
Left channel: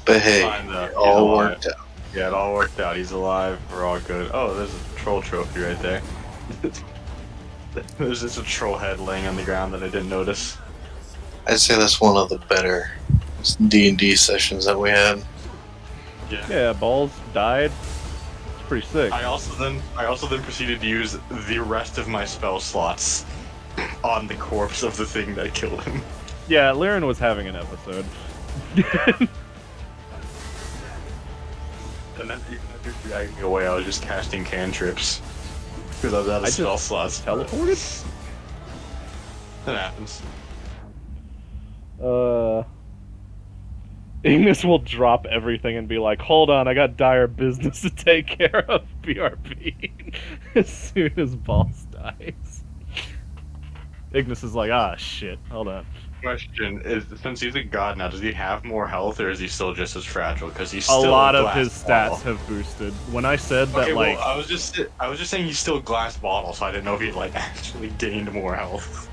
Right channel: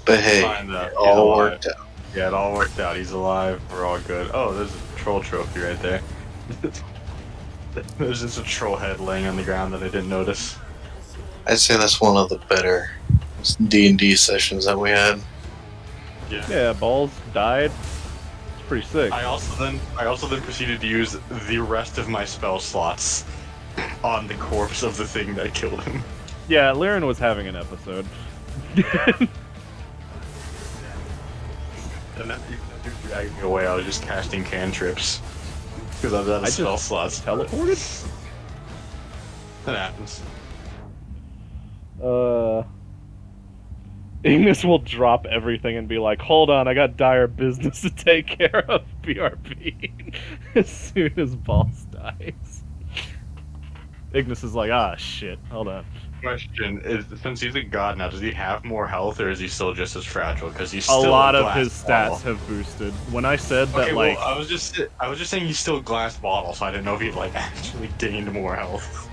But hey, Find out. it He's all alive. worked out. Yeah, it all worked out. He's alive. We're all good. Oh, there's a troll trophy right there. There's just a troll head laying on the ground that I didn't notice. I'd say that's one of the better D&D sessions that we had. Yeah, Balls died. It's pretty sick. I also then proceeded to use the rest of my spell slots on the corpse of the thing that killed him. Yeah, Lyran was having an episode. And after you dragged me away, I was just casting cantrips because I was out of I spell just slots. teleported? That happens. Ignis will drop everything and be like, hold on, I got dire business to take care of, BRB, as soon as Balls dies. Ignis is like, ah, shit, hold on. Question is, since he's a god now, does he have more health or is he still just as fragile? Because he's A still lot of glass his bottle. stats have boosted. When I said that, Okay, like, well, I was just saying he's still glass bottle, so I didn't know if he'd like actually gained more health.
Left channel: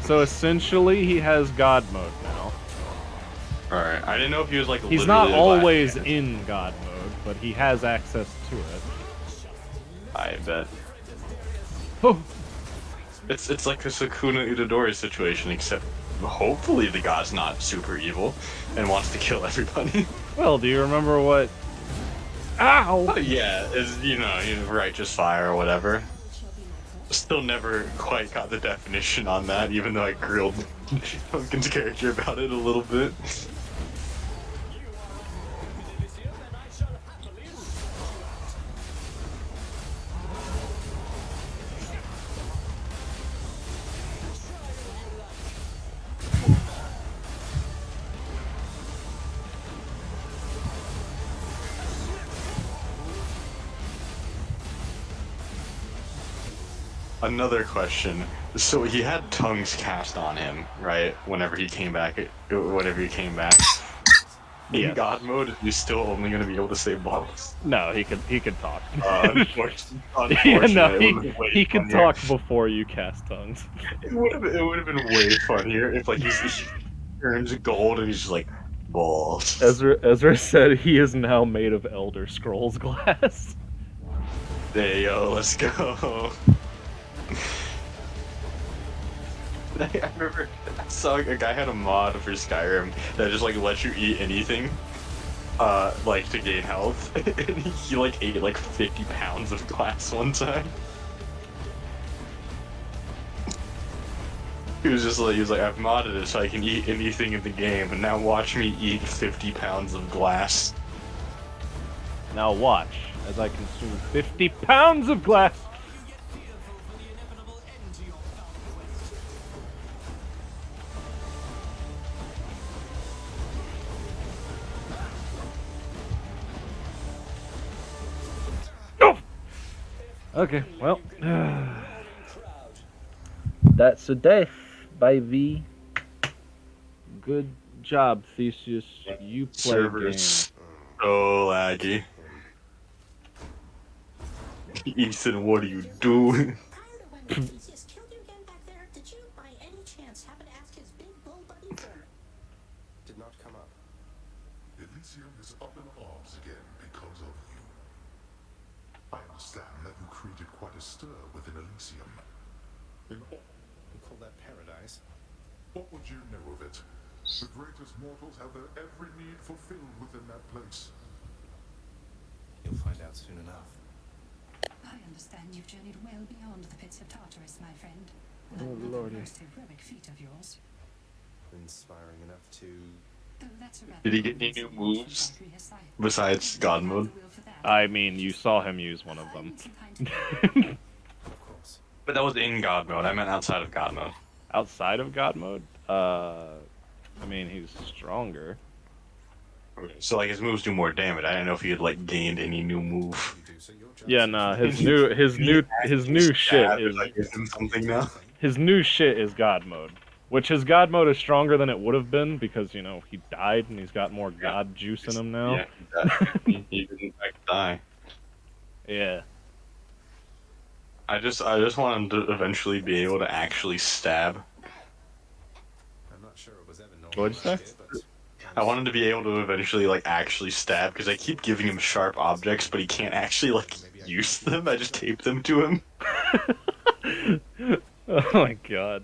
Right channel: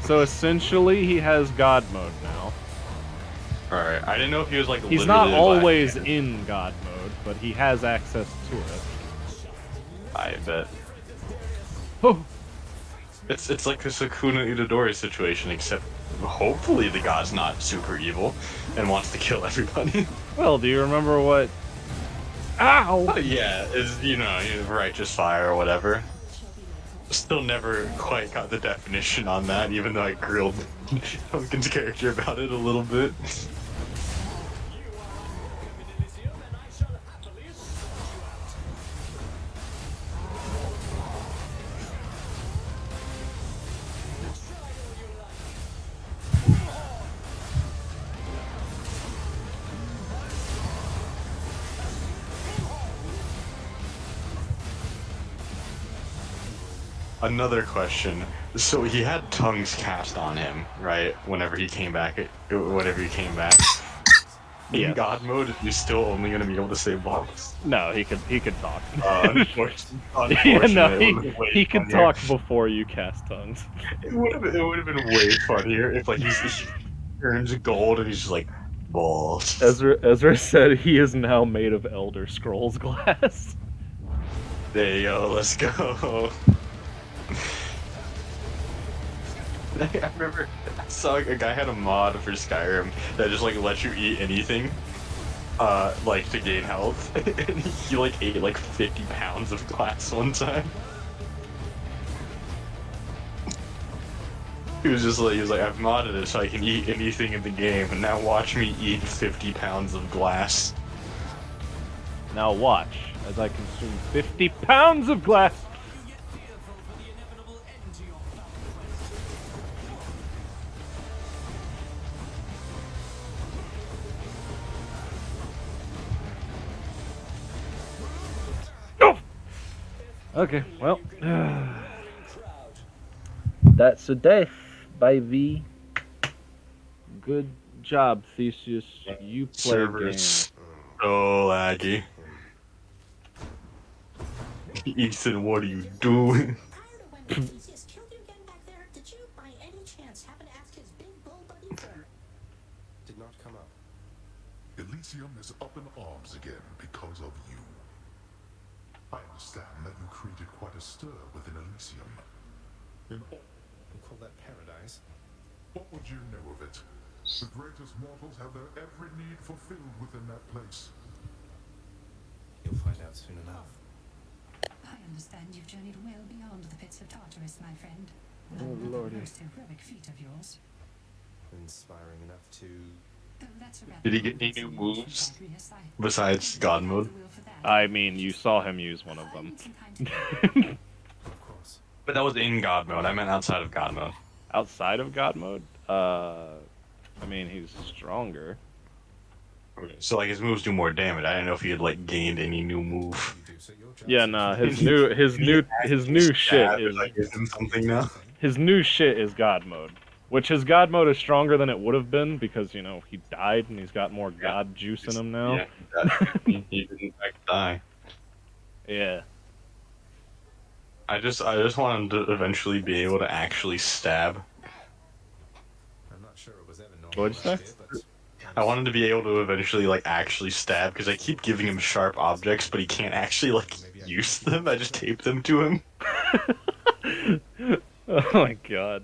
so essentially he has God mode now. Alright, I didn't know if he was like. He's not literally a always black- in God mode, but he has access to it. I bet. Oh, It's like a Sukuna Itadori situation, except hopefully the god's not super evil and wants to kill everybody. well, do you remember what... Ow! But yeah, is righteous fire or whatever. Still never quite got the definition on that, even though I grilled Pumpkin's character about it a little bit. Another question. So he had tongues cast on him, right? Whenever he came back. In Yes. God mode, he's still only going to be able to say balls. No, he could talk. Unfortunately, Yeah, no, it would've been way he could funnier. talk before you cast tongues. It would have been way funnier if like he turns gold and he's just like balls. Ezra said he is now made of Elder Scrolls glass. There you go. Let's go. I remember I saw a guy had a mod for Skyrim that just like lets you eat anything, like to gain health, and he like ate like 50 pounds of glass one time. He was like, I've modded it so I can eat anything in the game, and now watch me eat 50 pounds of glass. Now watch as I consume 50 pounds of glass. Oh! Okay, well, that's a death by V. Good job, Theseus. You play Server's so laggy. Ethan, what are you doing? Kyler, when Theseus killed you again back there, did you by any chance happen to ask his big bull buddy for... Did not come up. Elysium is up in arms again because of you. I understand that you created quite a stir within Elysium. We call that paradise. What would you know of it? The greatest mortals have their every need fulfilled within that place. You'll find out soon enough. I understand you've journeyed well beyond the pits of Tartarus, my friend. Oh, lordy. Most heroic feat of yours. Inspiring enough to. That's a Did he get any new moves besides God mode? I mean, you saw him use one of them. Of course. But that was in God mode. I meant outside of God mode. Outside of God mode, I mean, he's stronger. So like his moves do more damage. I didn't know if he had like gained any new move. You do, so your job Yeah, is nah, to- his new shit Stab, is I give him something now. his new shit is God mode, which his God mode is stronger than it would have been because he died and he's got more God juice in him now. Yeah, he didn't in fact die. Yeah. I just want him to eventually be able to actually stab. I'm not sure it was ever normal What'd you say? around here, but I wanted to be able to eventually like actually stab because I keep giving him sharp objects, but he can't actually like use them. I just tape them to him. Oh my god.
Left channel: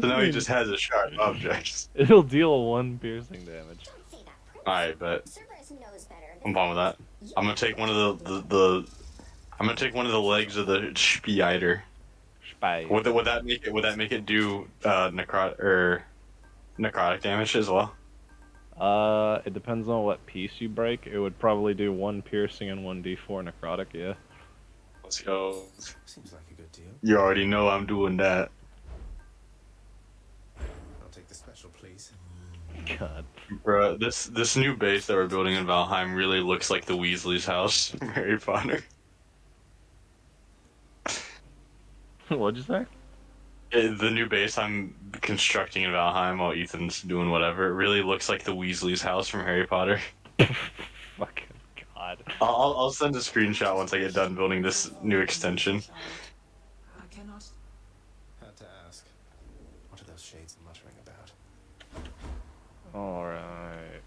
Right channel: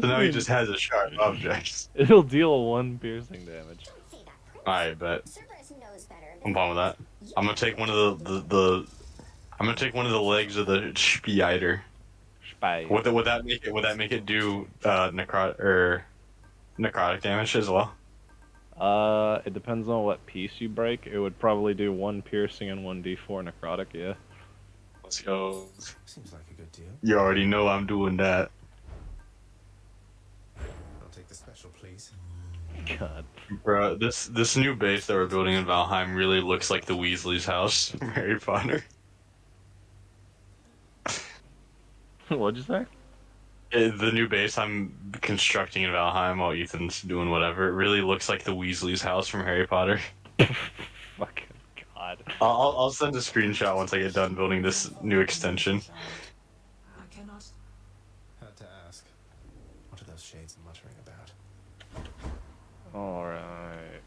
So now he just has a sharp object. It'll deal 1 piercing damage. Alright, but Cerberus knows better I'm than fine with that. I'm gonna take one of the I'm gonna take one of the legs of the spider. Spy. Would that make it do necrotic damage as well? It depends on what piece you break. It would probably do 1 piercing and 1d4 necrotic, yeah. Let's go. seems like a good deal. You already know I'm doing that. I'll take the special, please. God. Bro, this new base that we're building in Valheim really looks like the Weasley's house from Harry Potter. What'd you say? The new base I'm constructing in Valheim while Ethan's doing whatever, it really looks like the Weasley's house from Harry Potter. Fucking god. I'll send a screenshot once I get done building this new extension. I cannot. Had to ask. What are those shades muttering about? Alright.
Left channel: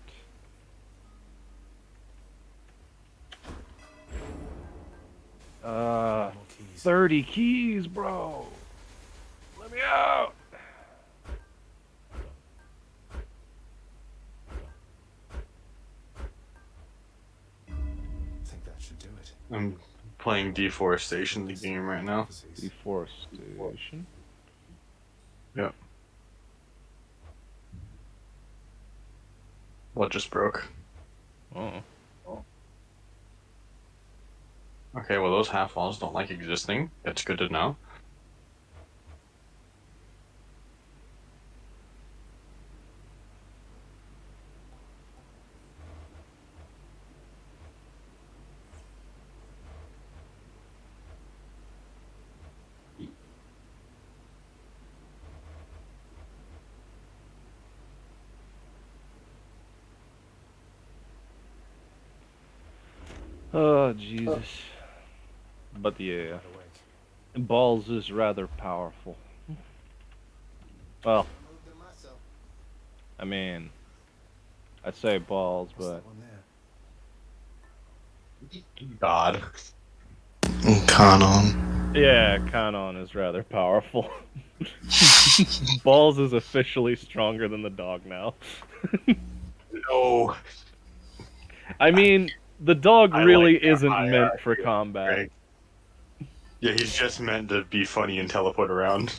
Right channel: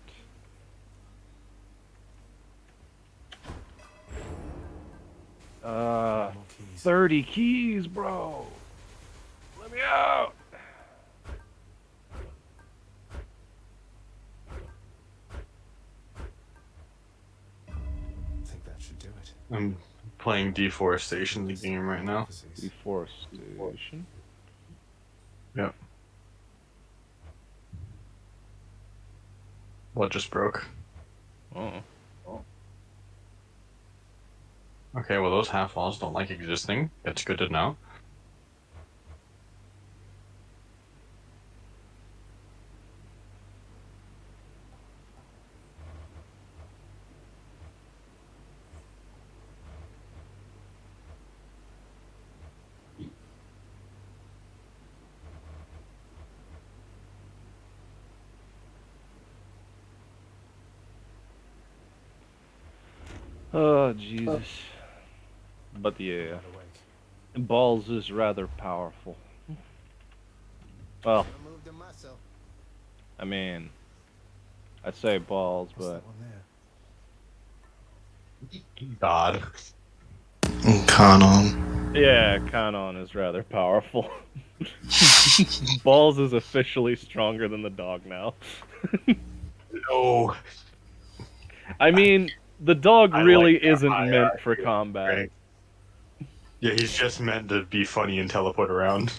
More keys. 30 keys, bro. Let me out. I think that should do it. I'm playing Deforestation, the game right now. Deforestation. Yeah. What just broke? Oh. Okay, well those half walls don't like existing. That's good to know. Oh, Jesus. But yeah, Wide awake. balls is rather powerful. Well, Moved the muscle. I mean, I say balls, What's but that one there? God. Kanon. yeah, Kanon is rather powerful. Balls is officially stronger than the dog now. No. I mean, the dog I really like that isn't hierarchy. meant for combat. Right. Yeah, he's just meant to be funny and teleport around.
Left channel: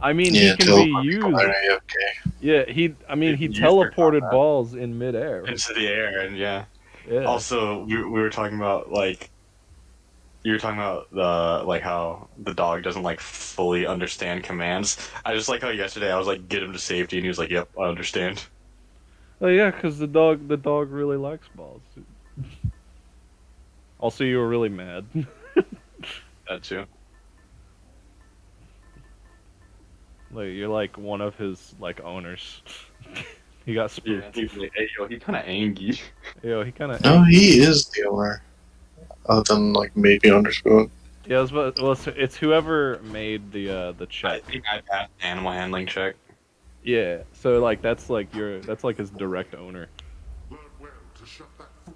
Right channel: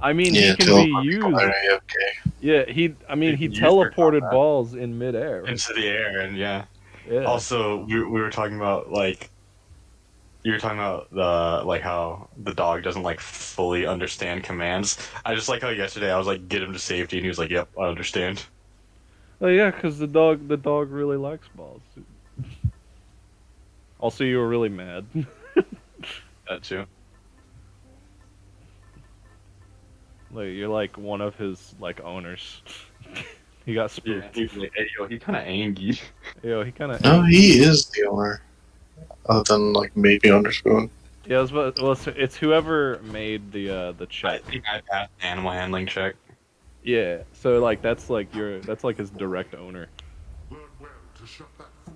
I mean, Yeah, he can be teleport used. people are AFK. Yeah, I mean, he Used for teleported combat. balls in midair. Into the air, and yeah. Yeah. Also, we were talking about, like, you were talking about the, like, how the dog doesn't, like, fully understand commands. I just like how yesterday I was like, get him to safety, and he was like, yep, I understand. Oh yeah, because the dog really likes balls. Also, you were really mad. That too. Like you're like one of his like owners. He got Yeah, spooked. he was like, hey, yo, he kind of angry. Yo, he kind of. No, he is the owner. Other than like maybe Underspoon. Yeah, it's whoever made the I check. think I passed the animal handling check. Yeah, so like that's like his direct owner.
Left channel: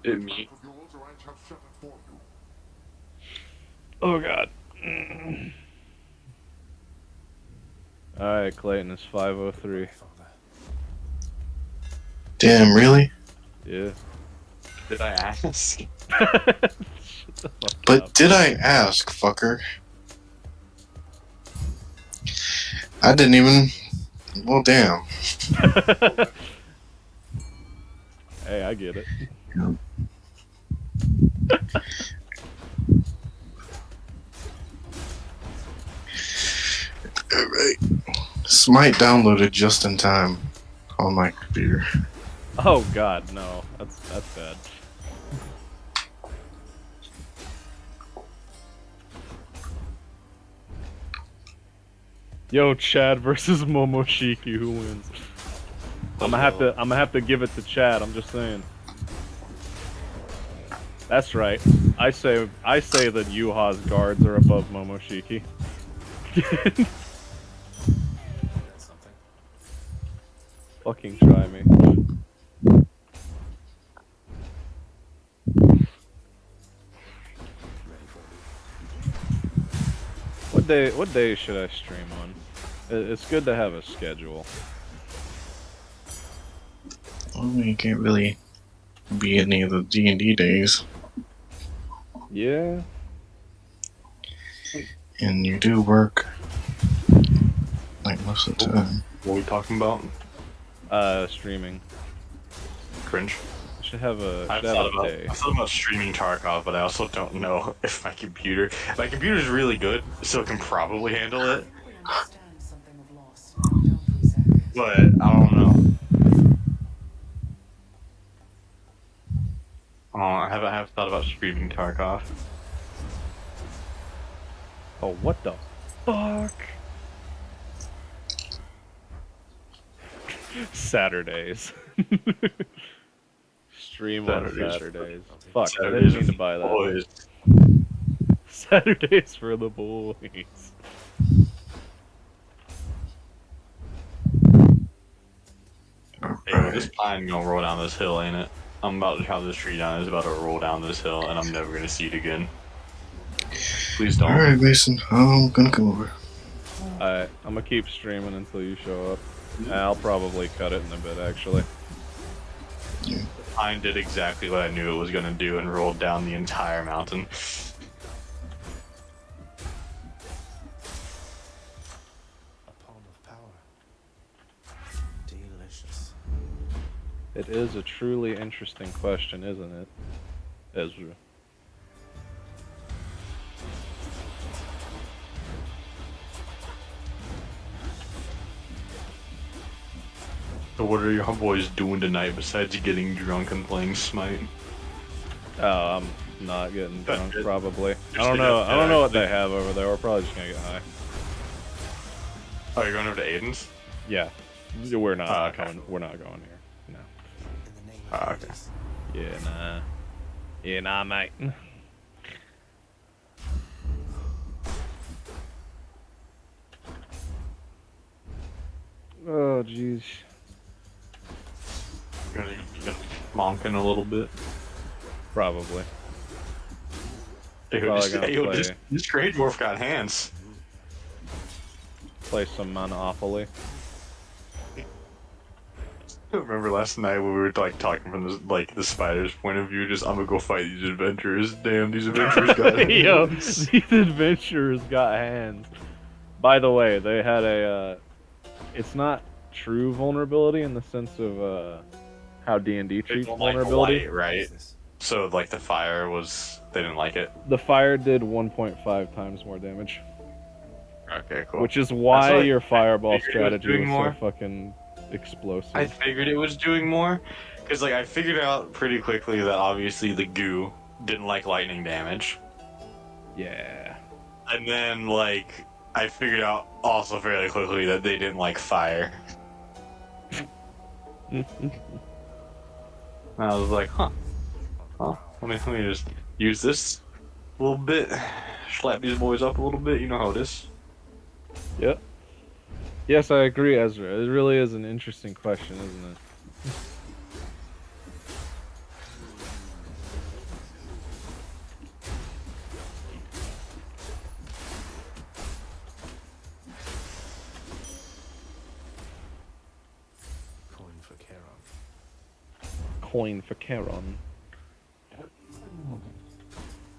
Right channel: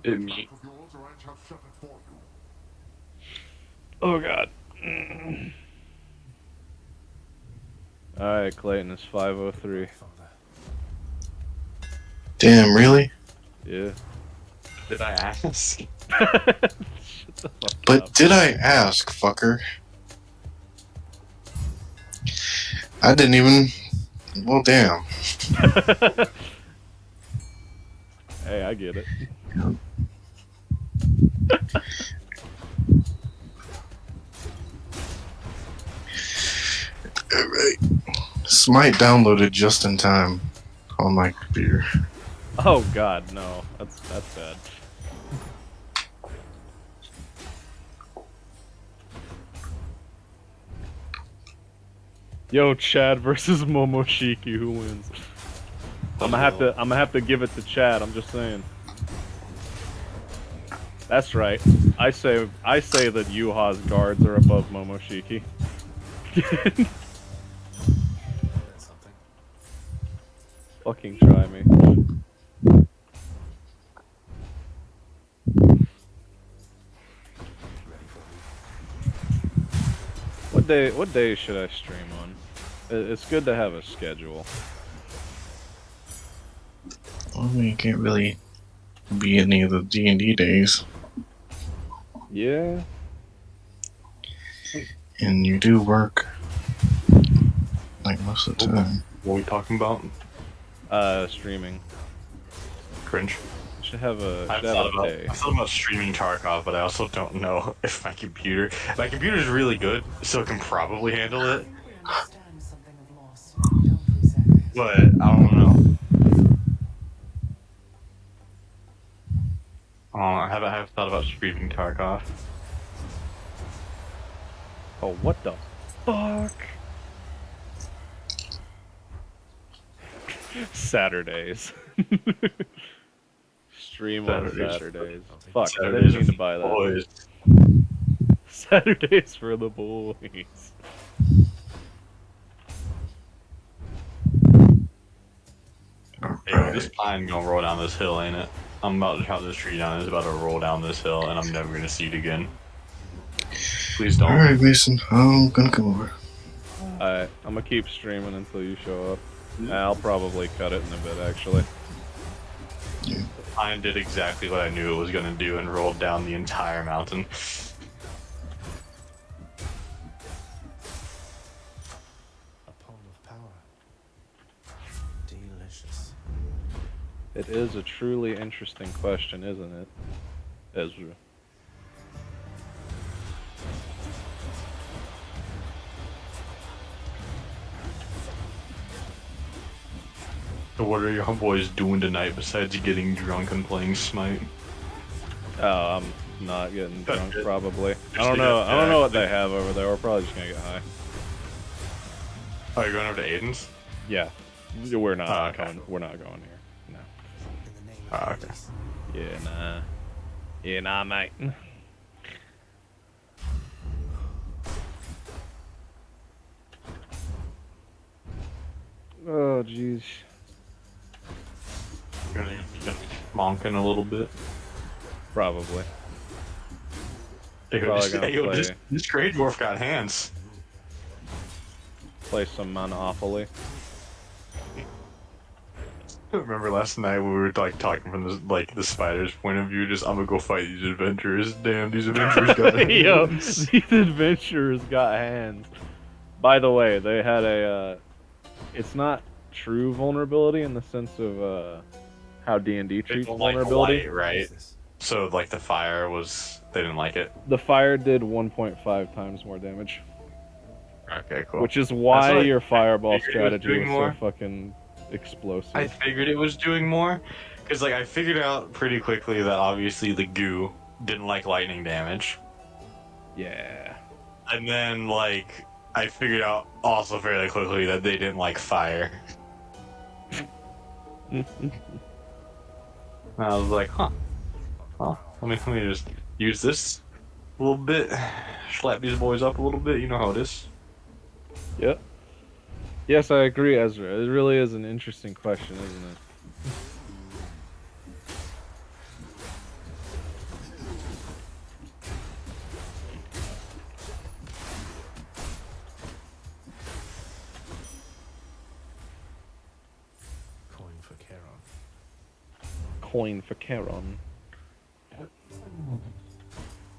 It me. Oh god. Alright, Clayton, it's 5:03. Damn, really? Yeah. Did I ask? Shut the fuck But up. did I ask, fucker? I didn't even. Well, damn. Hey, I get it. Alright. Smite downloaded just in time on my computer. Oh god, no. That's bad. Yo, Chad versus Momoshiki, who wins? I'm gonna have to give it to Chad, I'm just saying. That's right. I say that Yuha's guards are above Momoshiki. That's something. Fucking try me. What day should I stream on? It's good to have a schedule. Well, you can't really be any of the D&D days. Yeah. And you do work, like, most of the time. What are we talking about? Streaming. Cringe. Should have a I've should have thought a day. about streaming Tarkov, but I also don't know if my computer is really good, so it can probably handle it. We understand something of loss, don't we, Zacharias? But I don't know. I have thought about streaming Tarkov. Oh, what the fuck? Saturdays. Stream on Saturdays. Fuck, I didn't mean to buy that. Boys. Saturdays for the boys. Hey, this pine gonna roll down this hill, ain't it? I'm about to chop this tree down. It's about to roll down this hill, and I'm never gonna see it again. Please don't. Alright, Mason, I'm gonna come over. Alright, I'm gonna keep streaming until you show up. I'll probably cut it in a bit, actually. The pine did exactly what I knew it was gonna do and rolled down the entire mountain. A palm of power. Delicious. It is a truly interesting question, isn't it, Ezra? So what are your boys doing tonight besides getting drunk and playing Smite? Oh, I'm not getting drunk, Okay. probably. I don't know. I don't know what they have over there. We're probably just gonna get high. Oh, you're going over to Aiden's? Yeah, we're not Oh, okay. coming. We're not going here. No. In the name Ah, of okay. peace. Yeah, nah. Yeah, nah, mate. Oh, jeez. You're gonna monking a little bit. Probably. Dude, Probably this, gonna yo, play. this Grey Dwarf got hands. Play some Monopoly. I remember last night when we were like talking from the spider's point of view, just I'm gonna go fight these adventurers. Damn, these adventurers got hands. Yo, these adventurers got hands. By the way, they had a. It's not true vulnerability in the sense of how D&D They treats don't like vulnerability. light, right? So like the fire was, they didn't like it. The fire did 1.5 times more damage, Okay, cool. which is why That's what your fireball figured it was strategy doing was so more. fucking explosive. I figured it was doing more, because like I figured out pretty quickly that obviously the goo didn't like lightning damage, Yeah. and then like I figured out also fairly quickly that they didn't like fire. I was like, huh. Let me just use this a little bit, slap these boys up a little bit. You know how it is. Yep. Yes, I agree, Ezra. It really is an interesting question, isn't it? Coin for Charon. Coin for Charon.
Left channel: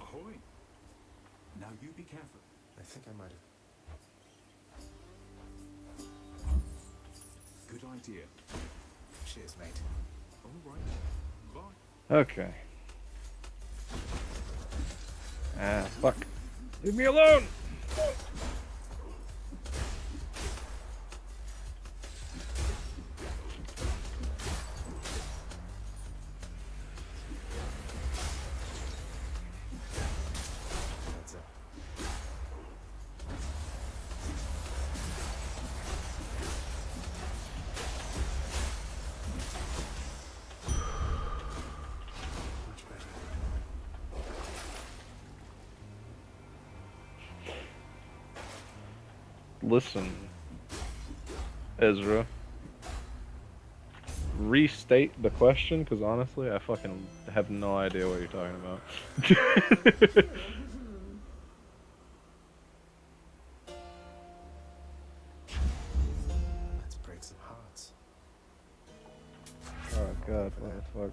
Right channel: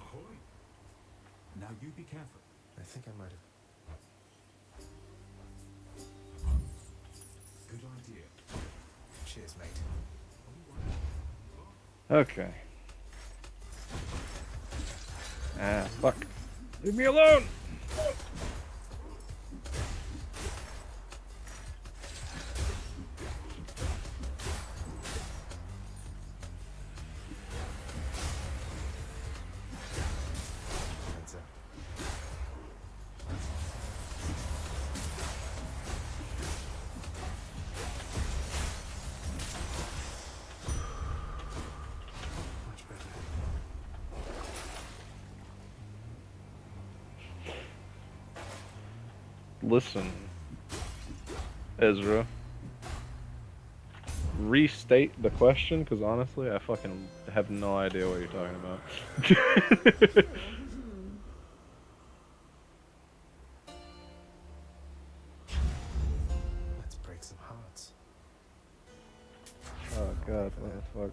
Ahoy! Now you be careful. I think I might have. Good idea. Cheers, mate. All right. Okay. Ah, fuck. Leave me alone! Heads up. Much better. Listen, Ezra. restate the question? Because honestly, I fucking have no idea what you're talking about. Let's break some hearts. Oh god, what the fuck?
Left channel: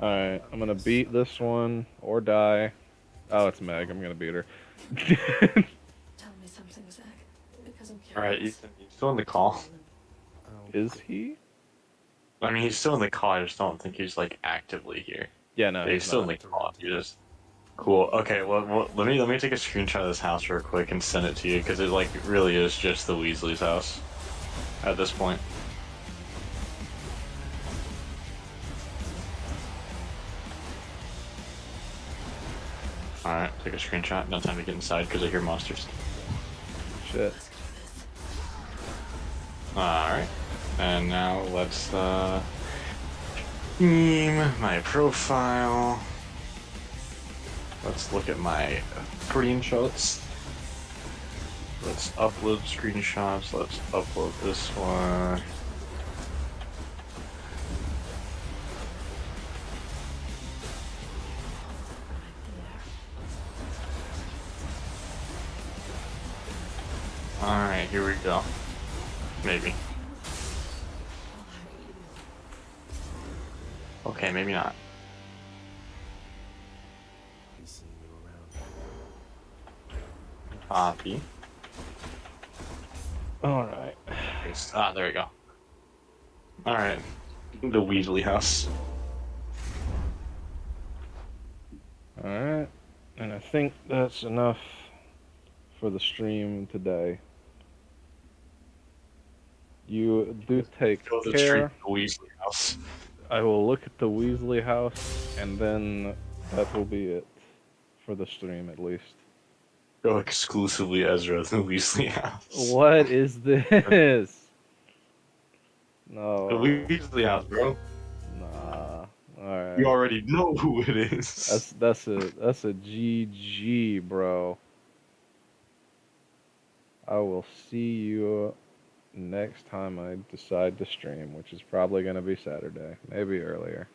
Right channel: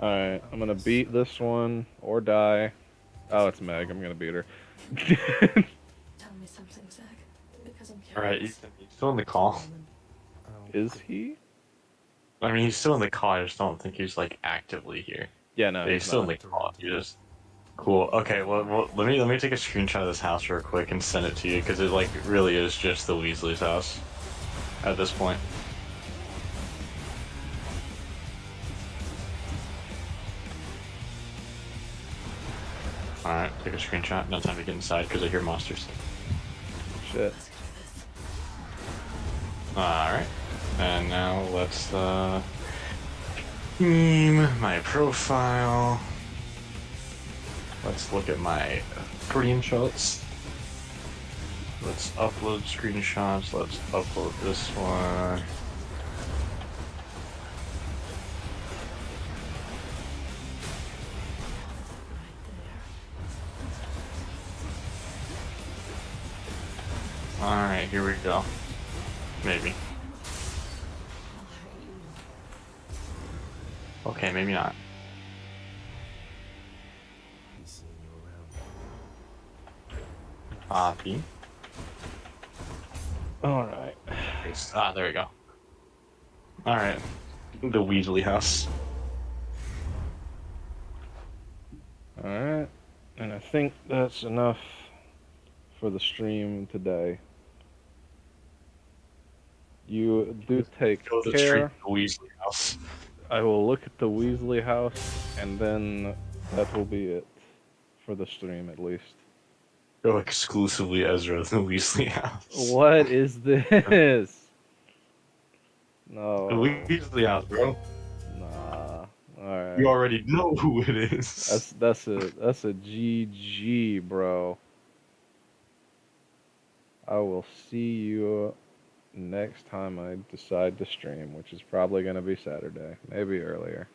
Alright, I'm gonna beat this one or die. Oh, it's Meg. I'm gonna beat her. Tell me something, Zach. Because I'm curious. Alright, he's still in the call. Is he? I mean, he's still in the call. I just don't think he's like actively here. Yeah, no, He's he's still in not. the call. You just cool. Okay, well, let me take a screenshot of this house real quick and send it to you because it really is just the Weasley's house at this point. Alright, take a screenshot. No time to get inside because I hear monsters. Shit. Alright. And now let's theme my profile. Let's look at my screenshots. Let's upload screenshots. Let's upload this one. Alright, here we go. Maybe. Okay, maybe not. He's seeing you around. Copy. Alright. Ah, there we go. Alright. The Weasley house. Alright. And I think that's enough for the stream today. You do take Go to the street, care. the Weasley house. I will look at the Weasley house, and then that will be it for the stream, at least. Go exclusively Ezra, the Weasley house. What is this? No. The Weasley house, bro. Nah. Alright. You already know who it is. That's a GG, bro. I will see you next time I decide to stream, which is probably gonna be Saturday, maybe earlier.